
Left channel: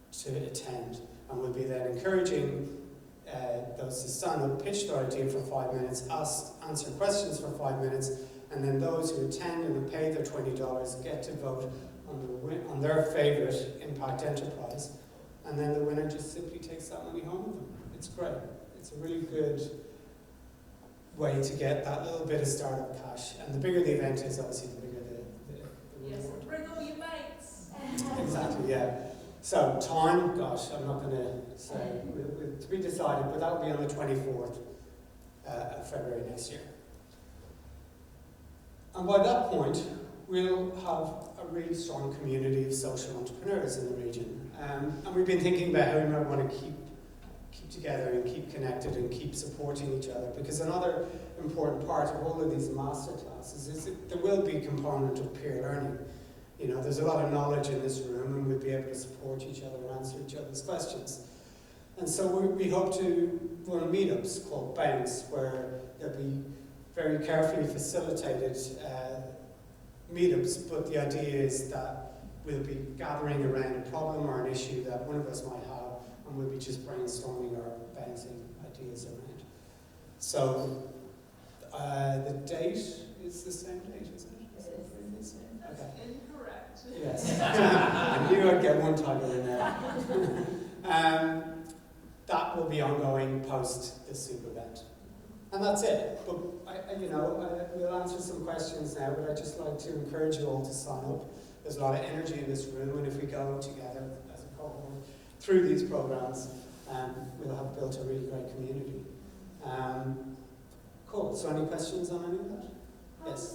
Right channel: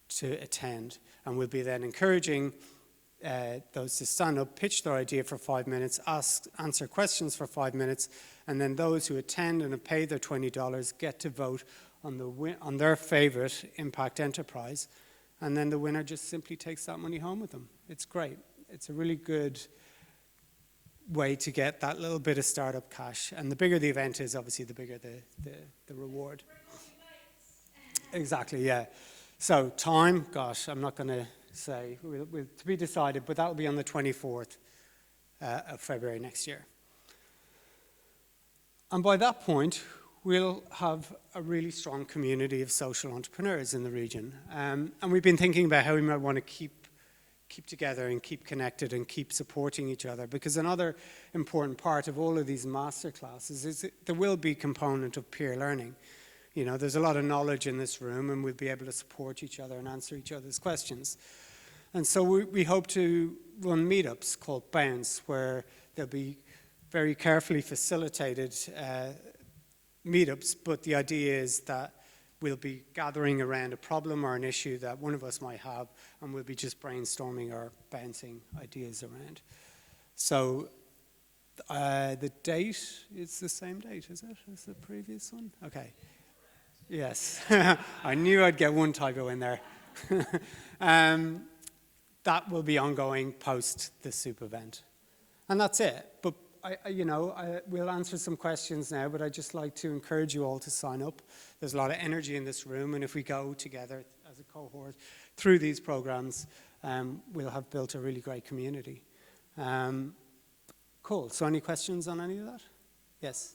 to attend, and we'll be then encouraging those to stand up, pitch their idea for 5 minutes, answer questions for 5 minutes, and then those who attend and have paid their $20 get to vote on their favourite impact enterprise, and then the winner just simply takes that money home with them. It's great. It's a really good way to get that little bit of startup cash, and the bigger the event is, obviously the bigger the reward. Yes, bring all your mates. Exactly, yeah. So time, gosh, I'm not going to say, to be decided, but that will be on the 24th of February next year. And by that point, we'll have a really strong community of social entrepreneurs in the region. And we've been thinking about how we might want to keep together and keep connected and keep supporting each other, because another important part of all of these masterclasses is that there will be a component of peer learning. There's a lot of knowledge in this room, and we'll be able to support each other and answer each other's questions. And so we hope to run meetups called Bounce, where there'll be very carefully facilitated meetups, but the idea is that we'll be gathering around a problem or an issue that one of us might have, and we'll be just brainstorming or bouncing ideas around. So the date is the same date, isn't it, as the previous one? Okay. Incorrect. Yes. I knew I'd get one typo in there. That will be ongoing post the SOUP event. And that's it. But we'll answer some questions now, but I'd just like to encourage you all to sign up. There's a lot of energy in this room, and if we go together as a cohort through these programs, we'll have built a really great community. Cool. So any questions on any of that? Yes.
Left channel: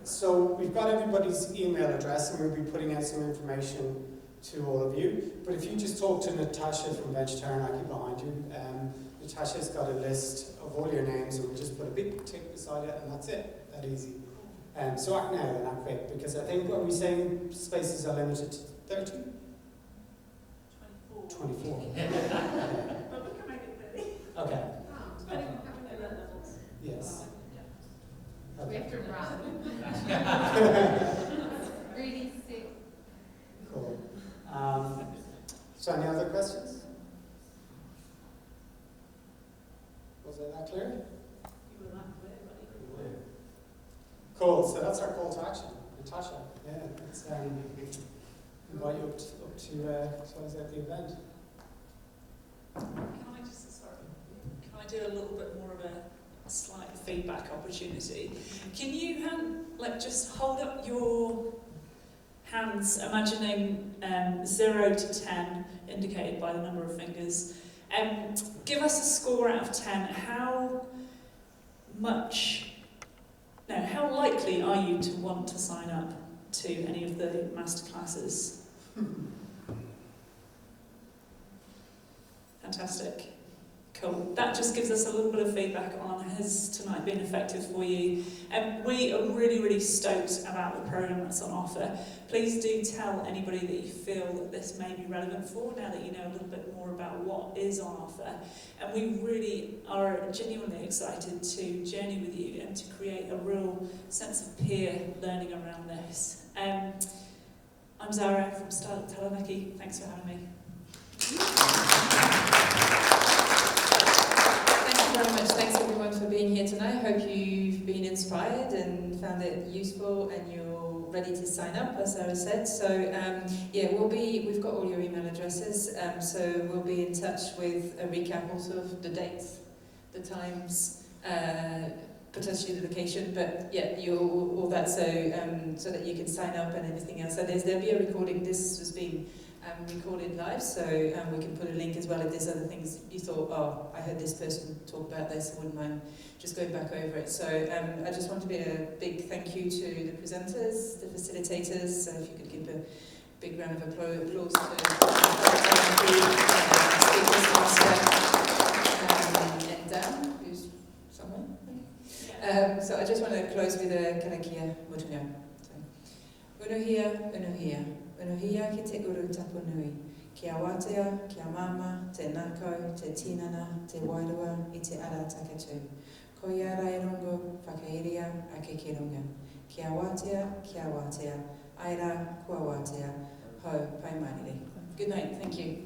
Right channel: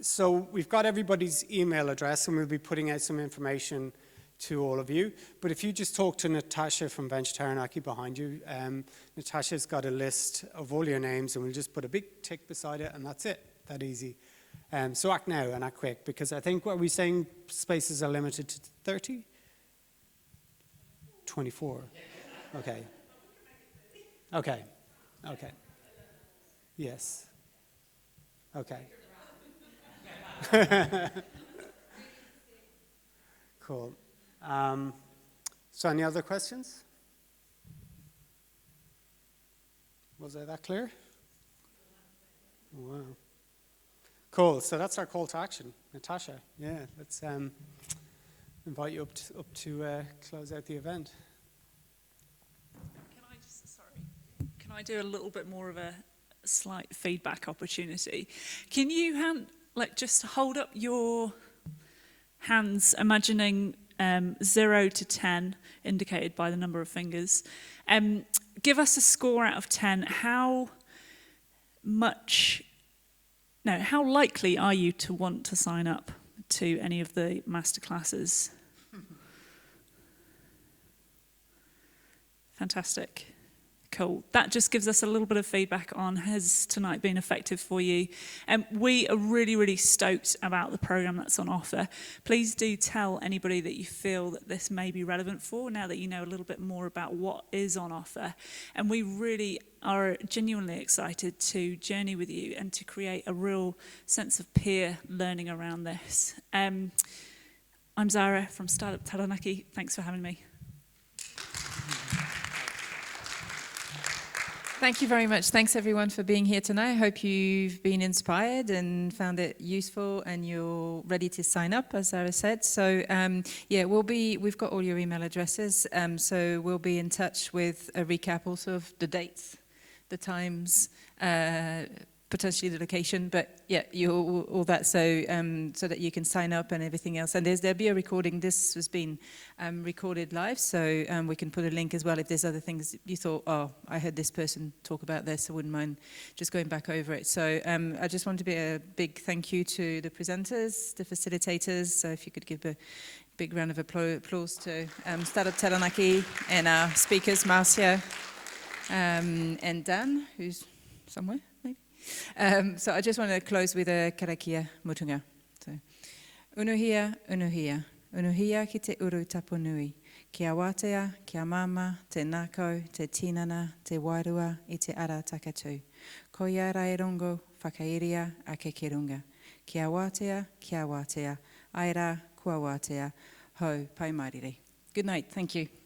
So we've got everybody's email address, and we'll be putting out some information to all of you. But if you just talk to Natasha from Venture Taranaki behind you, Natasha's got a list of all your names, and we'll just put a big tick beside it, and that's it. That easy. So act now and act quick, because I think what we're saying, spaces are limited to 30? 24. Okay. Okay. Yes. Okay. Really sick. Cool. So any other questions? Was I that clear? Wow. Cool. So that's our call to action, Natasha. Yeah. Let's invite you up to close out the event. Can I do a little bit more of a slight feedback opportunity? Can you just hold up your hands, imagining 0 to 10, indicated by the number of fingers. Give us a score out of 10. How likely are you to want to sign up to any of the masterclasses? Fantastic. Cool. That just gives us a little bit of feedback on has tonight been effective for you. And we are really, really stoked about the programme that's on offer. Please do tell anybody that you feel that this may be relevant for now that you know a little bit more about what is on offer. And we really are genuinely excited to journey with you and to create a real sense of peer learning around this. I'm Zara from StartUp Taranaki. Thanks for having me. Thank you very much. Thanks everyone for being here tonight. Hope you've been inspired and found it useful and you're ready to sign up, as Sarah said. So we've got all your email addresses, so we'll be in touch with a recap also of the dates, the times, potentially the location, but yeah, all that, so that you can sign up and everything else. And there'll be a recording. This has been recorded live, so we can put a link as well if there's other things you thought, oh, I heard this person talk about this, I wouldn't mind just going back over it. So I just want to be a big thank you to the presenters, the facilitators, so if you could give a big round of applause to StartUp Taranaki and our speakers, Marcia and Dan, who's somewhere, maybe. So I just want to close with a karakia mutunga. So, unuhia, unuhia. Unuhia ki te uru tapu nui. Kia wātea, kia mama, te nākau, te tinana, te wairua, I te ara takatu. Ko ia rai rongo, whakairia, a ke kirunga. Kia wātea, aira, kua wātea, ho, pai mariri. Good night, thank you.